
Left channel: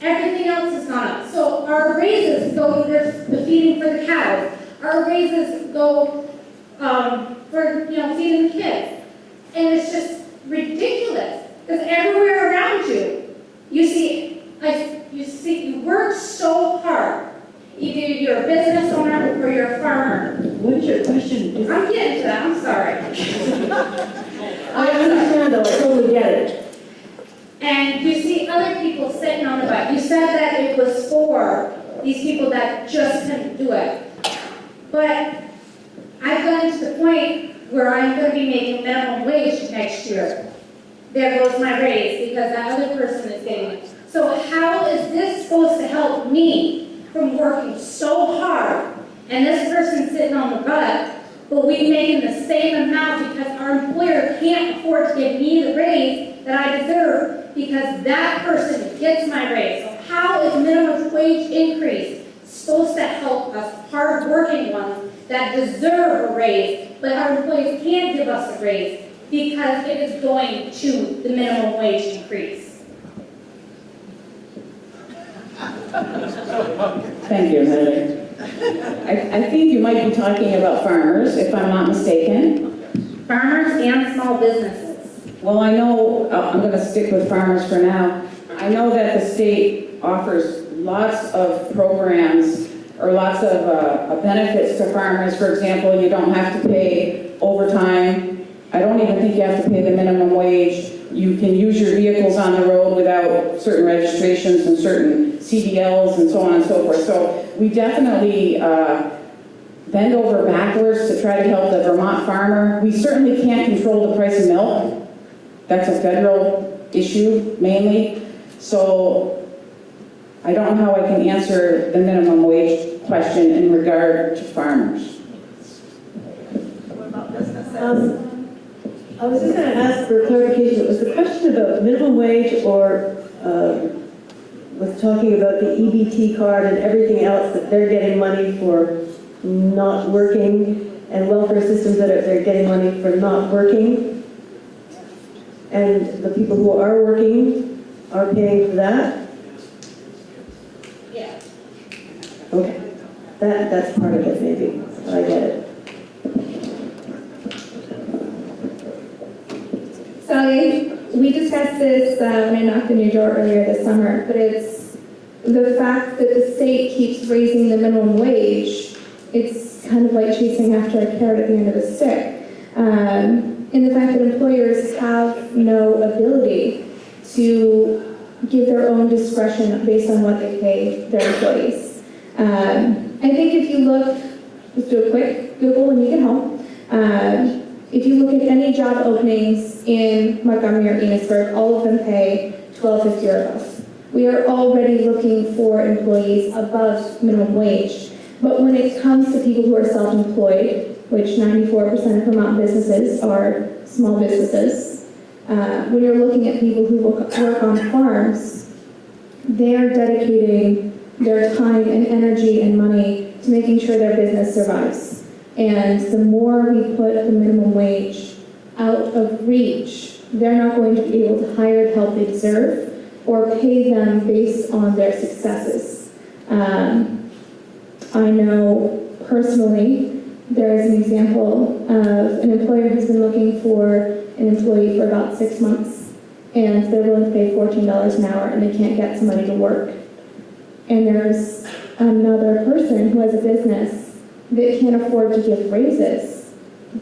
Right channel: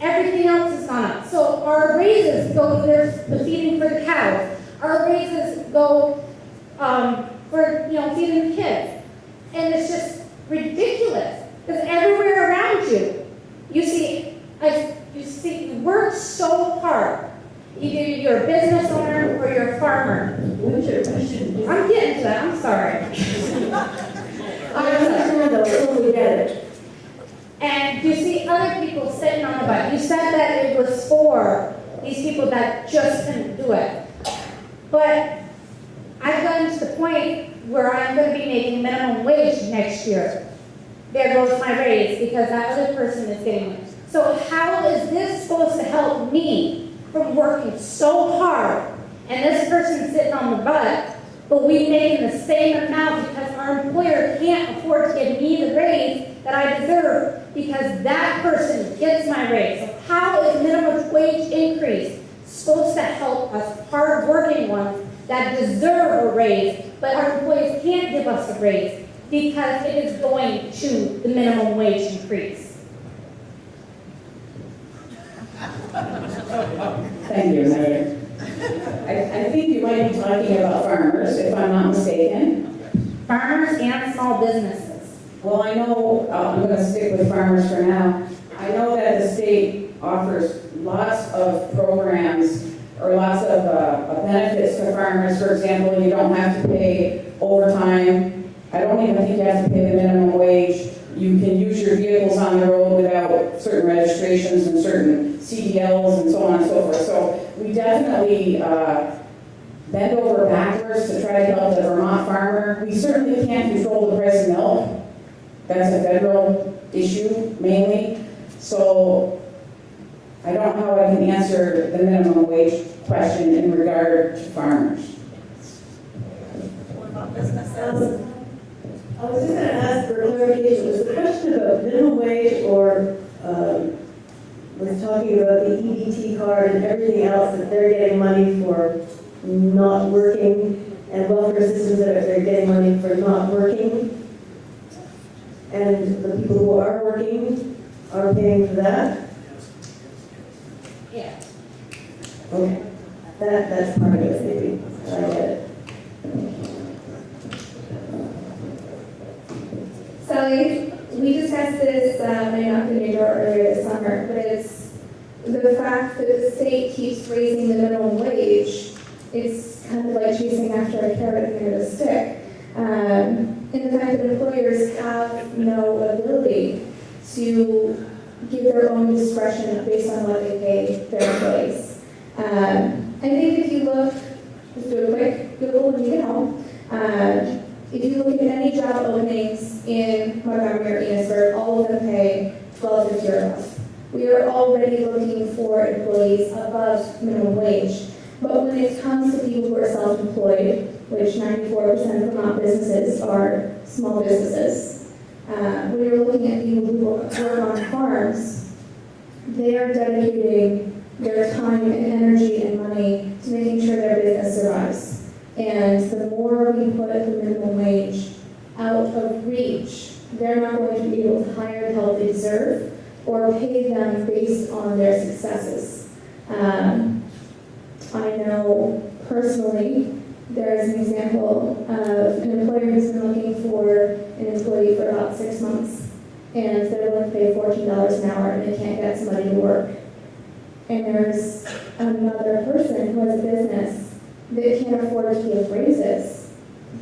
everything else has gone up. So our raises go either the feeding for the cows. Our raises go for, you know, feeding the kids. And it's just ridiculous. Because everywhere around you, you work so hard. Either you're a business owner or you're a farmer. What is your question? I'm getting to that, I'm sorry. I understand though, I totally get it. And you see other people sitting on the butt. You said that it was for these people that just couldn't do it. But I've gotten to the point where I'm going to be making minimum wage next year. There goes my raise because that other person is getting it. So how is this supposed to help me from working so hard and this person sitting on the butt, but we making the same amount because our employer can't afford to give me the raise that I deserve because that person gets my raise. So how is minimum wage increase supposed to help us hard-working ones that deserve a raise, but our employees can't give us a raise because it is going to the minimum wage increase? Thank you, Mayor. I think you might be talking about farmers, if I'm not mistaken. Farmers and small businesses. Well, I know, I'm going to stick with farmers for now. I know that the state offers lots of programs or lots of benefits to farmers. For example, you don't have to pay overtime. I don't even think you have to pay the minimum wage. You can use your vehicles on the road without certain registrations and certain CDLs and so on and so forth. So we definitely bend over backwards to try to help the Vermont farmer. We certainly can't control the price of milk. That's a federal issue mainly. So I don't know how I can answer the minimum wage question in regard to farmers. What about businesses? I was just going to ask for clarification. Was the question about minimum wage or was talking about the EBT card and everything else that they're getting money for not working and welfare systems that they're getting money for not working? And the people who are working are paying for that? Yeah. Okay. That's part of it, maybe. I get it. Sally, we discussed this when I knocked on your door earlier this summer, but it's the fact that the state keeps raising the minimum wage. It's kind of like chasing after a carrot at the end of a stick. In the fact that employers have no ability to give their own discretion based on what they pay their employees. I think if you look, just do a quick Google when you get home, If you look at any job openings in Montgomery or Enosburg, all of them pay $12.50 or less. We are already looking for employees above minimum wage. But when it comes to people who are self-employed, which 94% of Vermont businesses are small businesses, when you're looking at people who work on farms, they're dedicating their time and energy and money to making sure their business survives. And the more we put the minimum wage out of reach, they're not going to be able to hire the help they deserve or pay them based on their successes. I know personally, there is an example of an employer who's been looking for an employee for about 6 months, and they're willing to pay $14 an hour, and they can't get somebody to work. And there's another person who has a business that can't afford to give raises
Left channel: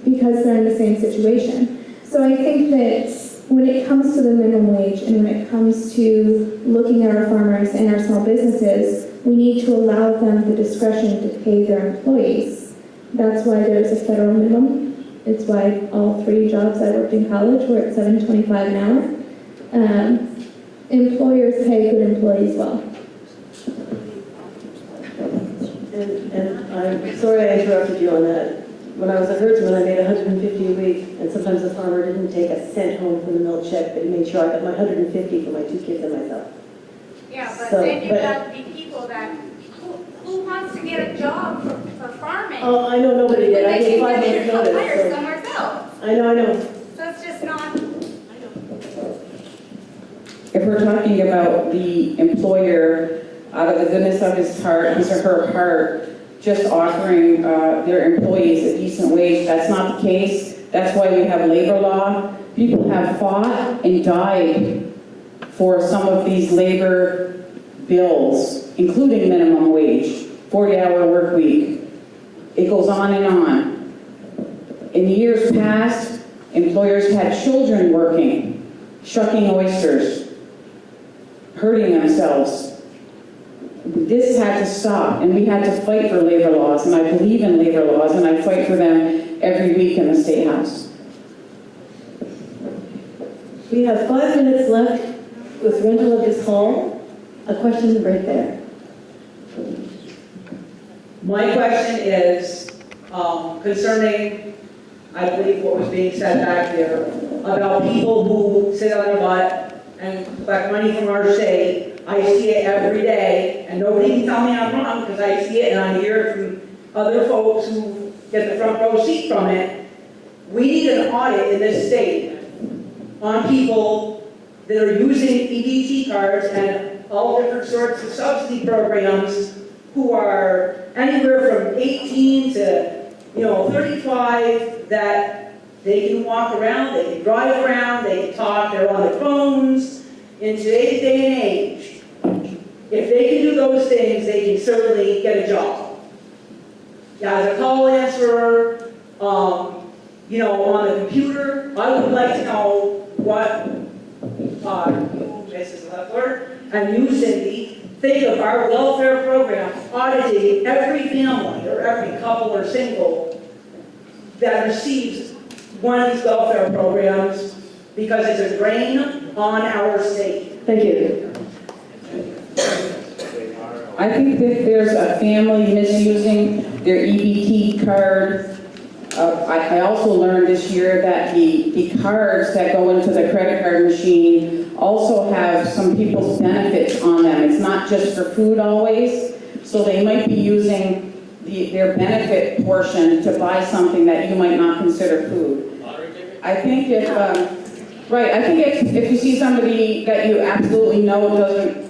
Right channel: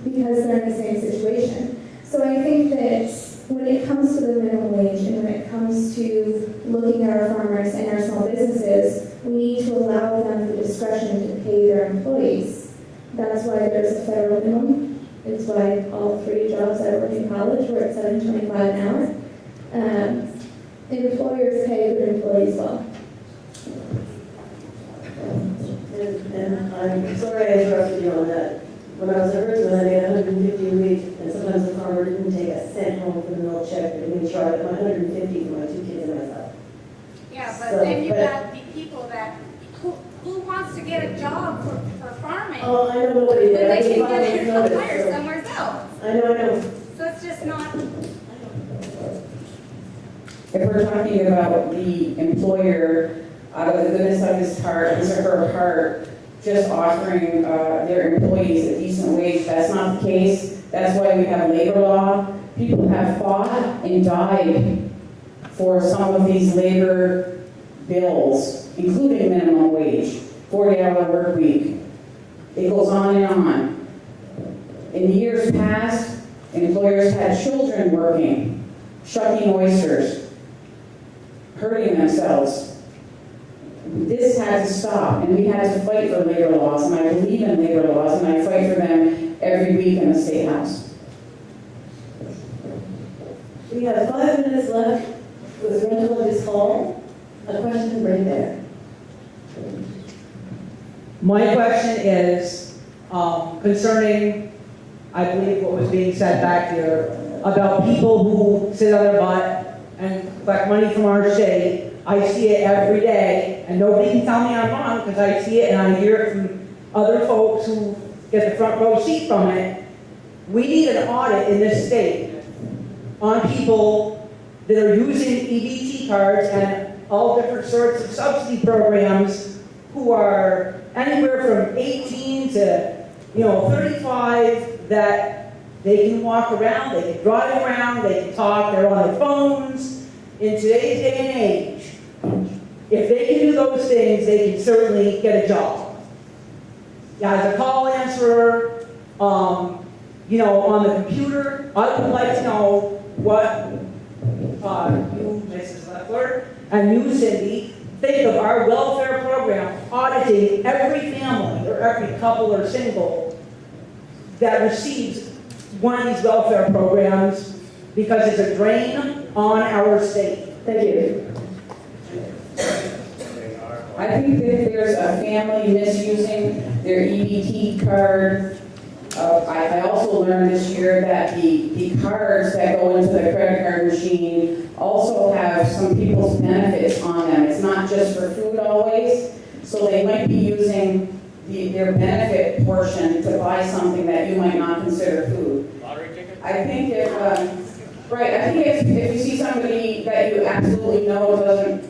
because they're in the same situation. So I think that when it comes to the minimum wage and when it comes to looking at our farmers and our small businesses, we need to allow them the discretion to pay their employees. That's why there's a federal minimum. It's why all 3 jobs I worked in college were at $7.25 an hour. Employers pay good employees well. And I'm sorry I interrupted you on that. When I was a herdsman, I made $150 a week, and sometimes the farmer didn't take a cent home from the mill check, but he made sure I got my $150 for my 2 kids and myself. Yeah, but So, then you but- got the people that, who wants to get a job for farming? Oh, I know nobody did. I But they gave can 5 get days a notice. hire So. somewhere else. I know. So it's just not. If we're talking about the employer, out of the goodness of his heart, his or her heart, just offering their employees a decent wage, that's not the case. That's why we have labor law. People have fought and died for some of these labor bills, including minimum wage, 40-hour work week. It goes on and on. In years past, employers had children working, shucking oysters, hurting themselves. This had to stop, and we had to fight for labor laws, and I believe in labor laws, and I fight for them every week in the State House. We have 5 minutes left with rental of this hall. A question right there. My question is concerning, I believe, what was being said back there about people who sit on their butt and collect money from our state. I see it every day, and nobody can tell me I'm wrong because I see it and I hear it from other folks who get the front row seat from it. We need an audit in this state on people that are using EBT cards and all different sorts of subsidy programs who are anywhere from 18 to 35, that they can walk around, they can drive around, they can talk, they're on their phones. In today's day and age, if they can do those things, they can certainly get a job. As a call answerer, on the computer, I would like to know what you, Mrs. Leffler, and you, Cindy, think of our welfare program auditing every family or every couple or single that receives one of these welfare programs, because it's a drain on our state. Thank you. I think that there's a family misusing their EBT card. I also learned this year that the cards that go into the credit card machine also have some people's benefits on them. It's not just for food always, so they might be using their benefit portion to buy something that you might not consider food. Lottery ticket? I think if you see somebody that you absolutely know doesn't,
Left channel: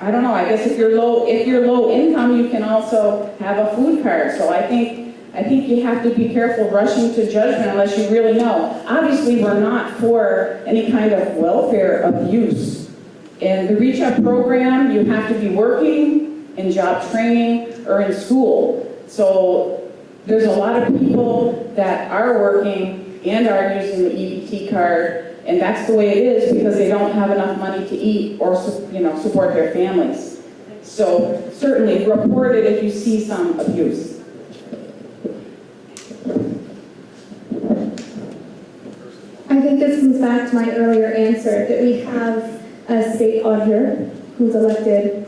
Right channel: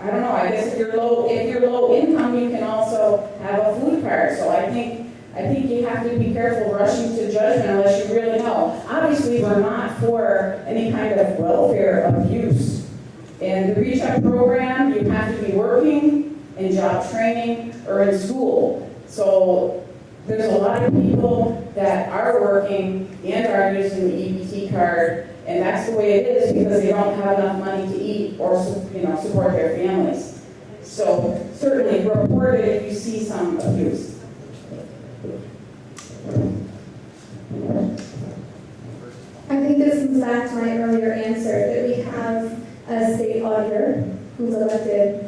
I don't know, I guess if you're low income, you can also have a food card. So I think you have to be careful rushing to judgment unless you really know. Obviously, we're not for any kind of welfare abuse. In the Reach Up program, you have to be working in job training or in school. So there's a lot of people that are working and are using the EBT card, and that's the way it is because they don't have enough money to eat or support their families. So certainly report it if you see some abuse. I think this comes back to my earlier answer, that we have a state auditor who's elected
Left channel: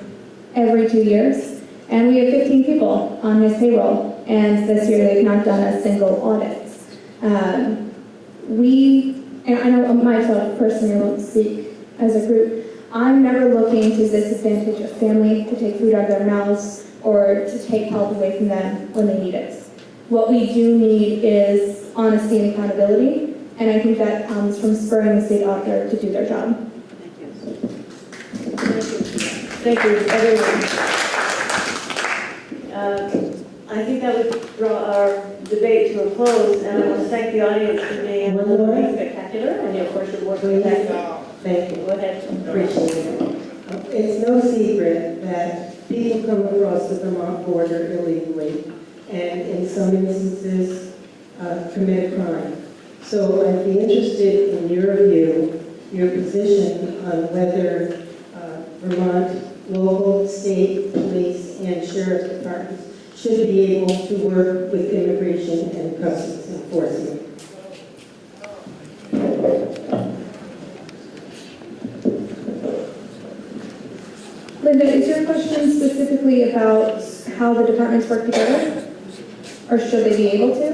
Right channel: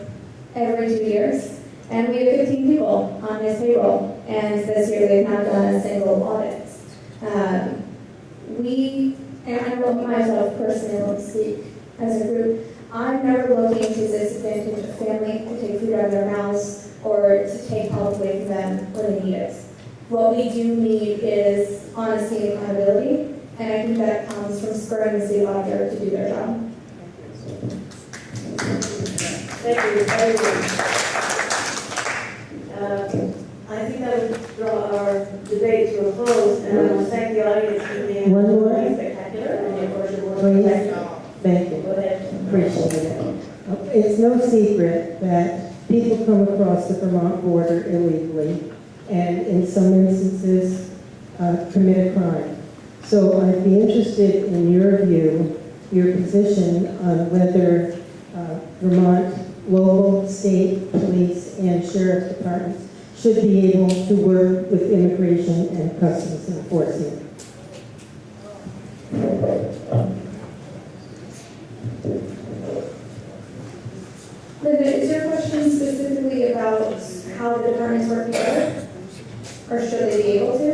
every 2 years, and we have 15 people on his payroll, and this year they've not done a single audit. And I know myself personally, I won't speak as a group, I'm never looking to disadvantage a family, to take food out of their mouths, or to take help away from them when they need it. What we do need is honesty and accountability, and I think that comes from spurring the state auditor to do their job. Thank you, everyone. I think that would draw our debate to a close, and I want to thank the audience for being One more. spectacular, and of course the board. Please. Thank you. Go ahead. Appreciate it. It's no secret that people come across the Vermont border illegally and in some instances commit a crime. So I'd be interested in your view, your position on whether Vermont local, state, police, and sheriff's departments should be able to work with immigration and customs enforcement. Linda, is your question specifically about how the departments work together? Or should they be able to?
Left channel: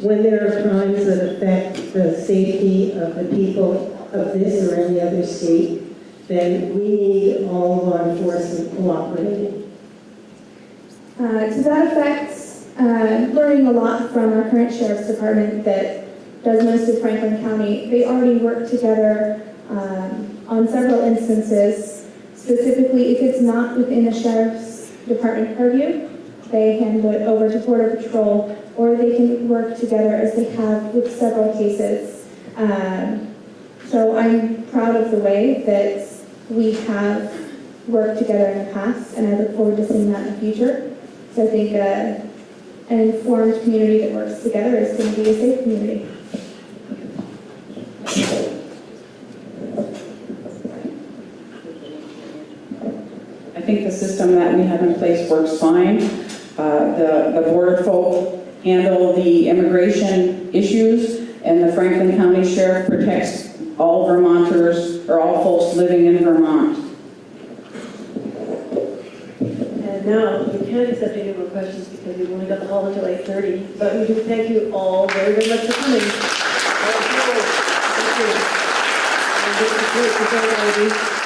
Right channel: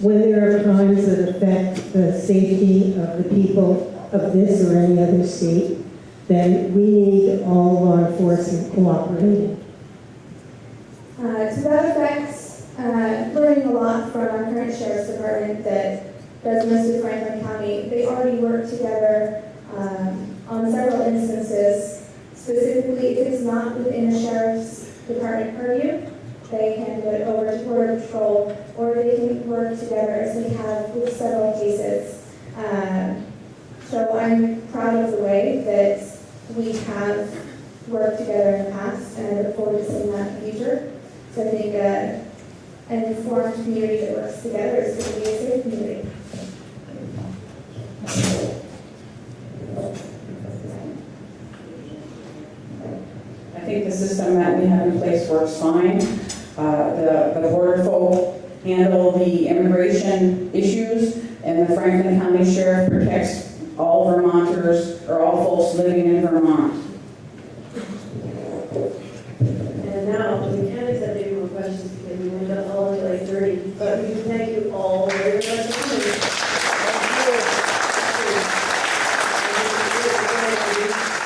When there are crimes that affect the safety of the people of this or any other state, then we need all law enforcement cooperating. To that effect, learning a lot from our current sheriff's department that does most of Franklin County, they already work together on several instances. Specifically, if it's not within the sheriff's department purview, they hand it over to Border Patrol, or they can work together as they have with several cases. So I'm proud of the way that we have worked together in the past, and I look forward to seeing that in the future. So I think an informed community that works together is going to be a safe community. I think the system that we have in place works fine. The border folk handle the immigration issues, and the Franklin County Sheriff protects all Vermonters, or all folks living in Vermont. And now, we can't accept any more questions because we've only got the hall until 8:30, but we do thank you all very, very much for coming. Thank you.